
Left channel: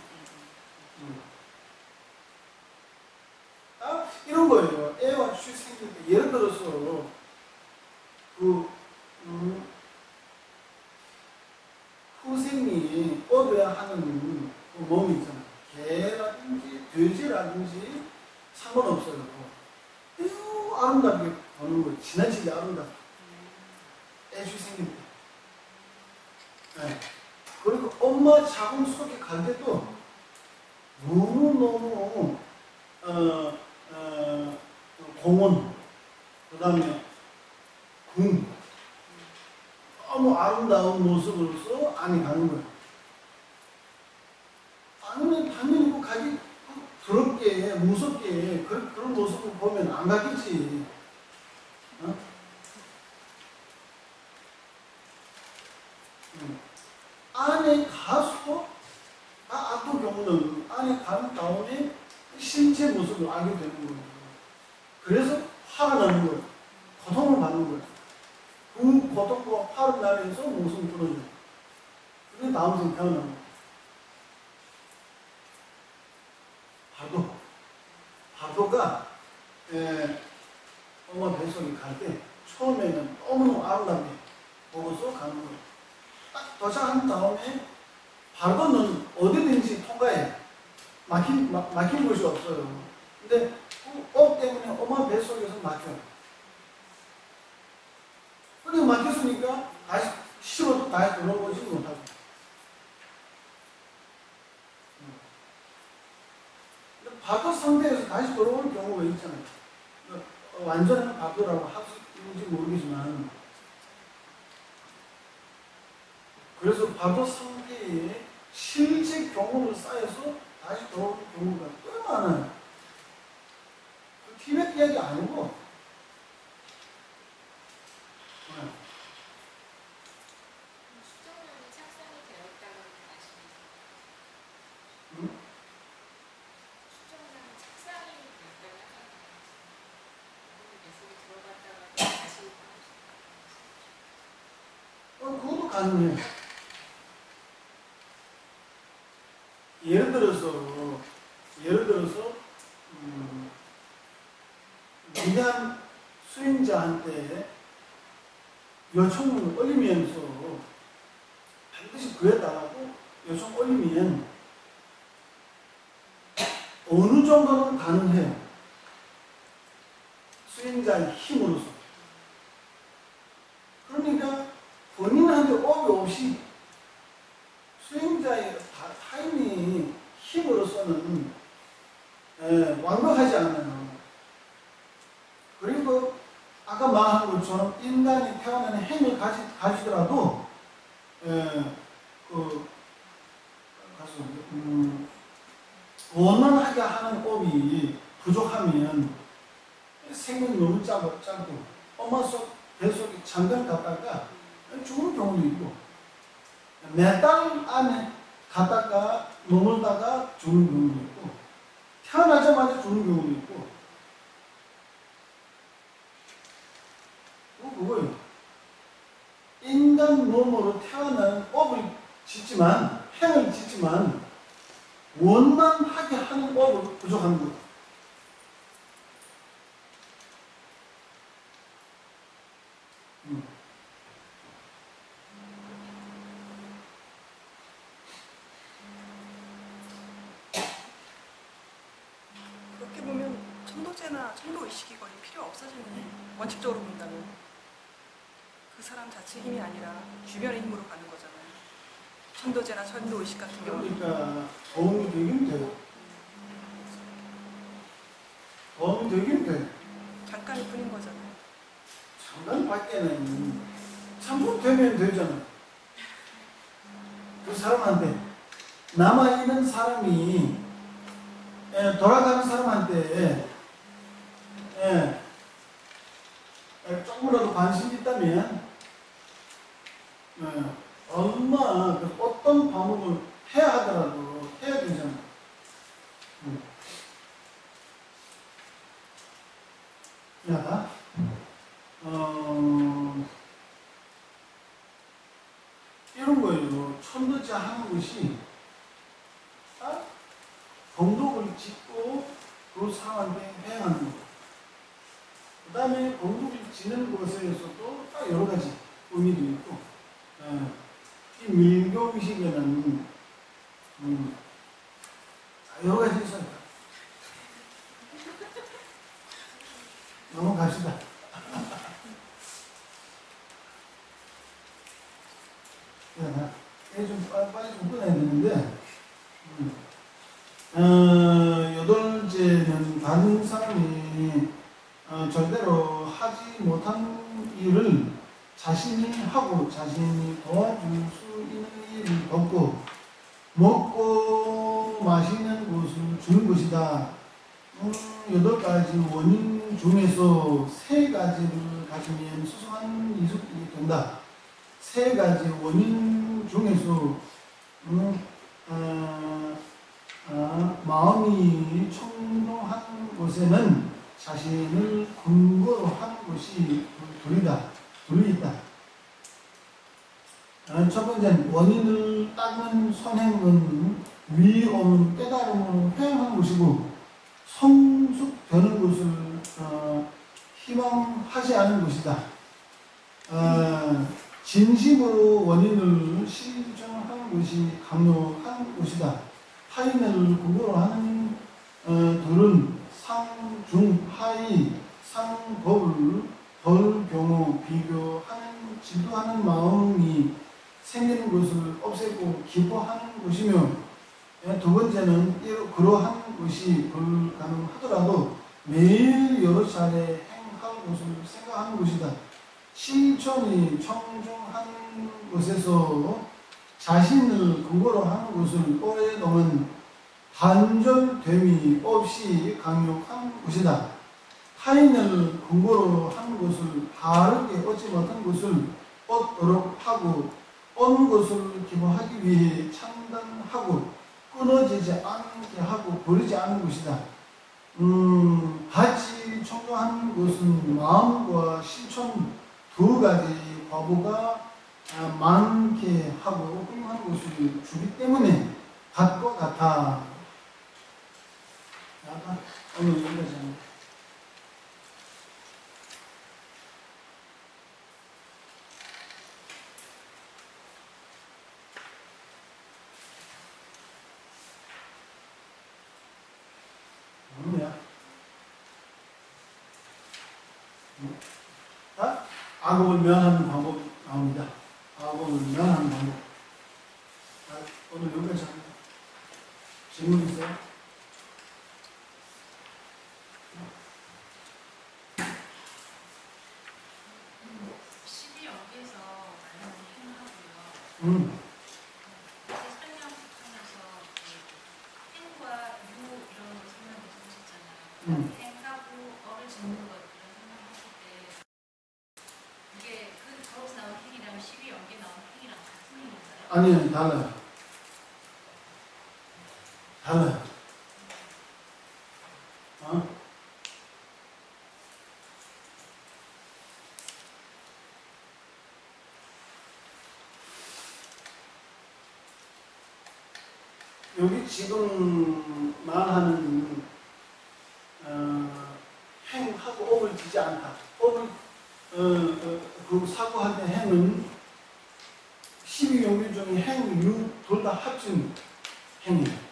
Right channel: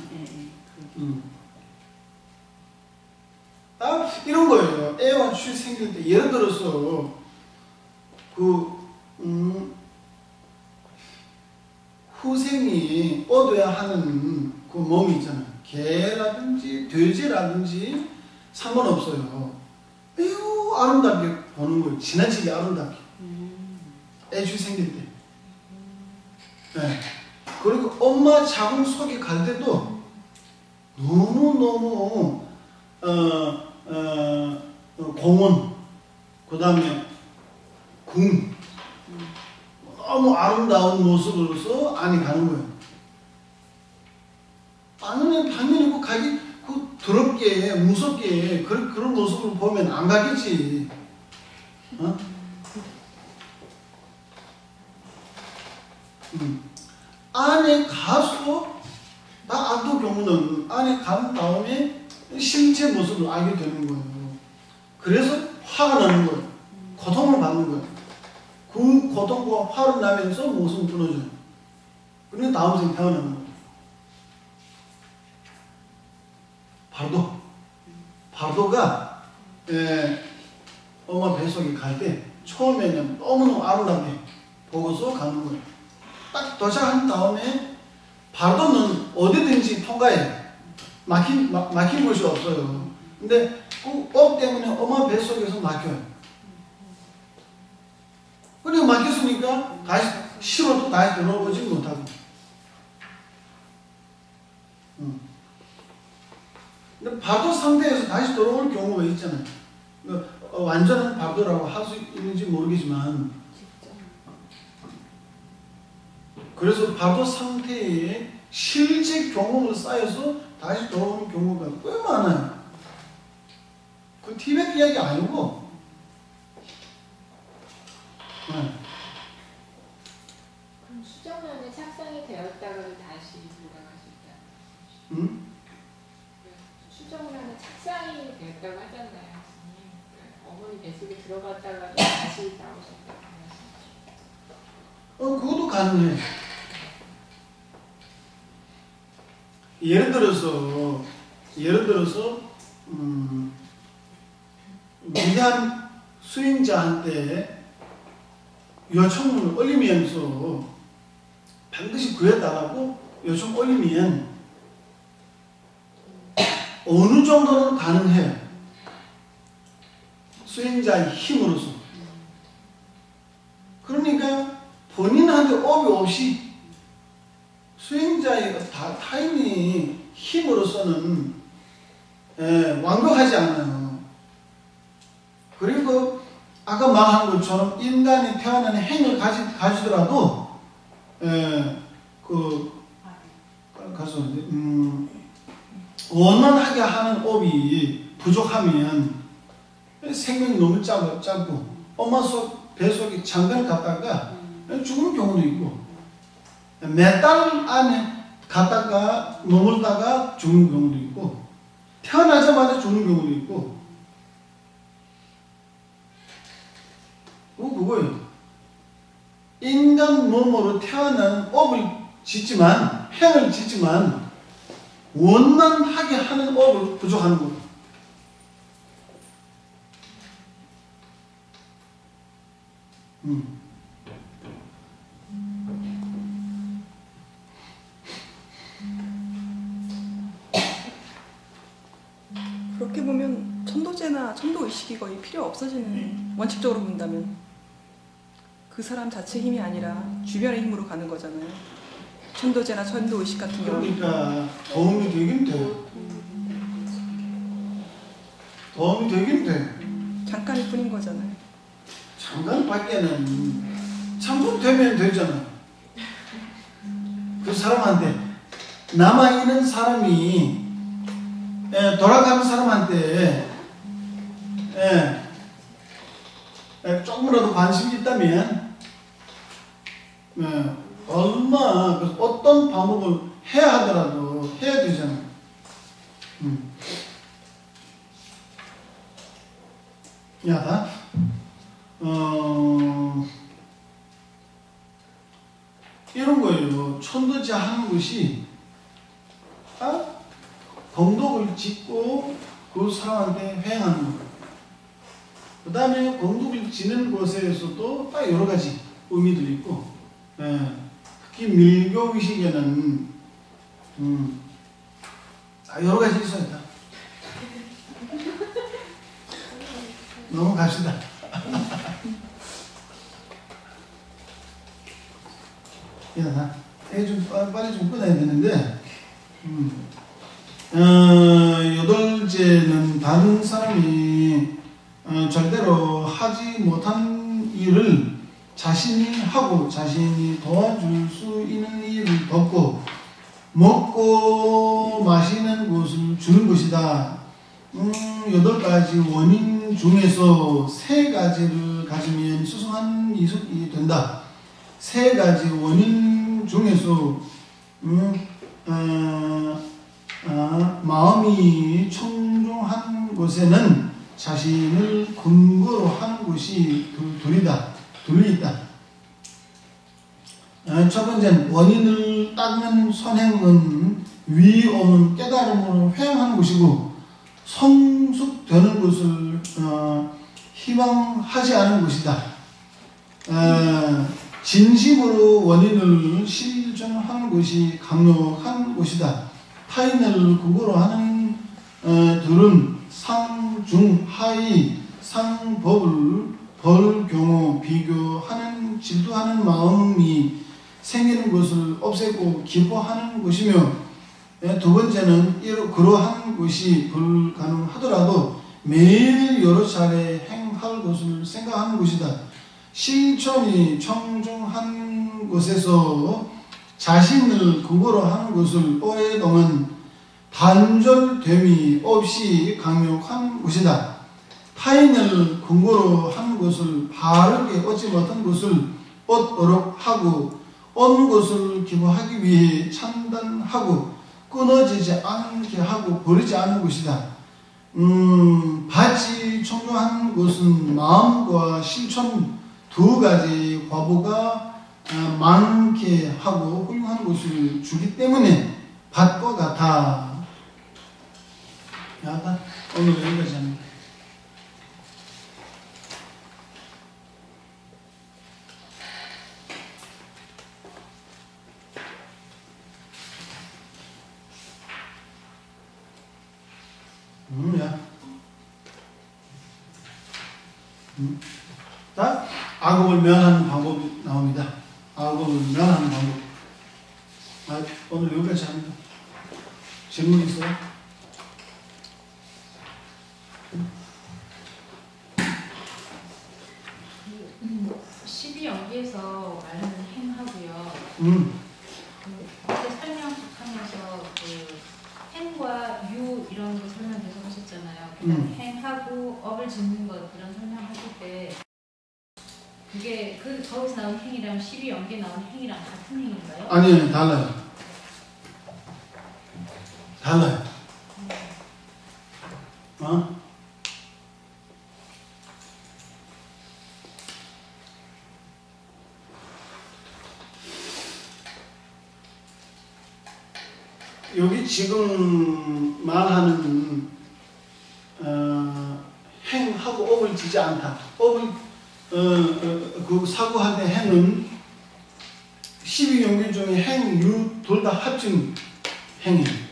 이런 거예요. 애와 취 생길 때 예를 들어서 후생이 얻어야 하는 그 몸이 있잖아요. 개라든지 돼지라든지 상관없어요. 매우 아름답게 보는 거예요. 지나치게 아름답게. 애주 생길 때. 네. 그리고 엄마 자궁 속에 갈 때도 너무너무 공원, 그 다음에 궁, 너무 아름다운 모습으로서 안에 가는 거예요. 아니면 당연히 그 가기 그 더럽게 무섭게 그런 모습을 보면 안 가겠지. 어? 안에 가서 악도 경우는 안에 간 다음에 실제 모습을 알게 되는 거예요. 그래서 화가 나는 거예요. 고통을 받는 거예요. 그 고통과 화를 나면서 목숨이 끊어져요. 그러면 다음 생 태어나는 거예요. 바도가 엄마 뱃속에 갈 때 처음에는 너무너무 아름답게 보고서 가는 거예요. 딱 도착한 다음에 바도는 어디든지 통과해. 막힌 곳이 없어요. 근데 그 업 때문에 엄마 뱃속에서 막혀요. 그리고 막혔으니까 다시 싫어도 다시 들어오지 못하고. 근데 바도 상태에서 다시 돌아올 경우가 있잖아요. 완전한 바도라고 할 수 있는지 모르겠지만, 그래서 바도 상태에 실제 경험을 쌓여서 다시 돌아오는 경우가 꽤 많아요. 그 티베트 이야기 아니고. 수정란에 착상이 되었다가 다시 들어가니까. 응? 수정란에 착상이 됐다고 하잖아요. 어머니 뱃속에 들어갔다가 다시 나오셨다고. 그것도 가능해. 예를 들어서 위대한 수행자한테 요청을 올리면서 반드시 구해달라고 요청 올리면 어느 정도는 가능해요. 수행자의 힘으로서. 그러니까 본인한테 업이 없이 수행자의 타인의 힘으로서는 완벽하지 않아요. 그리고 아까 말한 것처럼 인간이 태어나는 행을 가지더라도 가서 원만하게 하는 업이 부족하면 생명이 너무 짧고 엄마 뱃속에 잠깐 갔다가 죽는 경우도 있고 몇 달 안에 갔다가 머물다가 죽는 경우도 있고 태어나자마자 죽는 경우도 있고 그거예요. 인간 몸으로 태어나는 업을 짓지만 행을 짓지만 원만하게 하는 업을 부족하는 거예요. 그렇게 보면 천도제나 천도의식이 거의 필요 없어지는 원칙적으로 본다면 그 사람 자체 힘이 아니라 주변의 힘으로 가는 거잖아요. 천도제나 천도의식 같은 거. 그러니까 도움이 되긴 돼요. 도움이 되긴 돼. 잠깐일 뿐인 거잖아요. 잠깐밖에는 참고 되면 되잖아요. 그 사람한테 남아있는 사람이 돌아가는 사람한테 조금이라도 관심이 있다면 어떤 방법을 해야 하더라도 해야 되잖아요. 미안하다. 이런 거예요. 천도제 하는 것이 공덕을 짓고 그 사람한테 회행하는 거. 그 다음에 공덕을 지는 곳에서도 딱 여러 가지 의미들이 있고, 특히 밀교 의식에는 여러 가지 있어요. 넘어갑시다. 야, 좀 빨리 좀 끊어야 되는데, 여덟째는 다른 사람이 절대로 하지 못한 일을 자신이 하고 자신이 도와줄 수 있는 일을 돕고 먹고 마시는 것을 주는 것이다. 8가지 원인 중에서 3가지를 가지면 수승한 이숙이 된다. 3가지 원인 중에서 마음이 청중한 곳에는 자신을 근거로 하는 것이 둘이 있다. 첫 번째는 원인을 닦는 선행은 위 없는 깨달음으로 회행하는 것이고 성숙되는 것을 희망하지 않은 것이다. 진심으로 원인을 실천하는 것이 강력한 것이다. 타인을 근거로 하는 들은 상, 중, 하위, 상법을 벌 경우 비교하는 질투하는 마음이 생기는 것을 없애고 기뻐하는 것이며, 두 번째는 그러한 것이 불가능하더라도 매일 여러 차례 행할 것을 생각하는 것이다. 실천이 청중한 것에서 자신을 근거로 하는 것을 오랫동안 단절됨이 없이 강력한 것이다. 타인을 근거로 하는 것을 바르게 얻지 못한 것을 얻도록 하고 얻는 것을 기뻐하기 위해 찬단하고 끊어지지 않게 하고 버리지 않는 것이다. 받지 청중한 것은 마음과 실천 2가지 과보가 많게 하고 훌륭한 것을 주기 때문에 밭과 같아. 약간 오늘 여기까지 합니다. 자, 악업을 면하는 방법이 나옵니다. 악업을 면하는 방법. 오늘 여기까지 합니다. 질문 있어요? 십이연계에서 말하는 행하고요. 설명하면서 행과 유 이런 거 설명해서 하셨잖아요. 행하고 업을 짓는 것 그런 설명하실 때 그게 저기서 나온 행이랑 12연계 나온 행이랑 같은 행인가요? 아니요, 달라요. 달라요. 여기 지금 말하는 행하고 업을 지지 않다. 업을 그 사고할 때 행은 12용기 중에 행, 유 둘 다 합친 행이에요.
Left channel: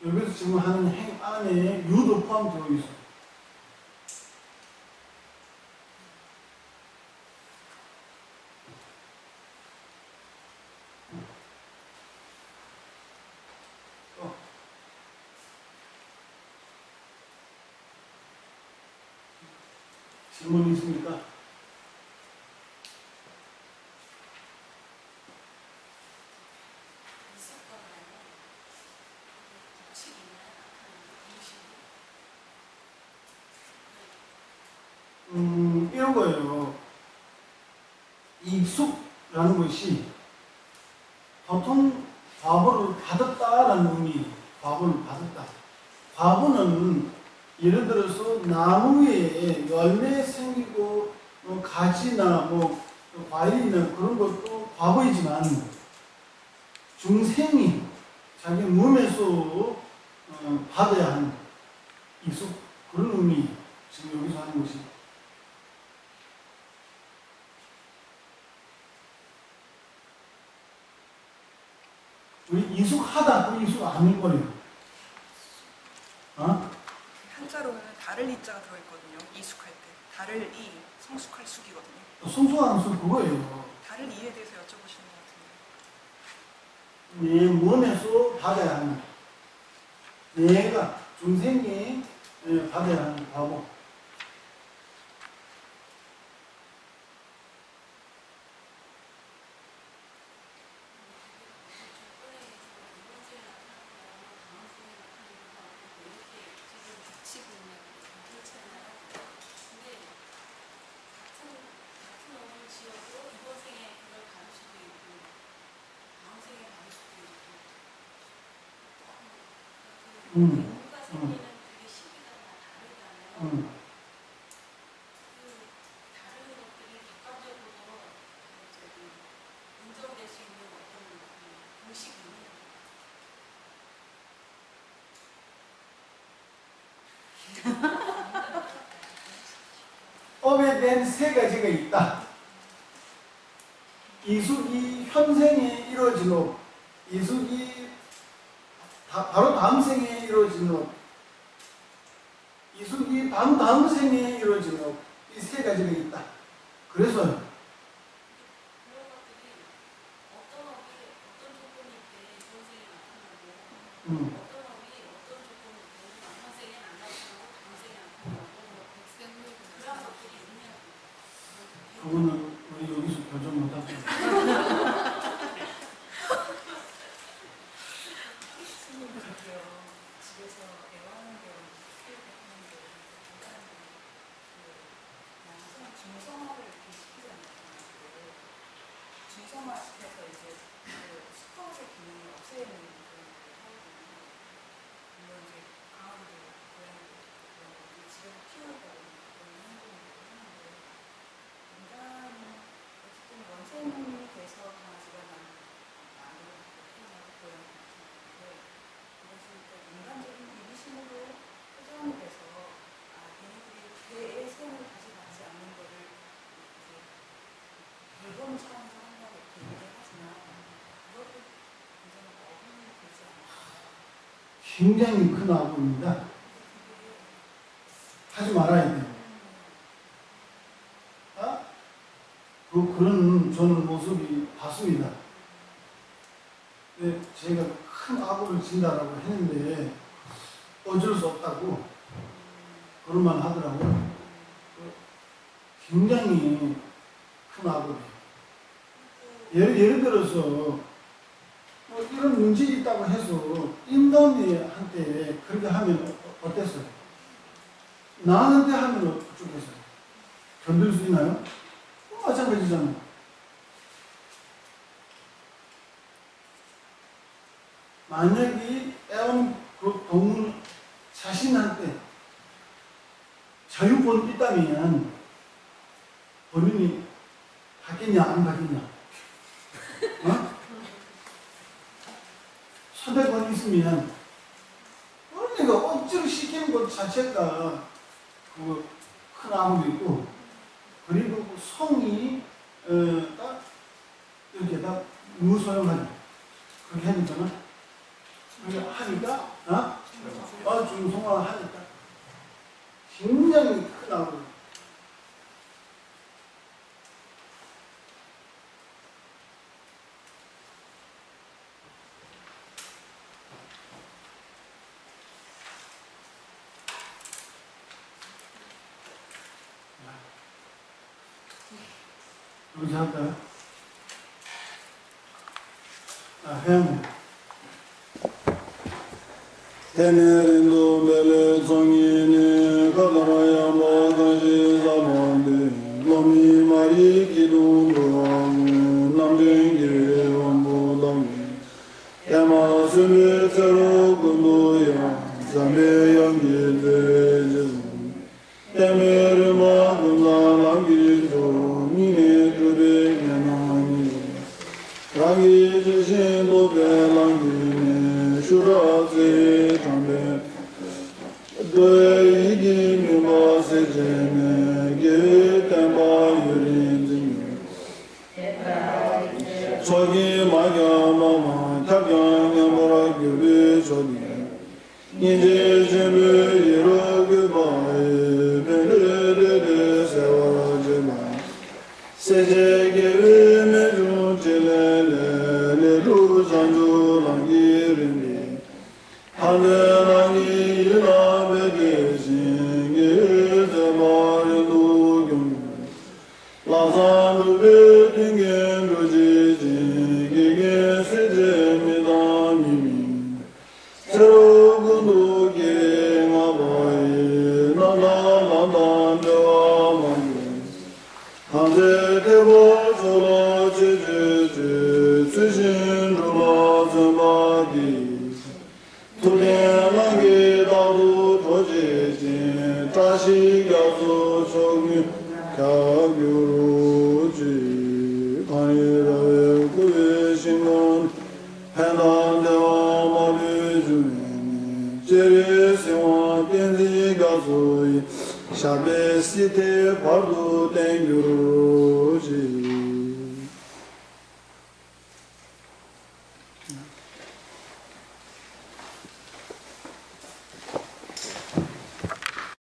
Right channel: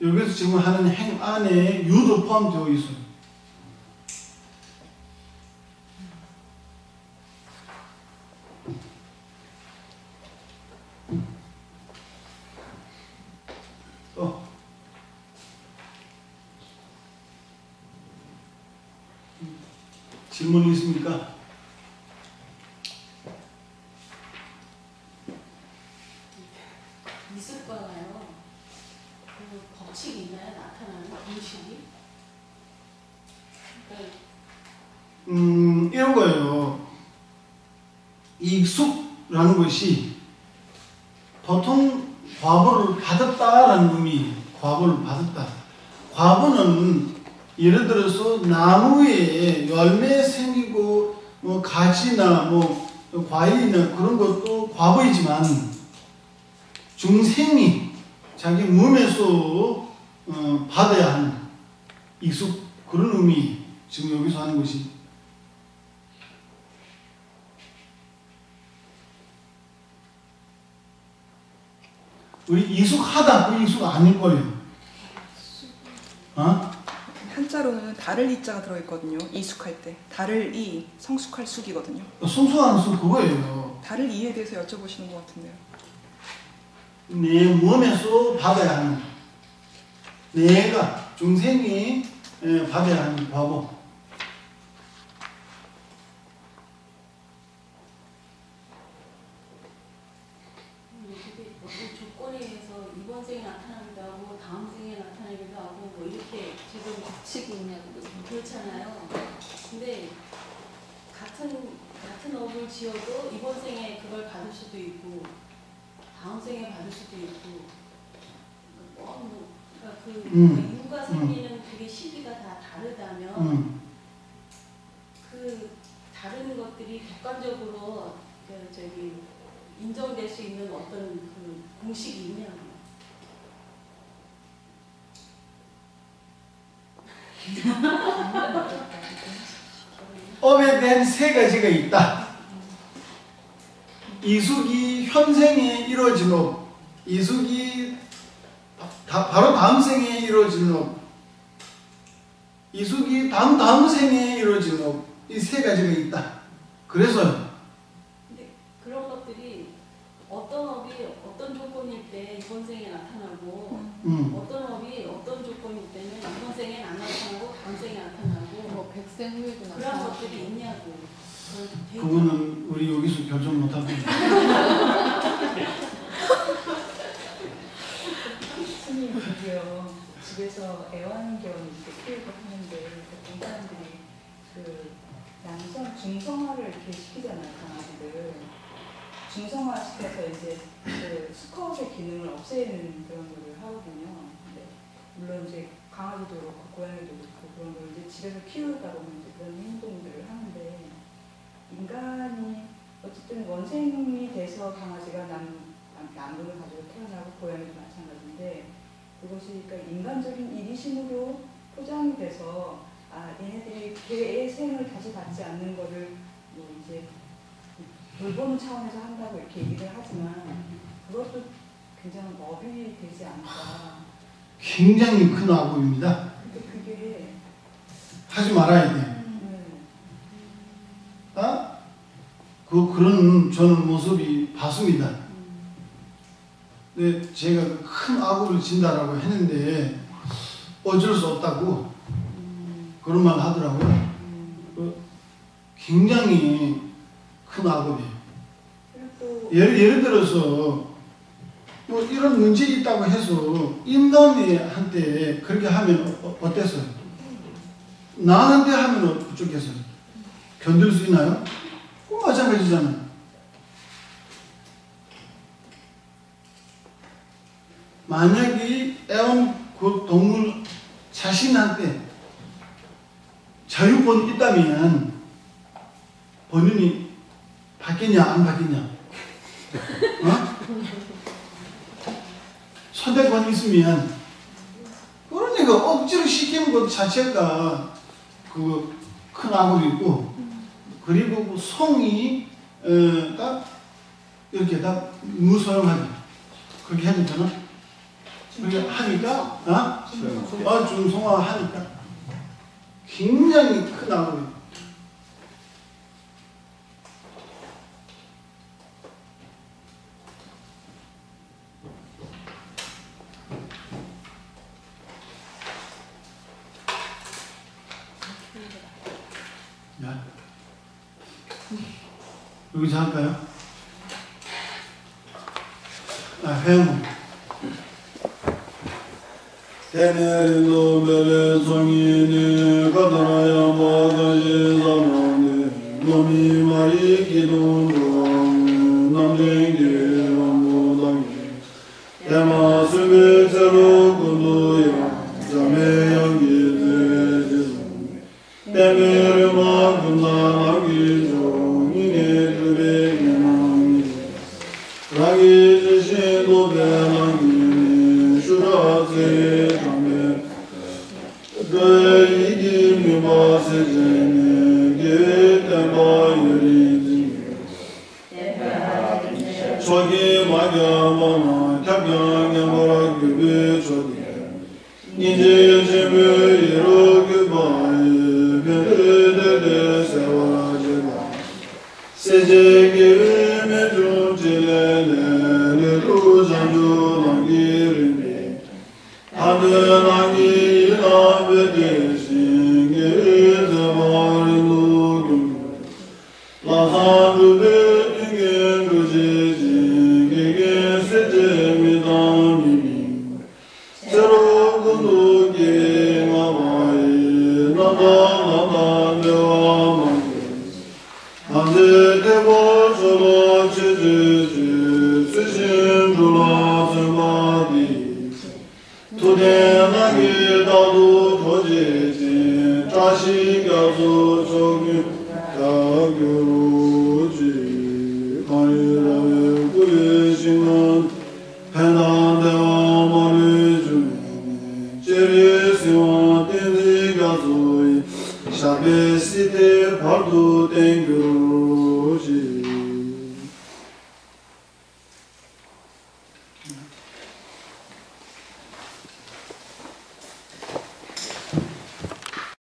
여기서 지금 하는 행 안에 유도 포함되어 있어요. 질문이 있습니까? 있을 거잖아요. 그 법칙이 있나요? 나타나는 공식이? 이런 거예요. 익숙라는 것이 보통 과보를 받았다라는 의미, 과보를 받았다. 과보는 예를 들어서 나무에 열매 생기고 뭐 가지나 뭐 과일이나 그런 것도 과보이지만 중생이 자기 몸에서 받아야 하는 익숙 그런 의미 지금 여기서 하는 것이. 우리 익숙하다, 그 익숙 아닐 거예요. 한자로는 달을 이자가 들어있거든요. 이숙할 때. 달을 이, 성숙할 숙이거든요. 성숙하는 수 그거예요. 달을 이에 대해서 여쭤보시는 것 같은데. 내 몸에서 받아야 하는, 내가 중생이 받아야 하는 과목. 조건에 의해서 이번 생에 나타난다고 다음 생에 나타나기도 하고 뭐 이렇게 지금 치고 있냐고. 그렇잖아요. 근데 같은 업을 지어도 이번 생에 그걸 받을 수도 있고 다음 생에 받을 수도 있고 그러니까 그 인과 생기는 그게 시기가 다 다르다면 그 다른 것들이 객관적으로 인정될 수 있는 어떤 그 공식이면 업에 대한 세 가지가 있다. 이숙이 현생에 이루어진 업, 이숙이 바로 다음 생에 이루어진 업, 이숙이 다음 생에 이루어진 업, 이 세 가지가 있다. 그래서 그런 것들이 어떤 업이 어떤 조건일 때 이번 생에 나타나고 어떤 업이 어떤 조건일 때는 이번 생에 안 나타나고 다음 생에 나타나고 뭐 백생후에도 그런 것들이 있냐고. 그거는 우리 여기서 결정 못하고 스님 그게요. 집에서 애완견 키우고 하는데 어떤 사람들이 그 양성 중성화를 이렇게 시키잖아요, 강아지를. 중성화 시켜서 이제 그 수컷의 기능을 없애는 그런 걸 하거든요. 물론 이제 강아지도 그렇고 고양이도 그렇고 그런 걸 이제 집에서 키우다 보면 그런 행동들을 하는데 인간은 어쨌든 원생이 돼서 강아지가 남들을 가지고 태어나고 고양이도 마찬가지인데 그것이 그러니까 인간적인 이기심으로 포장이 돼서 얘네들이 개의 생을 다시 받지 않는 거를 이제 돌봄 차원에서 한다고 이렇게 얘기를 하지만 그것도 굉장히 어린이 되지 않을까. 굉장히 큰 악업입니다. 근데 그게 하지 말아야 돼요. 그런 저는 모습이 봤습니다. 근데 제가 큰 악업을 진다라고 했는데 어쩔 수 없다고 그런 말 하더라고요. 굉장히 큰 악업이에요. 예를 들어서 뭐 이런 문제 있다고 해서 인간한테 그렇게 하면 어땠어요? 나한테 하면 어쩌겠어요? 견딜 수 있나요? 마찬가지잖아요. 만약에 애완 그 동물 자신한테 자유권이 있다면 본인이 받겠냐 안 받겠냐? 선택권이 있으면 그러니까 억지로 시키는 것 자체가 그 큰 악업이고 그리고 그 성이 딱 이렇게 다 무소용하게 그렇게 해도 되나? 그렇게 하니까 중성화 하니까 굉장히 큰 악업이. 여기서 할까요? 회원. 에네르노 벨레 송이니 가다마야 모가지 자모니 노미 마리 기둥 남댕기 원부당 에마 수미 제로 군도야 자메 연기 제지수 에메르마 군나 라기 종이니 주베 게나미 라기 지신도 벨랑기니 슈라세 담베 드이기 미마세제네 게담바 유린진 저기 마가마마 갑양야모라 규비 저디 이제 제베 이로기 바이